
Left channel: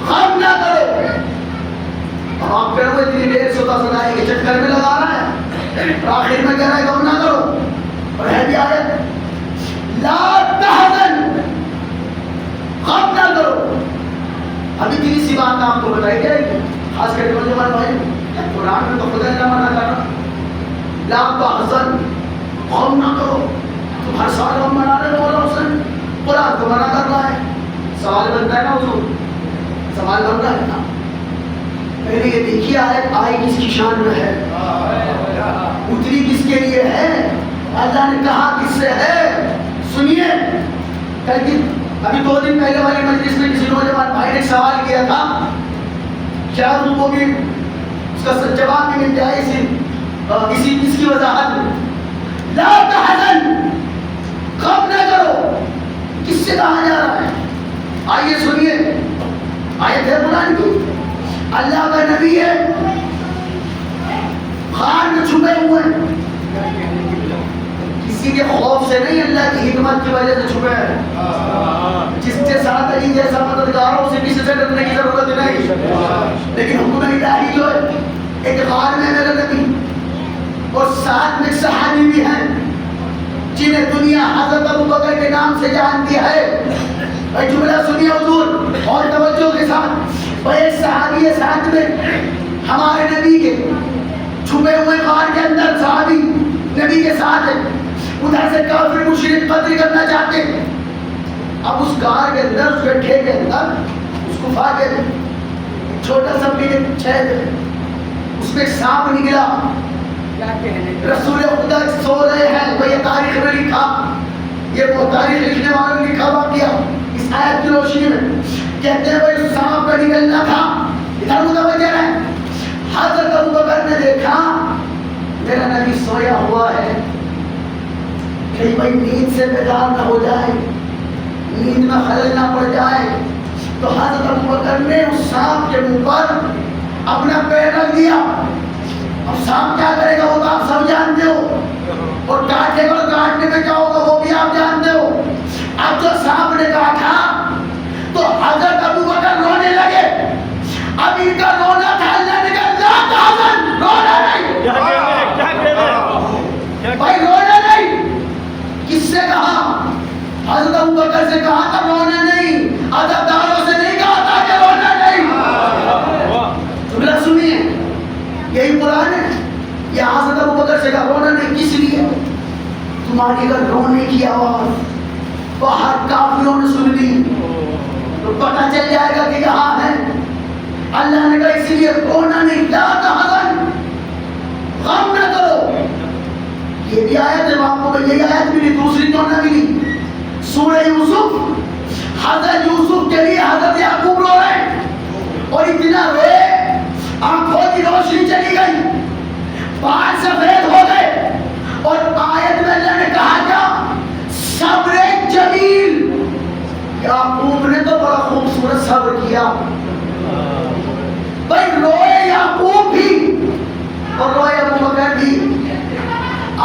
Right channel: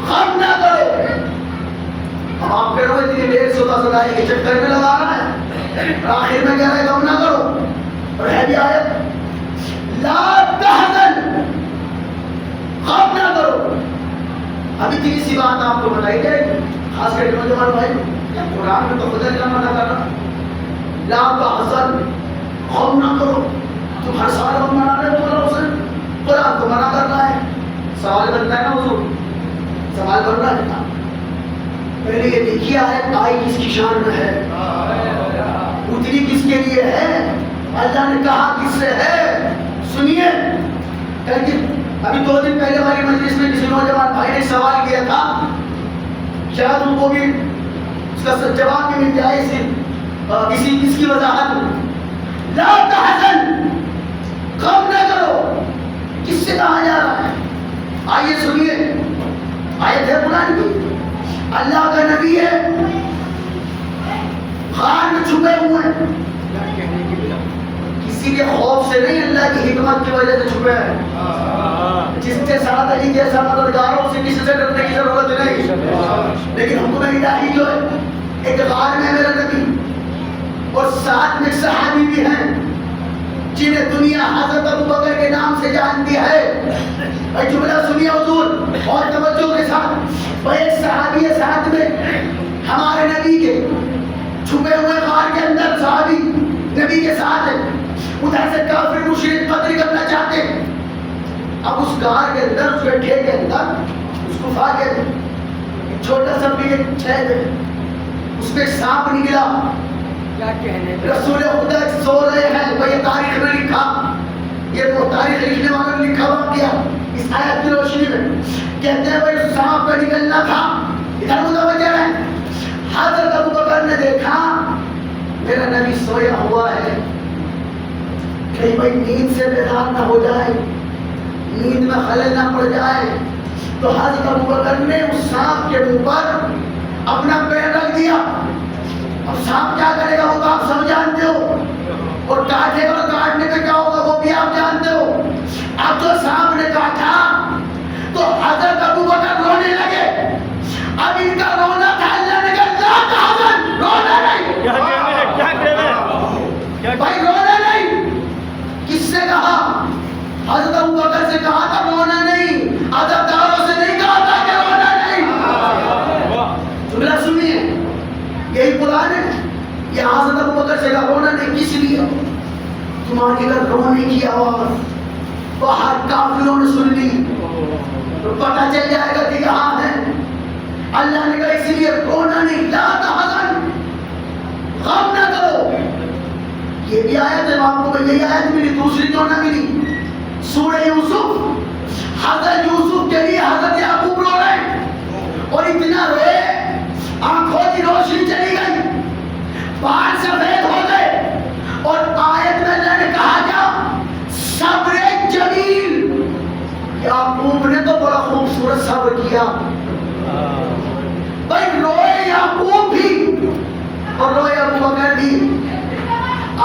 غم نہ کرو۔ اب آپ کہہ رہے ہو اتنی دیر سوتا سوتائی کے چکر میں لگا رہا ہے، اور آخر میں کہہ رہا ہے غم نہ کرو، اور ہے بھی آیت لا تحزن، غم نہ کرو۔ اب اتنی سی بات آپ کو بتائی جائے گی، خاص کر کے جو بھائی قرآن میں تو خدا نے منع کر رہا لا تحزن، غم نہ کرو۔ تم ہر سال غم منا رہے ہو، مولا حسین قرآن تو منع کر رہا ہے۔ سوال بنتا ہے نا حضور، سوال بن رہا ہے نا، پہلے یہ دیکھیے آیت آئی کس کی شان میں ہے، اتری کس کے لیے ہے، اللہ نے کہا کس سے ہے۔ سنیے کل کی ابھی 2 دن پہلے والی مجلس میں کسی نوجوان بھائی نے سوال کیا تھا، شاید ان کو بھی اس کا جواب بھی مل جائے اس کی وضاحت میں۔ لا تحزن، غم نہ کرو، کس سے کہا جا رہا ہے؟ آئیے سنیے، آیت ہے قرآن کی، اللہ کا نبی ہے، غار میں چھپے ہوئے ہیں، کسی کے خوف سے نہیں، اللہ کی حکمت کی وجہ سے چھپے ہیں۔ جس کے ساتھ علی جیسا مددگار ہو، اسے کسی سے ڈرنے کی ضرورت نہیں، لیکن حکم الہی جو ہے ایک غار میں میرا نبی اور ساتھ میں صحابی بھی ہیں جنہیں دنیا حضرت ابو بکر کے نام سے جانتی ہے۔ بھائی جملہ سنیے حضور اور توجہ کے ساتھ، بھائی ایک صحابی ہے ساتھ میں ہمارے نبی کے، چھپے ہوئے غار کے اندر صحابی نبی کے ساتھ ہے، ادھر سے کافر مشرک قتل کرنا چاہتے ہیں۔ اب اس غار کے اندر، اس گڈھے کے اندر، اس گفا کے چھوٹا سا بھی چھید ہے، اس میں ایک سانپ نکلا۔ رسول خدا سو رہے ہیں، وہ یہ تاریخ میں لکھا، یہ وہ تاریخ لکھنے والوں نے لکھا واقعہ اس آیت کی روشنی میں، کہتے ہیں بھائی سانپ کا نکلنا تھا، ادھر متوجہ ہے۔ حضرت ابو بکر نے دیکھا میرا نبی سویا ہوا ہے، کہیں بھائی نیند سے بیدار نہ ہو جائے، نیند میں خلل نہ پڑ جائے، تو حضرت ابو بکر نے اس سانپ کے منہ پر اپنا پیر رکھ دیا۔ اب سانپ کیا کرے گا وہ تو آپ سب جانتے ہو، اور کاٹے گا، کاٹنے میں کیا ہوگا وہ بھی آپ جانتے ہو۔ اب جو سانپ نے کاٹا تو حضرت ابو بکر رونے لگے۔ اب ان کا رونا تھا، اللہ نے کہا لا تحزن، رونا نہیں، بھائی رونا نہیں۔ کس سے کہا؟ حضرت ابو بکر سے کہا تھا رونا نہیں، عزاداروں سے نہیں کہا تھا کہ رونا نہیں۔ جملہ سنیے، یہی قرآن ہے، یہ حضرت ابو بکر سے کہا رونا نہیں، کس لیے؟ تمہاری اگر رونے کی آواز باہر کافروں نے سن لی تو پتہ چل جائے گا کہ یہاں ہے۔ اللہ نے کہا اسی لیے رونا نہیں، لا تحزن، غم نہ کرو۔ یہ بھی آیت ہے، آپ کو یہی آیت ملی، دوسری تو نہ ملی، سورہ یوسف۔ حضرت یوسف کے لیے حضرت یعقوب رو رہے ہیں، اور اتنا روئے آنکھوں کی روشنی چلی گئی، بال سفید ہو گئے، اور آیت میں اللہ نے کہا کیا؟ صبر جمیل۔ یعقوب نے تو بڑا خوبصورت صبر کیا، بھائی روئے یعقوب بھی اور روئے ابو بکر بھی۔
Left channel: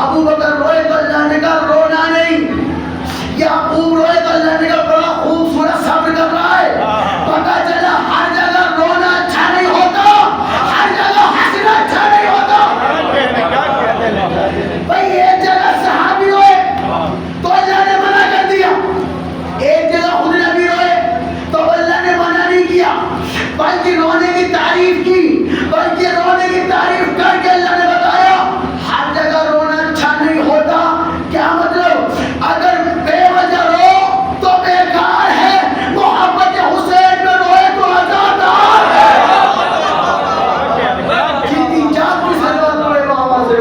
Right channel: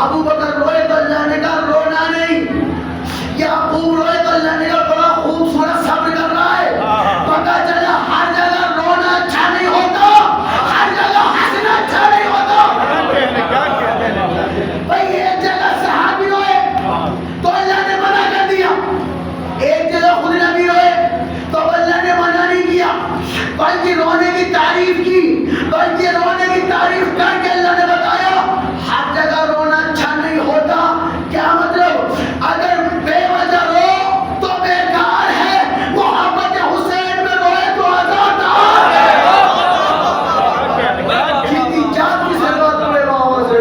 ابو بکر روئے تو اللہ نے کہا رونا نہیں، یعقوب روئے تو اللہ نے کہا بڑا خوبصورت صبر کر رہا ہے۔ پتہ چلا ہر جگہ رونا اچھا نہیں ہوتا، ہر جگہ ہنسنا اچھا نہیں ہوتا۔ بھائی ایک جگہ صحابی روئے تو اللہ نے منع کر دیا، ایک جگہ خود نبی روئے تو اللہ نے منع نہیں کیا، بلکہ رونے کی تعریف کی، بلکہ رونے کی تعریف کر کے اللہ نے بتایا ہر جگہ رونا اچھا نہیں ہوتا۔ کیا مطلب؟ اگر بے وجہ رو تو بیکار ہے، محمد حسین میں روئے تو عزادار ہے۔ جتنی جان کی ضرورت پڑے آواز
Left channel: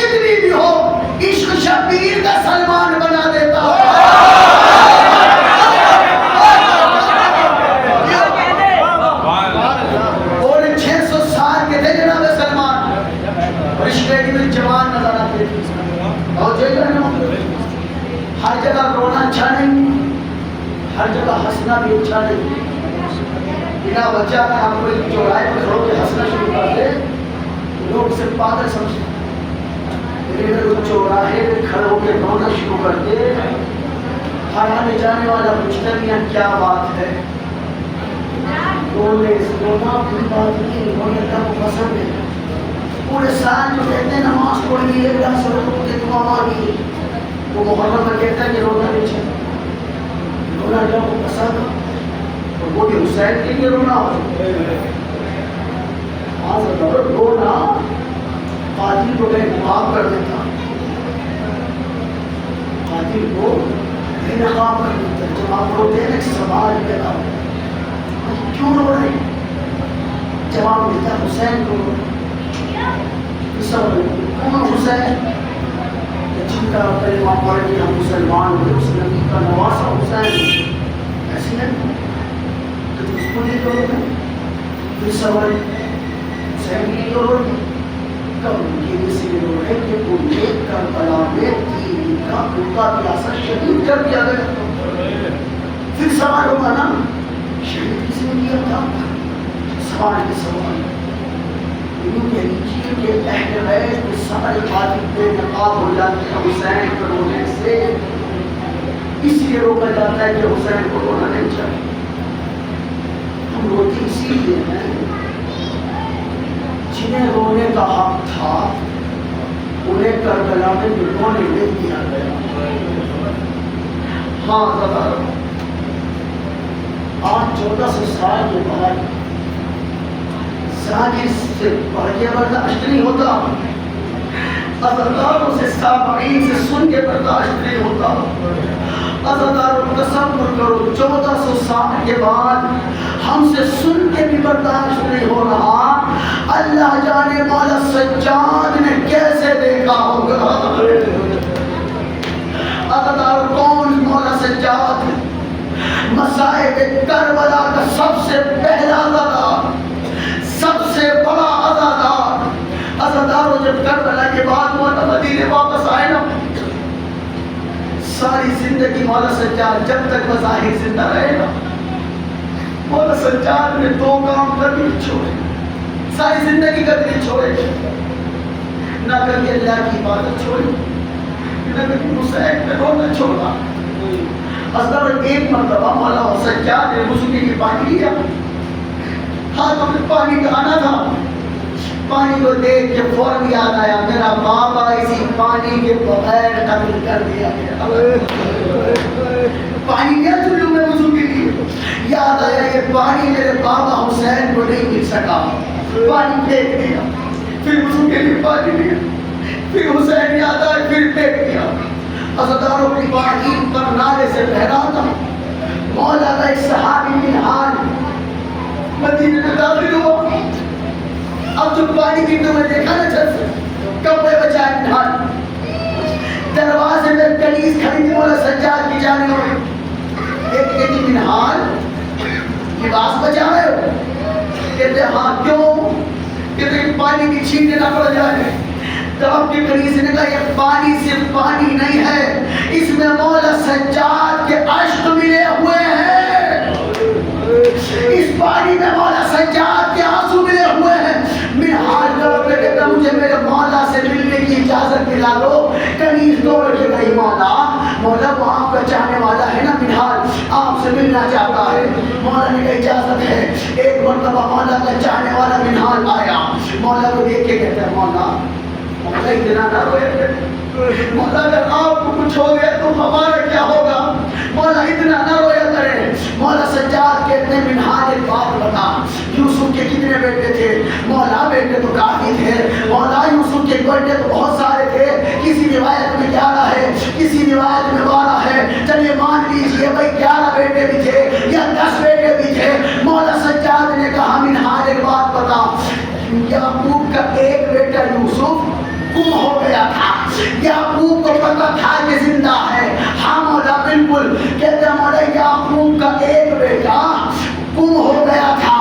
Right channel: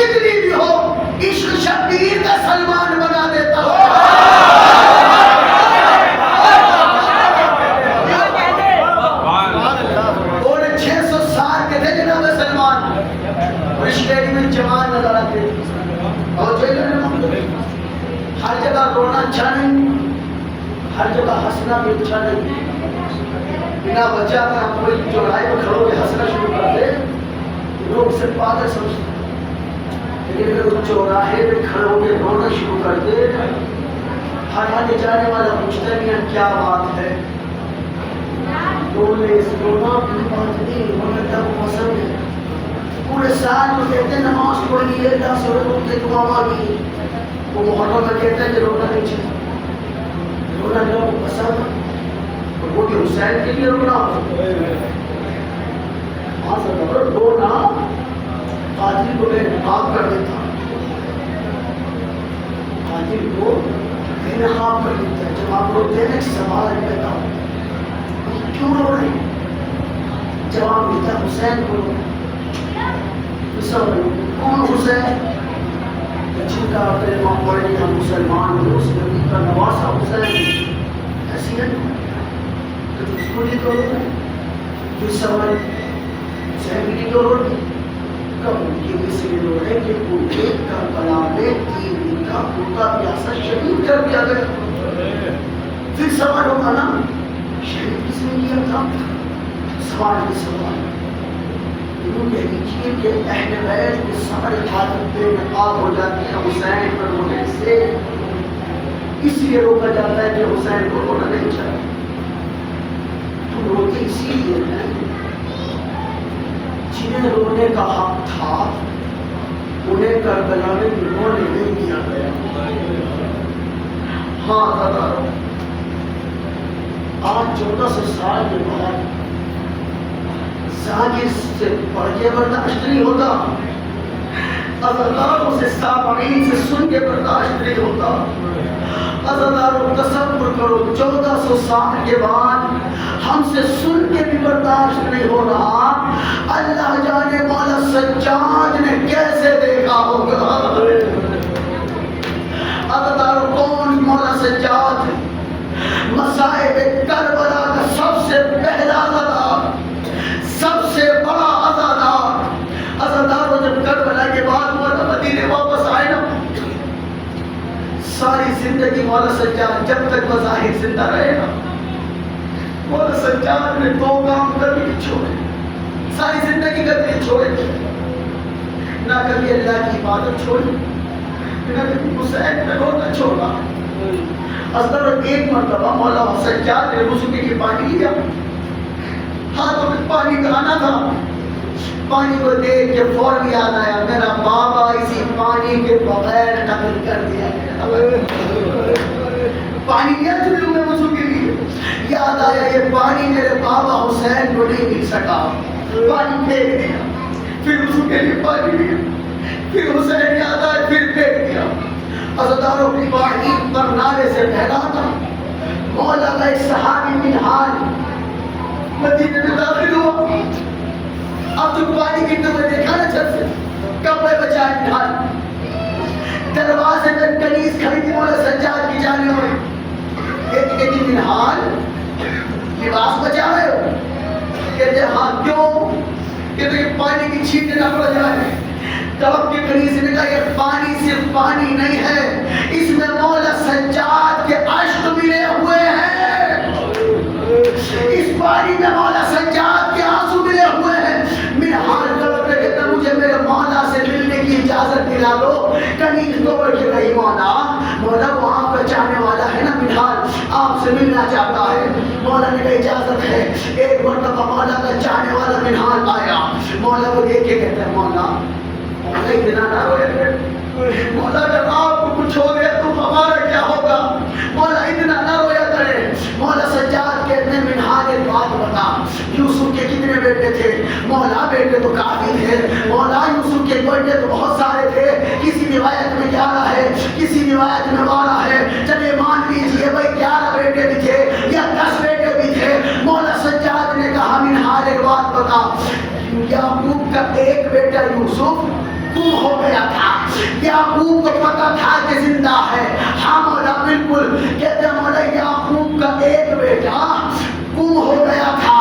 کتنی بھی ہو عشق شبیر کا سلمان بنا دیتا ہے. اور 600 سال کے تھے جناب سلمان اور عشق میں جوان نظر آتے تھے. اور جو ہر جگہ رونا اچھا نہیں, ہر جگہ ہنسنا بھی اچھا نہیں. بنا وجہ اگر آپ کوئی چوراہے پر کھڑو کے ہنسنا شروع کر دے لوگ اسے پاگل سمجھتے ہیں. لیکن اگر وہ چوراہے پہ کھڑو کے رونا شروع کر دے, ہر آنے جانے والا پوچھتا ہے کیا بات ہے. رونا کوئی بات نہیں, مگر اللہ کو پسند ہے. پورے سال جو کہتے ہیں نماز پڑھ لی اللہ سے رو کے دعا مانگی, وہ محرم میں کہتا ہے کہ رونا نہیں چاہیے. رونا اللہ کو پسند ہے. وہ بھی حسین کے لیے رونا ہو. رونا قاتل کو بے نقاب کر دیتا, قاتل کو بے نقاب کر دیتا. جب آپ روتے ہیں سوال پیدا ہوتا ہے کیوں رو رہے ہیں, جواب ملتا ہے حسین کو. کون حسین جن کا کلمہ پڑھ کے ہم مسلمان ہوئے, اس نبی کا نواسا حسین. ایسی ہے تو اس کو نہیں کرو گے پھر سوال حسین کے لیے رو رہے کب ان کے لیے سے رو رہے کہ انہیں کربلا میں 3 دن کا بھوکا پیاسا شہید کر دیا گیا. پھر سوال ہوگا نا شہید کس نے کیا تھا. سوال کے سوال یوں کہہ لیجیے کہ اہل بیت کے سارے قاتل بے نقاب ہو جاتے ہیں حسین پر رونے سے. اس لیے روکا جاتا ہے کہ حسین کو رونا نہیں چاہیے. ہم روتے اسی لیے ہیں جنہیں رونے کا حق تھا انہیں کربلا میں رونے نہیں دیا گیا. ہاں دادا آج 1400 سال کے بعد زاجر سے پڑھ کے برداشت نہیں ہوتا, عزاداروں سے سامعین سے سن کے برداشت نہیں ہوتا. عزاداروں تصور کرو 1400 سال کے بعد ہم سے سن کے بھی برداشت نہیں ہو رہا. اللہ جانے مولا سجاد نے کیسے دیکھا ہوگا. عزاداروں کون مولا سجاد, مصائب کربلا کا سب سے پہلا عزادار, سب سے بڑا عزادار. عزاداروں جب کربلا کے بعد مولا مدینے واپس آئے نا, ساری زندگی مولا سجاد جب تک بظاہر زندہ رہے گا مولا سجاد نے 2 کام کبھی نہیں چھوڑے, ساری زندگی کبھی نہیں چھوڑے. نہ کبھی اللہ کی عبادت چھوڑی, نہ کبھی حسین پہ رونا چھوڑا. عزاداروں ایک مرتبہ مولا سجاد نے وضو کے لیے پانی لیا, ہاتھوں میں پانی بہانا تھا. پانی کو دیکھ کے فوراً یاد آیا میرا بابا اسی پانی کے بغیر قتل کر دیا گیا. پانی لیا چلو میں وضو کے لیے, یاد آیا یہ پانی میرے بابا حسین کو نہیں مل سکا, پانی پھینک دیا. پھر وضو کے لیے پانی لیا, پھر حسین یاد آئے پھر پھینک دیا. عزاداروں کی پانی پر نالے سے بہ رہا تھا. مولا کا ایک صحابی منہال مدینے میں داخل ہوا. اب جو پانی کی تو میں دیکھا نا چھت سے کپڑے بچائے منہال, دروازے میں کنیز کھڑی تھی مولا سجاد کی جانب. ایک کہتی منہال لباس بچا رہے ہو, کہتے ہاں کیوں, کہتے پانی کی چھینٹیں نہ پڑ جائے. تب کے کنیز نے کہا یہ پانی صرف پانی نہیں ہے, اس میں مولا سجاد کے عشق ملے ہوئے ہیں, اس پانی میں مولا سجاد کے آنسو ملے ہوئے ہیں. منہال طرف پہ کہتا مجھے میرے مولا سے ملنے کی اجازت دلا دو. کنیز توڑ کے گئی مولا, مولا وہ آپ کا چاہنے والا ہے نا منہال, آپ سے ملنا چاہتا ہے. مولا نے کہا اجازت ہے. ایک مرتبہ مولا کا چاہنے والا منہال آیا, مولا کو دیکھ کے کہتا ہے مولا اتنا نہ روئے, مولا اگر آپ کو کچھ ہو گیا تو ہمارا کیا ہوگا, مولا اتنا نہ رویا کرے. مولا سجاد کہتے ہیں منہال ایک بات بتا, یوسف کے کتنے بیٹے تھے, مولا بیٹے تو کافی تھے, مولا یوسف کے بیٹے تو بہت سارے تھے. کسی روایت میں 11 ہے, کسی روایت میں 12 ہے, چلیے مان لیجیے بھائی 11 بیٹے بھی تھے یا 10 بیٹے بھی تھے. مولا سجاد نے کہا منہال ایک بات بتا, یعقوب کا ایک بیٹا یوسف گم ہو گیا تھا. یعقوب کو پتا تھا کہ زندہ ہے. ہاں مولا بالکل. کہتے ہیں مولا یعقوب کا ایک بیٹا گم ہو گیا تھا.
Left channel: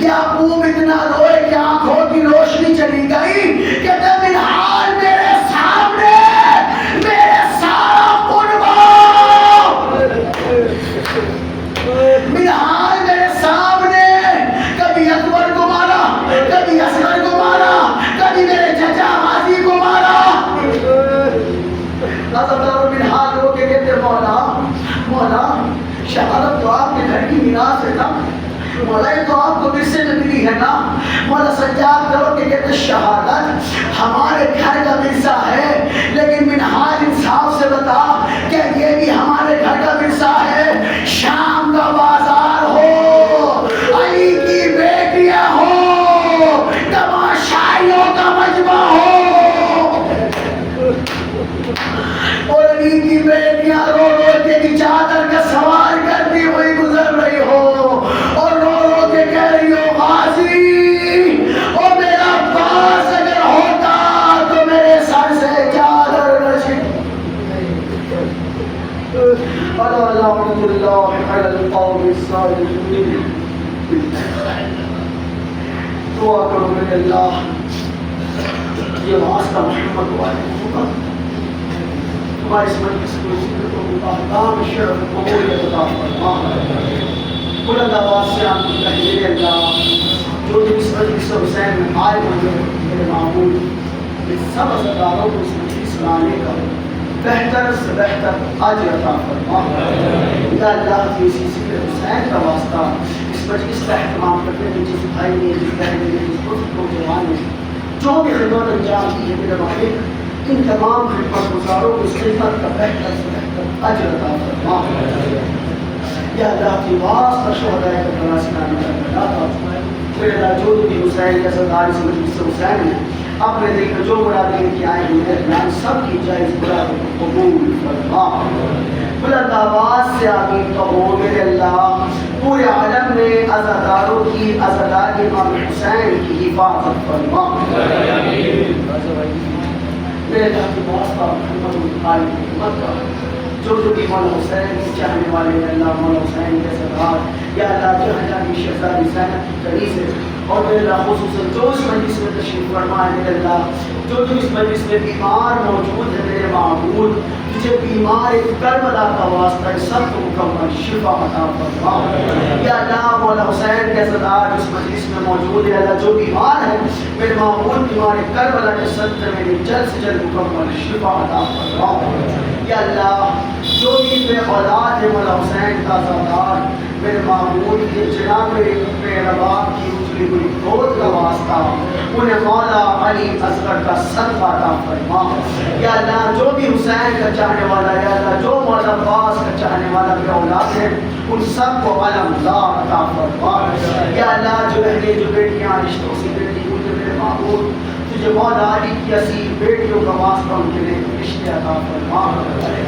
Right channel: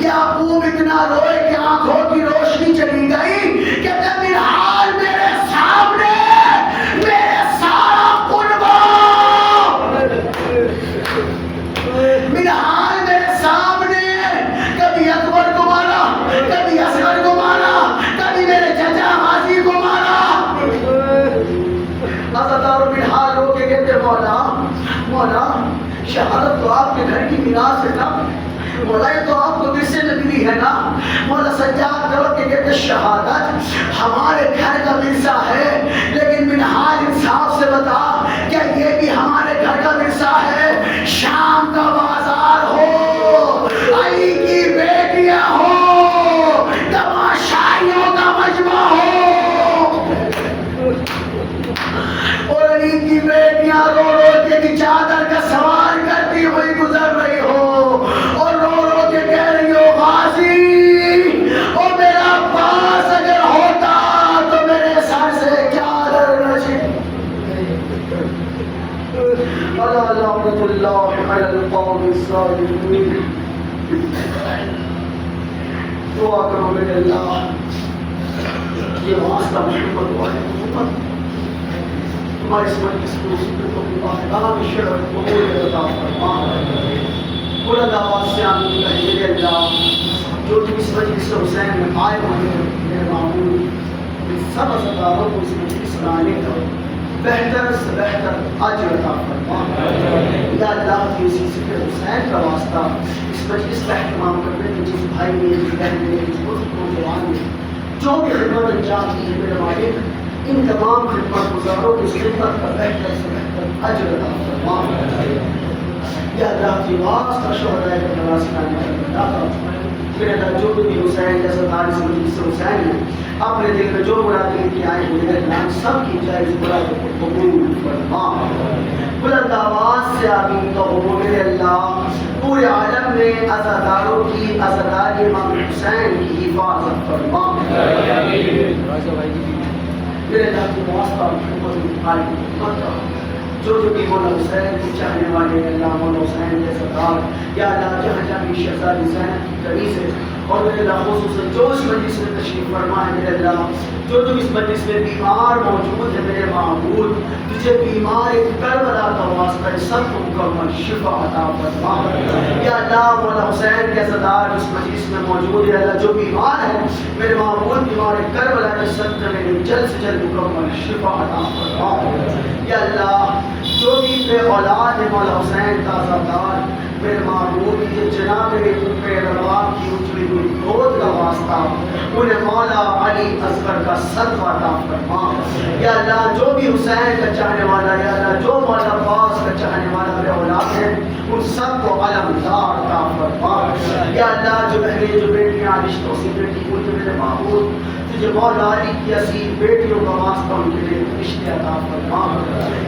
یعقوب اتنا روئے کہ آنکھوں کی روشنی چلی گئی. کہتے ہیں منہال میرے سامنے میرے سارا قربا منہال میرے سامنے. کبھی اکبر کو مارا, کبھی اصغر کو مارا, کبھی میرے چچا غازی کو مارا. عزادار منہال رو کے کہتے مولا مولا شہادت تو آپ کے گھر کی میراث ہے نا, مولا یہ تو آپ کو ورثے میں ملی ہے نا. مولا سجاد کرو کہ کہتے شہادت ہمارے گھر کا ورثہ ہے, لیکن منہال انصاف سے بتا کیا یہ بھی ہمارے گھر کا ورثہ ہے؟ شام کا بازار ہو, علی کی بیٹیاں ہو, تماشائیوں کا مجمع ہو, اور علی کی بیٹیاں رو رو کے چادر کا سوال کرتی ہوئی گزر رہی ہو, اور رو رو کے کہہ رہی ہو غازی اور میرا پاس اگر ہوتا تو میرے سر سے چادر نہ چھٹ. الا لعنت اللہ علی القوم الظالمین. دعا کرو میرے اللہ یہ واسطہ محمد والے محمد تمہارے اس مجلس کو ذکر کو احکام شرع قبول عطا فرما. بلند آواز سے آمین کہیے میرے اللہ جو تم اس مجلس حسین میں آئے ہوئے میرے معمول سب عزاداروں کو اس مجلس میں آنے کا بہتر سے بہتر اجر عطا فرما. یا اللہ کی اسی ذکر حسین کا واسطہ اس مجلس کا اہتمام کرتے ہیں جس بھائی نے جس بہن نے جس دوست کو جوان نے جو بھی خدمت انجام دی ہے میرے مالک ان تمام خدمت گزاروں کو اس خدمت کا بہتر سے بہتر اجر عطا فرما. یا اللہ کی واسطہ شہدائے کربلا سے میرے اللہ جو بھی حسین یا سردار اس مجلس حسین ہے اپنے دل میں جو مراد لے کے آئے ہوئے ہیں سب کی جائز مرادوں کو قبول فرما. بلند آواز سے آمین کہو میرے اللہ پورے عالم میں عزاداروں کی عزادار امام حسین کی حفاظت فرما. میرے اللہ کی واسطہ محمد آئی محمد جو بھی مولا حسین کی چاہنے والے اللہ مولا حسین کے سردار یا اللہ جہاں جہاں کی شہزادی زینب کی کنیز ہے اور میرے اللہ خصوصاً جو اس مجلس میں تشریف فرما ہے میرے اللہ جو اس مجلس میں بیمار موجود ہے میرے معبود تجھے بیمار کربلا کا واسطہ ہے سب کو مکمل شفا عطا فرما. یا اللہ مولا حسین کے سردار اس مجلس میں موجود ہے اللہ جو بیمار ہے میرے معبود بیمار کربلا کے صدقے میں جلد سے جلد مکمل شفا عطا فرما. یا اللہ جو بھی بے اولاد ہے مولا حسین کا عزادار میرے معبود کی جناب بے رباب کی اجلی ہوئی گود کا واسطہ انہیں مولا علی اصغر کا صدقہ عطا فرما. یا اللہ جو بھی حسین کا چاہنے والا یا اللہ جو مولا عباس کا چاہنے والا بے اولاد ہے ان سب کو علمدار عطا فرما. یا اللہ جو بہنیں جو بیٹیاں رشتوں سے بیٹی ہوئی میرے معبود تجھے مولا علی کی اصیل بیٹیوں کا واسطہ ان کے لیے رشتے عطا فرما.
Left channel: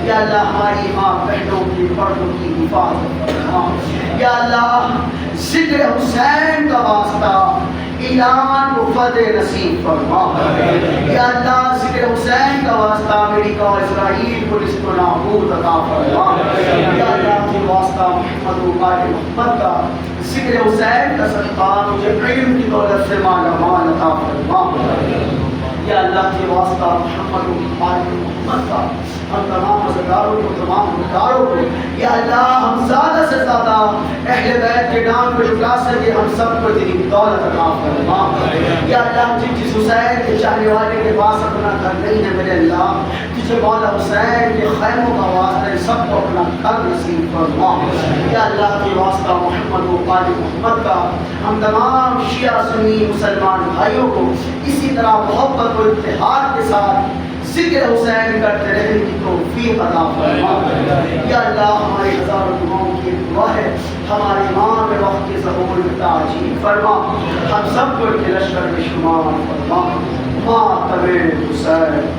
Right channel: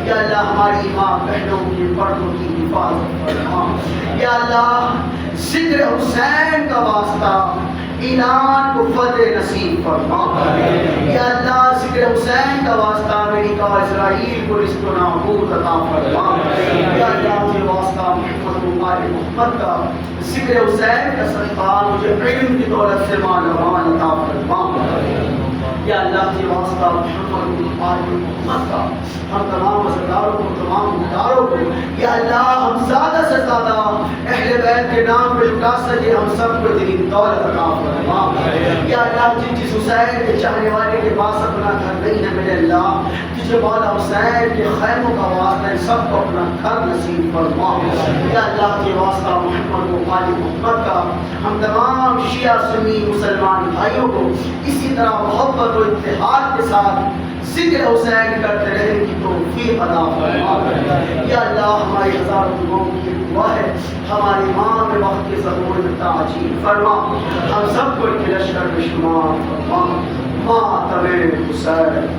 یا اللہ ہماری ماں بہنوں کی پردوں کی حفاظت فرما. یا اللہ ذکر حسین کا واسطہ اعلان کو فتح نصیب فرما. یا اللہ ذکر حسین کا واسطہ امریکہ اور اسرائیل کو رزق و نابود عطا فرما. یا اللہ کے واسطہ محمد محمد کا ذکر حسین کا صدقہ مجھے علم کی دولت سے مالا مال عطا فرما. یا اللہ کے واسطہ محمد کا ہم تمام عزاداروں کو تمام مداروں کو یا اللہ ہم زیادہ سے زیادہ اہل بیت کے نام پہ لٹا سکے ہم سب کو تیری دولت عطا فرما. یا اللہ جس حسین کے چاہنے والے کے پاس اپنا گھر نہیں ہے میرے اللہ تجھے مولا حسین کے خیموں کا واسطہ سب کو اپنا گھر نصیب فرما. یا اللہ کے واسطہ محمد و آل محمد کا ہم تمام شیعہ سنی مسلمان بھائیوں کو اسی طرح محبت و اتحاد کے ساتھ ذکر حسین کرتے رہنے کی توفیق عطا فرما. یا اللہ ہمارے ہزاروں دعاؤں کی دعا ہے ہمارے امام میں وقت کے ظہور تعجیل فرما. ہم سب کو کے لشکر میں شمار فرما. ماتم حسین